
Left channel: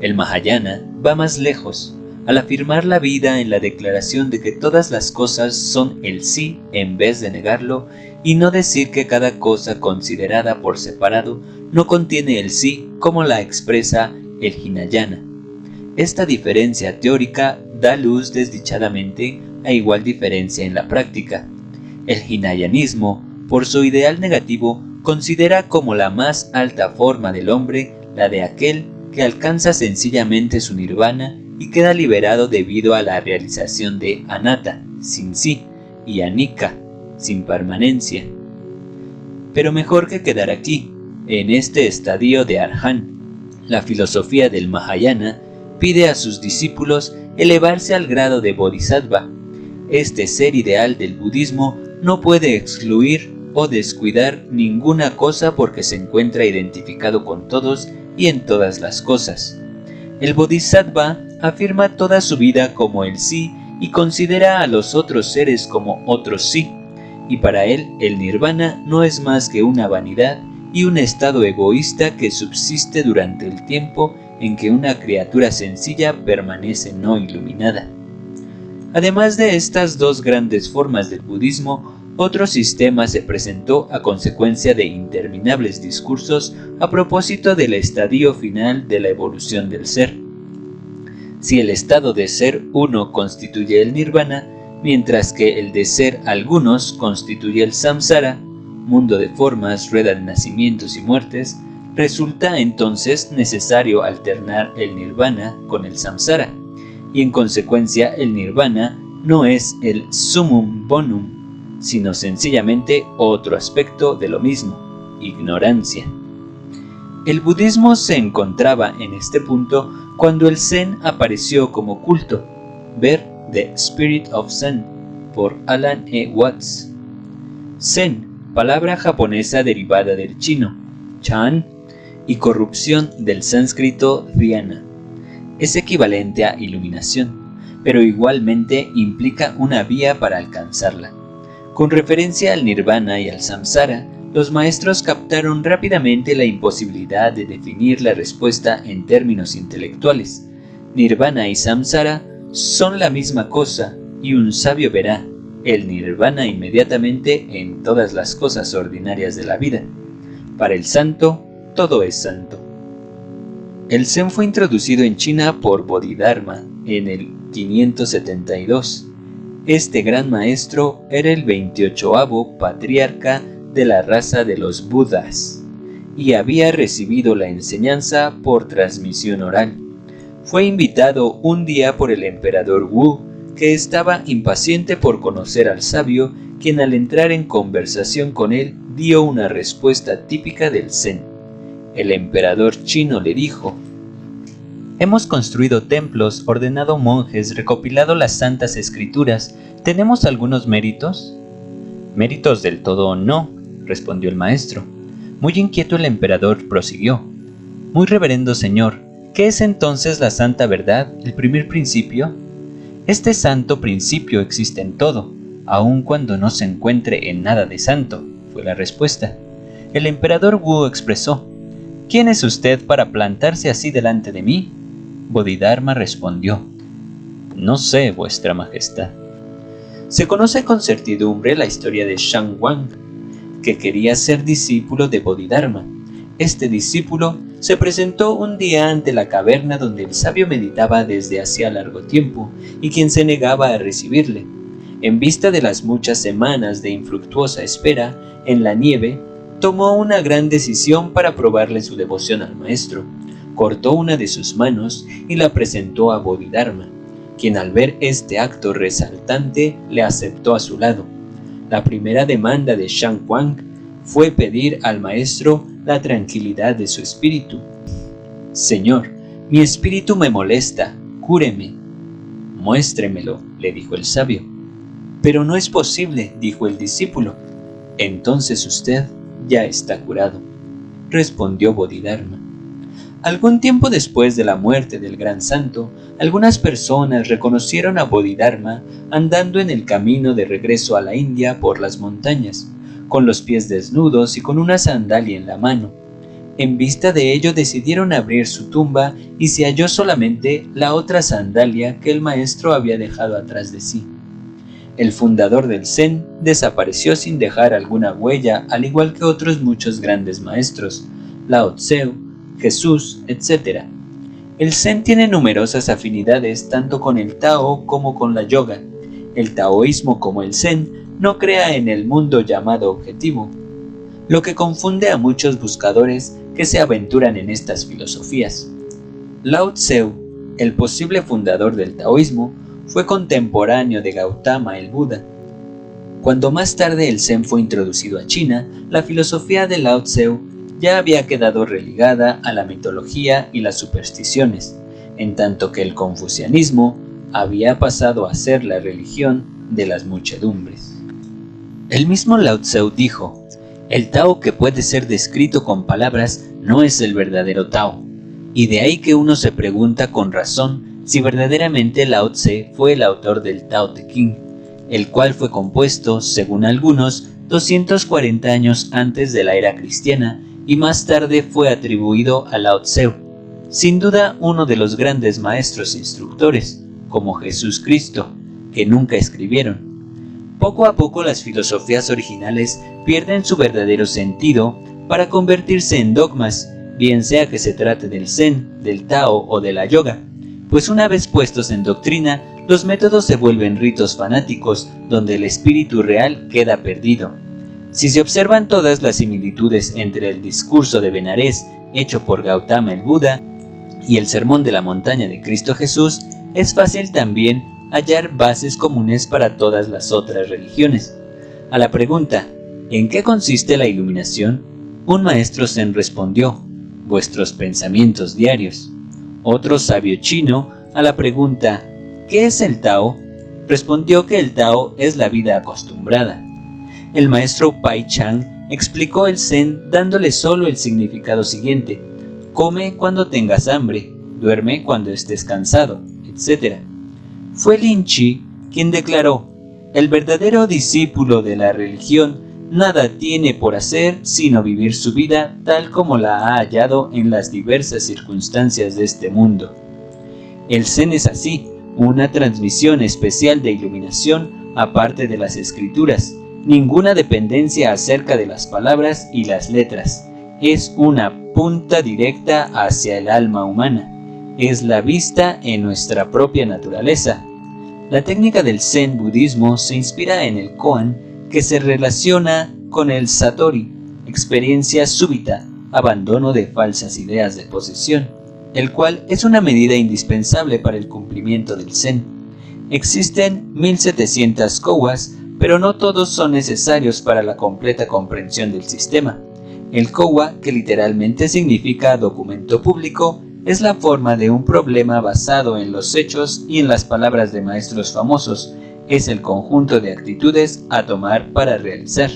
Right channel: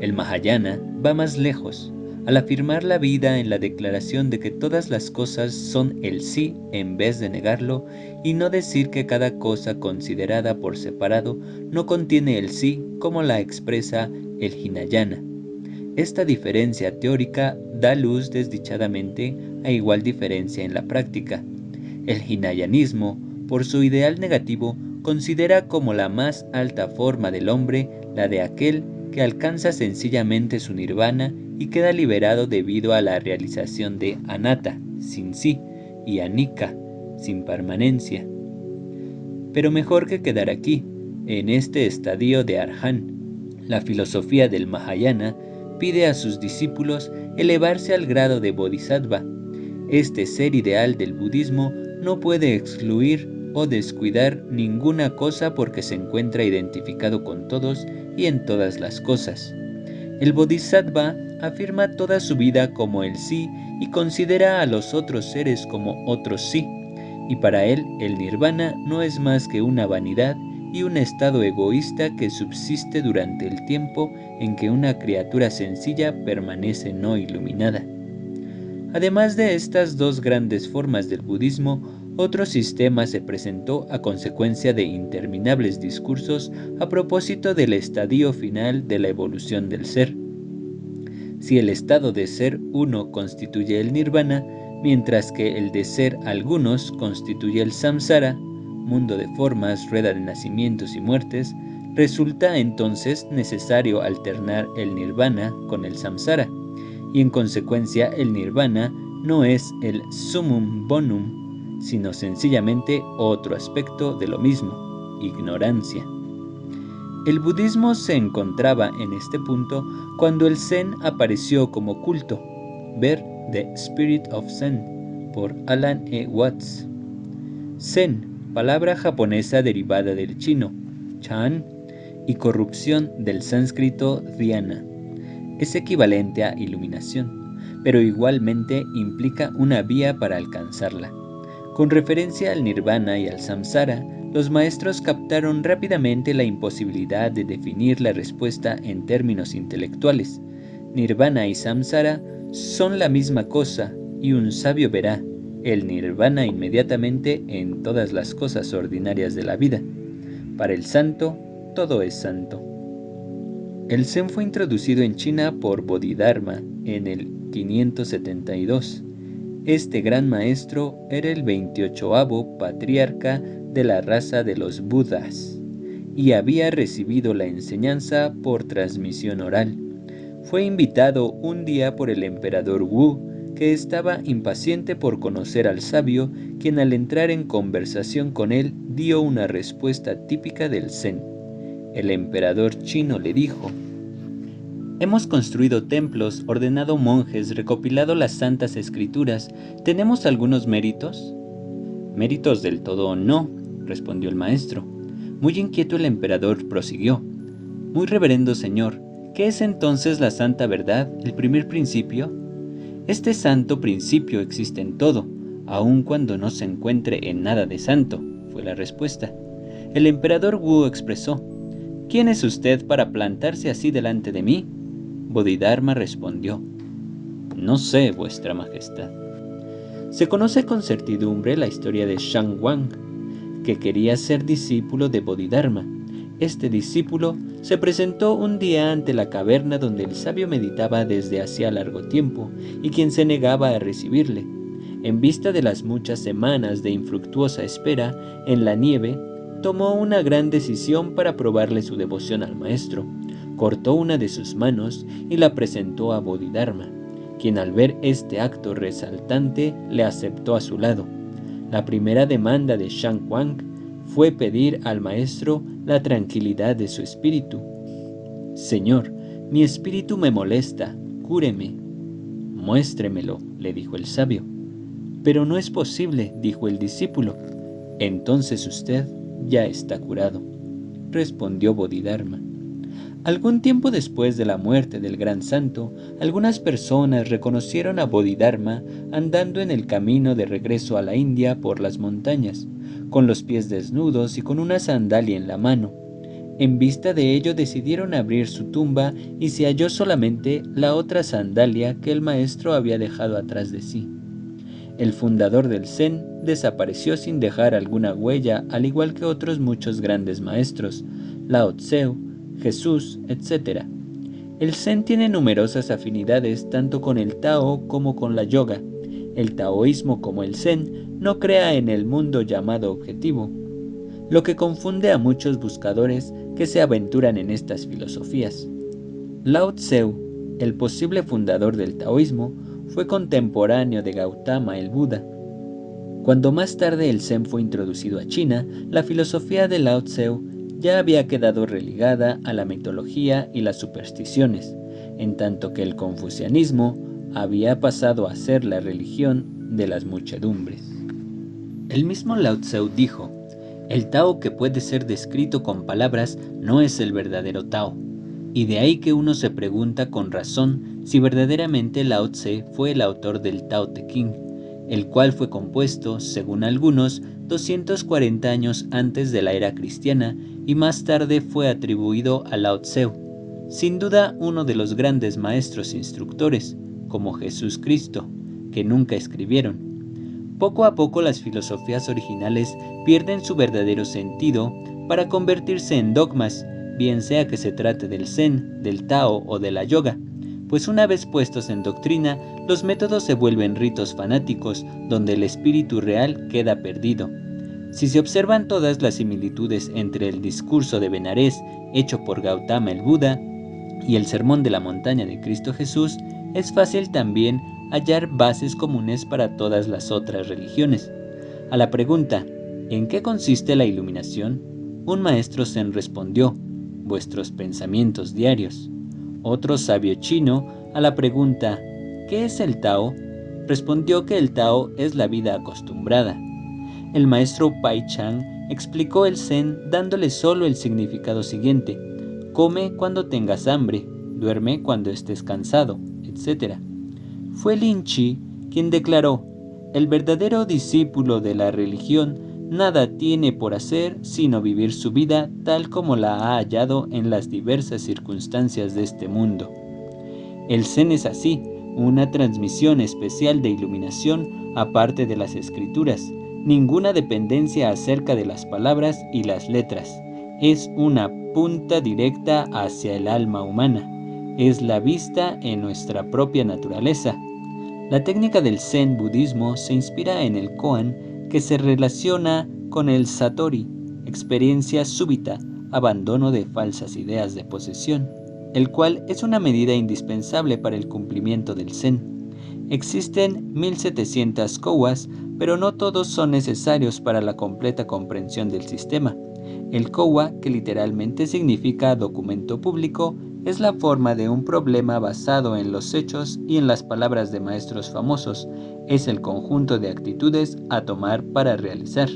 El Mahayana va más lejos, al afirmar la vida en la declaración de que todas las cosas son el sí en vez de negarlo y no decir que cada cosa considerada por separado no contiene el sí como la expresa el Hinayana. Esta diferencia teórica da luz desdichadamente a igual diferencia en la práctica. El hinayanismo, por su ideal negativo, considera como la más alta forma del hombre la de aquel que alcanza sencillamente su nirvana y queda liberado debido a la realización de anatta, sin sí, y anicca, sin permanencia. Pero mejor que quedar aquí, en este estadio de Arhan, la filosofía del Mahayana pide a sus discípulos elevarse al grado de Bodhisattva. Este ser ideal del budismo no puede excluir o descuidar ninguna cosa porque se encuentra identificado con todos y en todas las cosas. El Bodhisattva afirma toda su vida como el sí y considera a los otros seres como otros sí, y para él el nirvana no es más que una vanidad y un estado egoísta que subsiste durante el tiempo en que una criatura sencilla permanece no iluminada. Además de estas dos grandes formas del budismo, otro sistema se presentó a consecuencia de interminables discursos a propósito del estadio final de la evolución del ser. Si el estado de ser uno constituye el nirvana, mientras que el de ser algunos constituye el samsara, mundo de formas, rueda de nacimientos y muertes. Resulta entonces necesario alternar el nirvana con el samsara, y en consecuencia el nirvana no es el summum bonum, sino sencillamente otro aspecto de lo mismo, ignorancia. El budismo se encontraba en este punto cuando el Zen apareció como culto. Ver The Spirit of Zen por Alan E. Watts. Zen, palabra japonesa derivada del chino, chan, y corrupción del sánscrito dhyana. Es equivalente a iluminación, pero igualmente implica una vía para alcanzarla. Con referencia al nirvana y al samsara, los maestros captaron rápidamente la imposibilidad de definir la respuesta en términos intelectuales. Nirvana y samsara son la misma cosa, y un sabio verá el nirvana inmediatamente en todas las cosas ordinarias de la vida. Para el santo, todo es santo. El Zen fue introducido en China por Bodhidharma en el 572. Este gran maestro era el 28º patriarca de la raza de los Budas y había recibido la enseñanza por transmisión oral. Fue invitado un día por el emperador Wu, que estaba impaciente por conocer al sabio, quien al entrar en conversación con él dio una respuesta típica del Zen. El emperador chino le dijo: «Hemos construido templos, ordenado monjes, recopilado las santas escrituras. ¿Tenemos algunos méritos?» «Méritos del todo no», respondió el maestro. Muy inquieto el emperador prosiguió: «Muy reverendo señor, ¿qué es entonces la santa verdad, el primer principio?» «Este santo principio existe en todo, aun cuando no se encuentre en nada de santo», fue la respuesta. El emperador Wu expresó: «¿Quién es usted para plantarse así delante de mí?» Bodhidharma respondió: «No sé, vuestra majestad». Se conoce con certidumbre la historia de Shan Wang, que quería ser discípulo de Bodhidharma. Este discípulo se presentó un día ante la caverna donde el sabio meditaba desde hacía largo tiempo, y quien se negaba a recibirle. En vista de las muchas semanas de infructuosa espera en la nieve, tomó una gran decisión para probarle su devoción al maestro. Cortó una de sus manos y la presentó a Bodhidharma, quien al ver este acto resaltante le aceptó a su lado. La primera demanda de Shan Wang fue pedir al maestro la tranquilidad de su espíritu. «Señor, mi espíritu me molesta, cúreme». «Muéstremelo», le dijo el sabio. «Pero no es posible», dijo el discípulo. «Entonces usted ya está curado», respondió Bodhidharma. Algún tiempo después de la muerte del gran santo, algunas personas reconocieron a Bodhidharma andando en el camino de regreso a la India por las montañas, con los pies desnudos y con una sandalia en la mano. En vista de ello decidieron abrir su tumba y se halló solamente la otra sandalia que el maestro había dejado atrás de sí. El fundador del Zen desapareció sin dejar alguna huella, al igual que otros muchos grandes maestros, Lao Tse, Jesús, etc. El Zen tiene numerosas afinidades tanto con el Tao como con la yoga. El taoísmo, como el Zen, no crea en el mundo llamado objetivo, lo que confunde a muchos buscadores que se aventuran en estas filosofías. Lao Tse, el posible fundador del taoísmo, fue contemporáneo de Gautama el Buda. Cuando más tarde el Zen fue introducido a China, la filosofía de Lao Tse ya había quedado relegada a la mitología y las supersticiones, en tanto que el confucianismo había pasado a ser la religión de las muchedumbres. El mismo Lao Tse dijo: «El Tao que puede ser descrito con palabras no es el verdadero Tao», y de ahí que uno se pregunta con razón si verdaderamente Lao Tse fue el autor del Tao Te Ching, el cual fue compuesto, según algunos, 240 años antes de la era cristiana, y más tarde fue atribuido a Lao Tse, sin duda uno de los grandes maestros instructores, como Jesús Cristo, que nunca escribieron. Poco a poco las filosofías originales pierden su verdadero sentido para convertirse en dogmas, bien sea que se trate del Zen, del Tao o de la yoga, pues una vez puestos en doctrina, los métodos se vuelven ritos fanáticos donde el espíritu real queda perdido. Si se observan todas las similitudes entre el discurso de Benarés hecho por Gautama el Buda y el sermón de la montaña de Cristo Jesús, es fácil también hallar bases comunes para todas las otras religiones. A la pregunta, ¿en qué consiste la iluminación?, un maestro zen respondió, vuestros pensamientos diarios. Otro sabio chino, a la pregunta, ¿qué es el Tao?, respondió que el Tao es la vida acostumbrada. El maestro Pai Chang explicó el zen dándole solo el significado siguiente: come cuando tengas hambre, duerme cuando estés cansado, etc. Fue Lin Chi quien declaró: el verdadero discípulo de la religión nada tiene por hacer sino vivir su vida tal como la ha hallado en las diversas circunstancias de este mundo. El zen es así, una transmisión especial de iluminación aparte de las escrituras, ninguna dependencia acerca de las palabras y las letras, es una punta directa hacia el alma humana, es la vista en nuestra propia naturaleza. La técnica del zen budismo se inspira en el koan, que se relaciona con el satori, experiencia súbita, abandono de falsas ideas de posesión, el cual es una medida indispensable para el cumplimiento del zen. Existen 1700 kowas, pero no todos son necesarios para la completa comprensión del sistema. El kowa, que literalmente significa documento público, es la forma de un problema basado en los hechos y en las palabras de maestros famosos, es el conjunto de actitudes a tomar para realizar.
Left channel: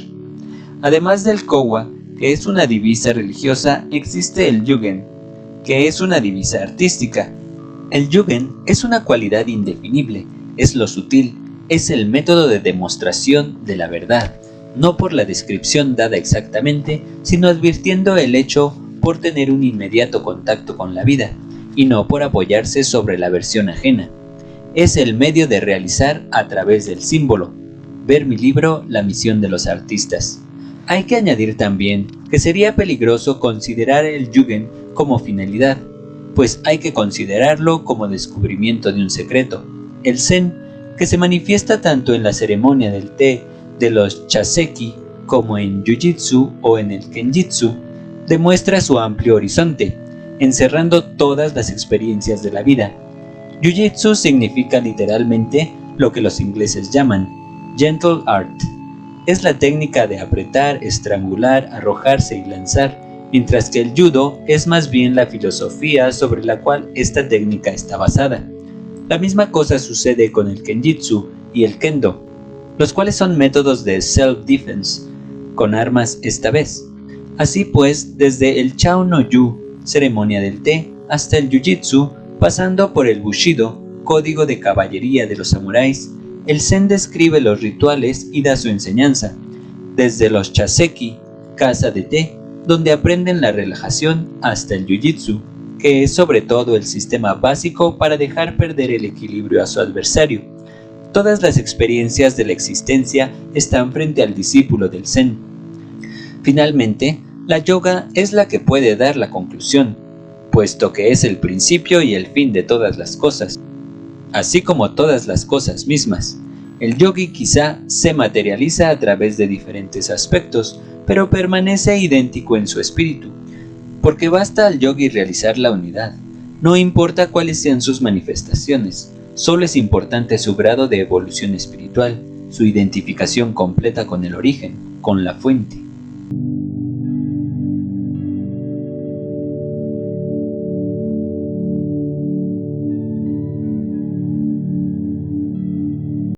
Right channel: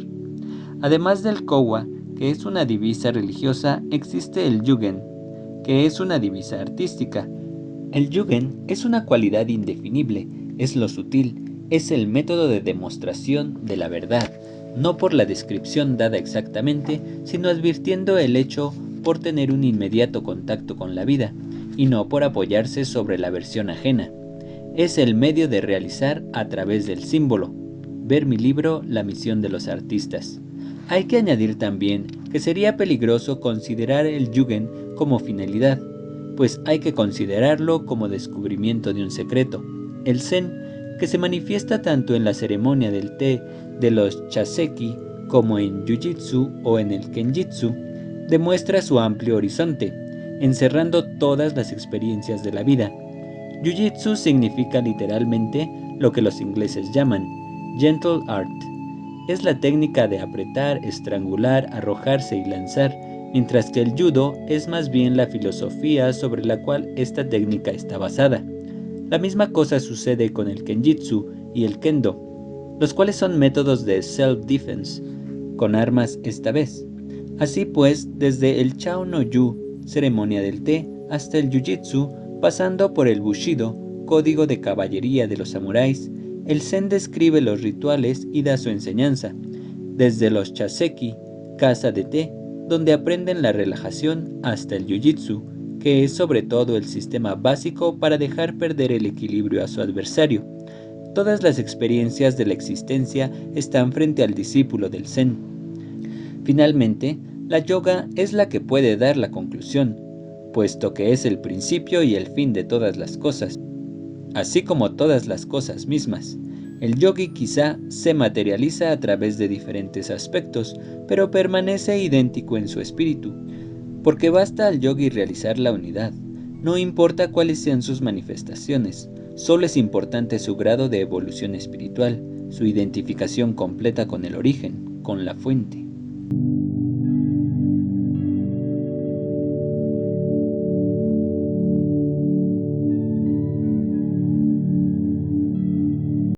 Además del kowa, que es una divisa religiosa, existe el yugen, que es una divisa artística. El yugen es una cualidad indefinible, es lo sutil, es el método de demostración de la verdad, no por la descripción dada exactamente, sino advirtiendo el hecho por tener un inmediato contacto con la vida, y no por apoyarse sobre la versión ajena. Es el medio de realizar a través del símbolo. Ver mi libro La misión de los artistas. Hay que añadir también que sería peligroso considerar el yugen como finalidad, pues hay que considerarlo como descubrimiento de un secreto. El zen, que se manifiesta tanto en la ceremonia del té de los chaseki como en jiu-jitsu o en el kenjitsu, demuestra su amplio horizonte, encerrando todas las experiencias de la vida. Jiu-jitsu significa literalmente lo que los ingleses llaman gentle art. Es la técnica de apretar, estrangular, arrojarse y lanzar, mientras que el judo es más bien la filosofía sobre la cual esta técnica está basada. La misma cosa sucede con el kenjitsu y el kendo, los cuales son métodos de self-defense, con armas esta vez. Así pues, desde el Chao no Yu, ceremonia del té, hasta el jiu-jitsu, pasando por el bushido, código de caballería de los samuráis, el zen describe los rituales y da su enseñanza. Desde los chaseki, casa de té, donde aprenden la relajación, hasta el jiu-jitsu, que es sobre todo el sistema básico para dejar perder el equilibrio a su adversario. Todas las experiencias de la existencia están frente al discípulo del zen. Finalmente, la yoga es la que puede dar la conclusión, puesto que es el principio y el fin de todas las cosas, así como todas las cosas mismas. El yogi quizá se materializa a través de diferentes aspectos, pero permanece idéntico en su espíritu, porque basta al yogi realizar la unidad. No importa cuáles sean sus manifestaciones, solo es importante su grado de evolución espiritual, su identificación completa con el origen, con la fuente.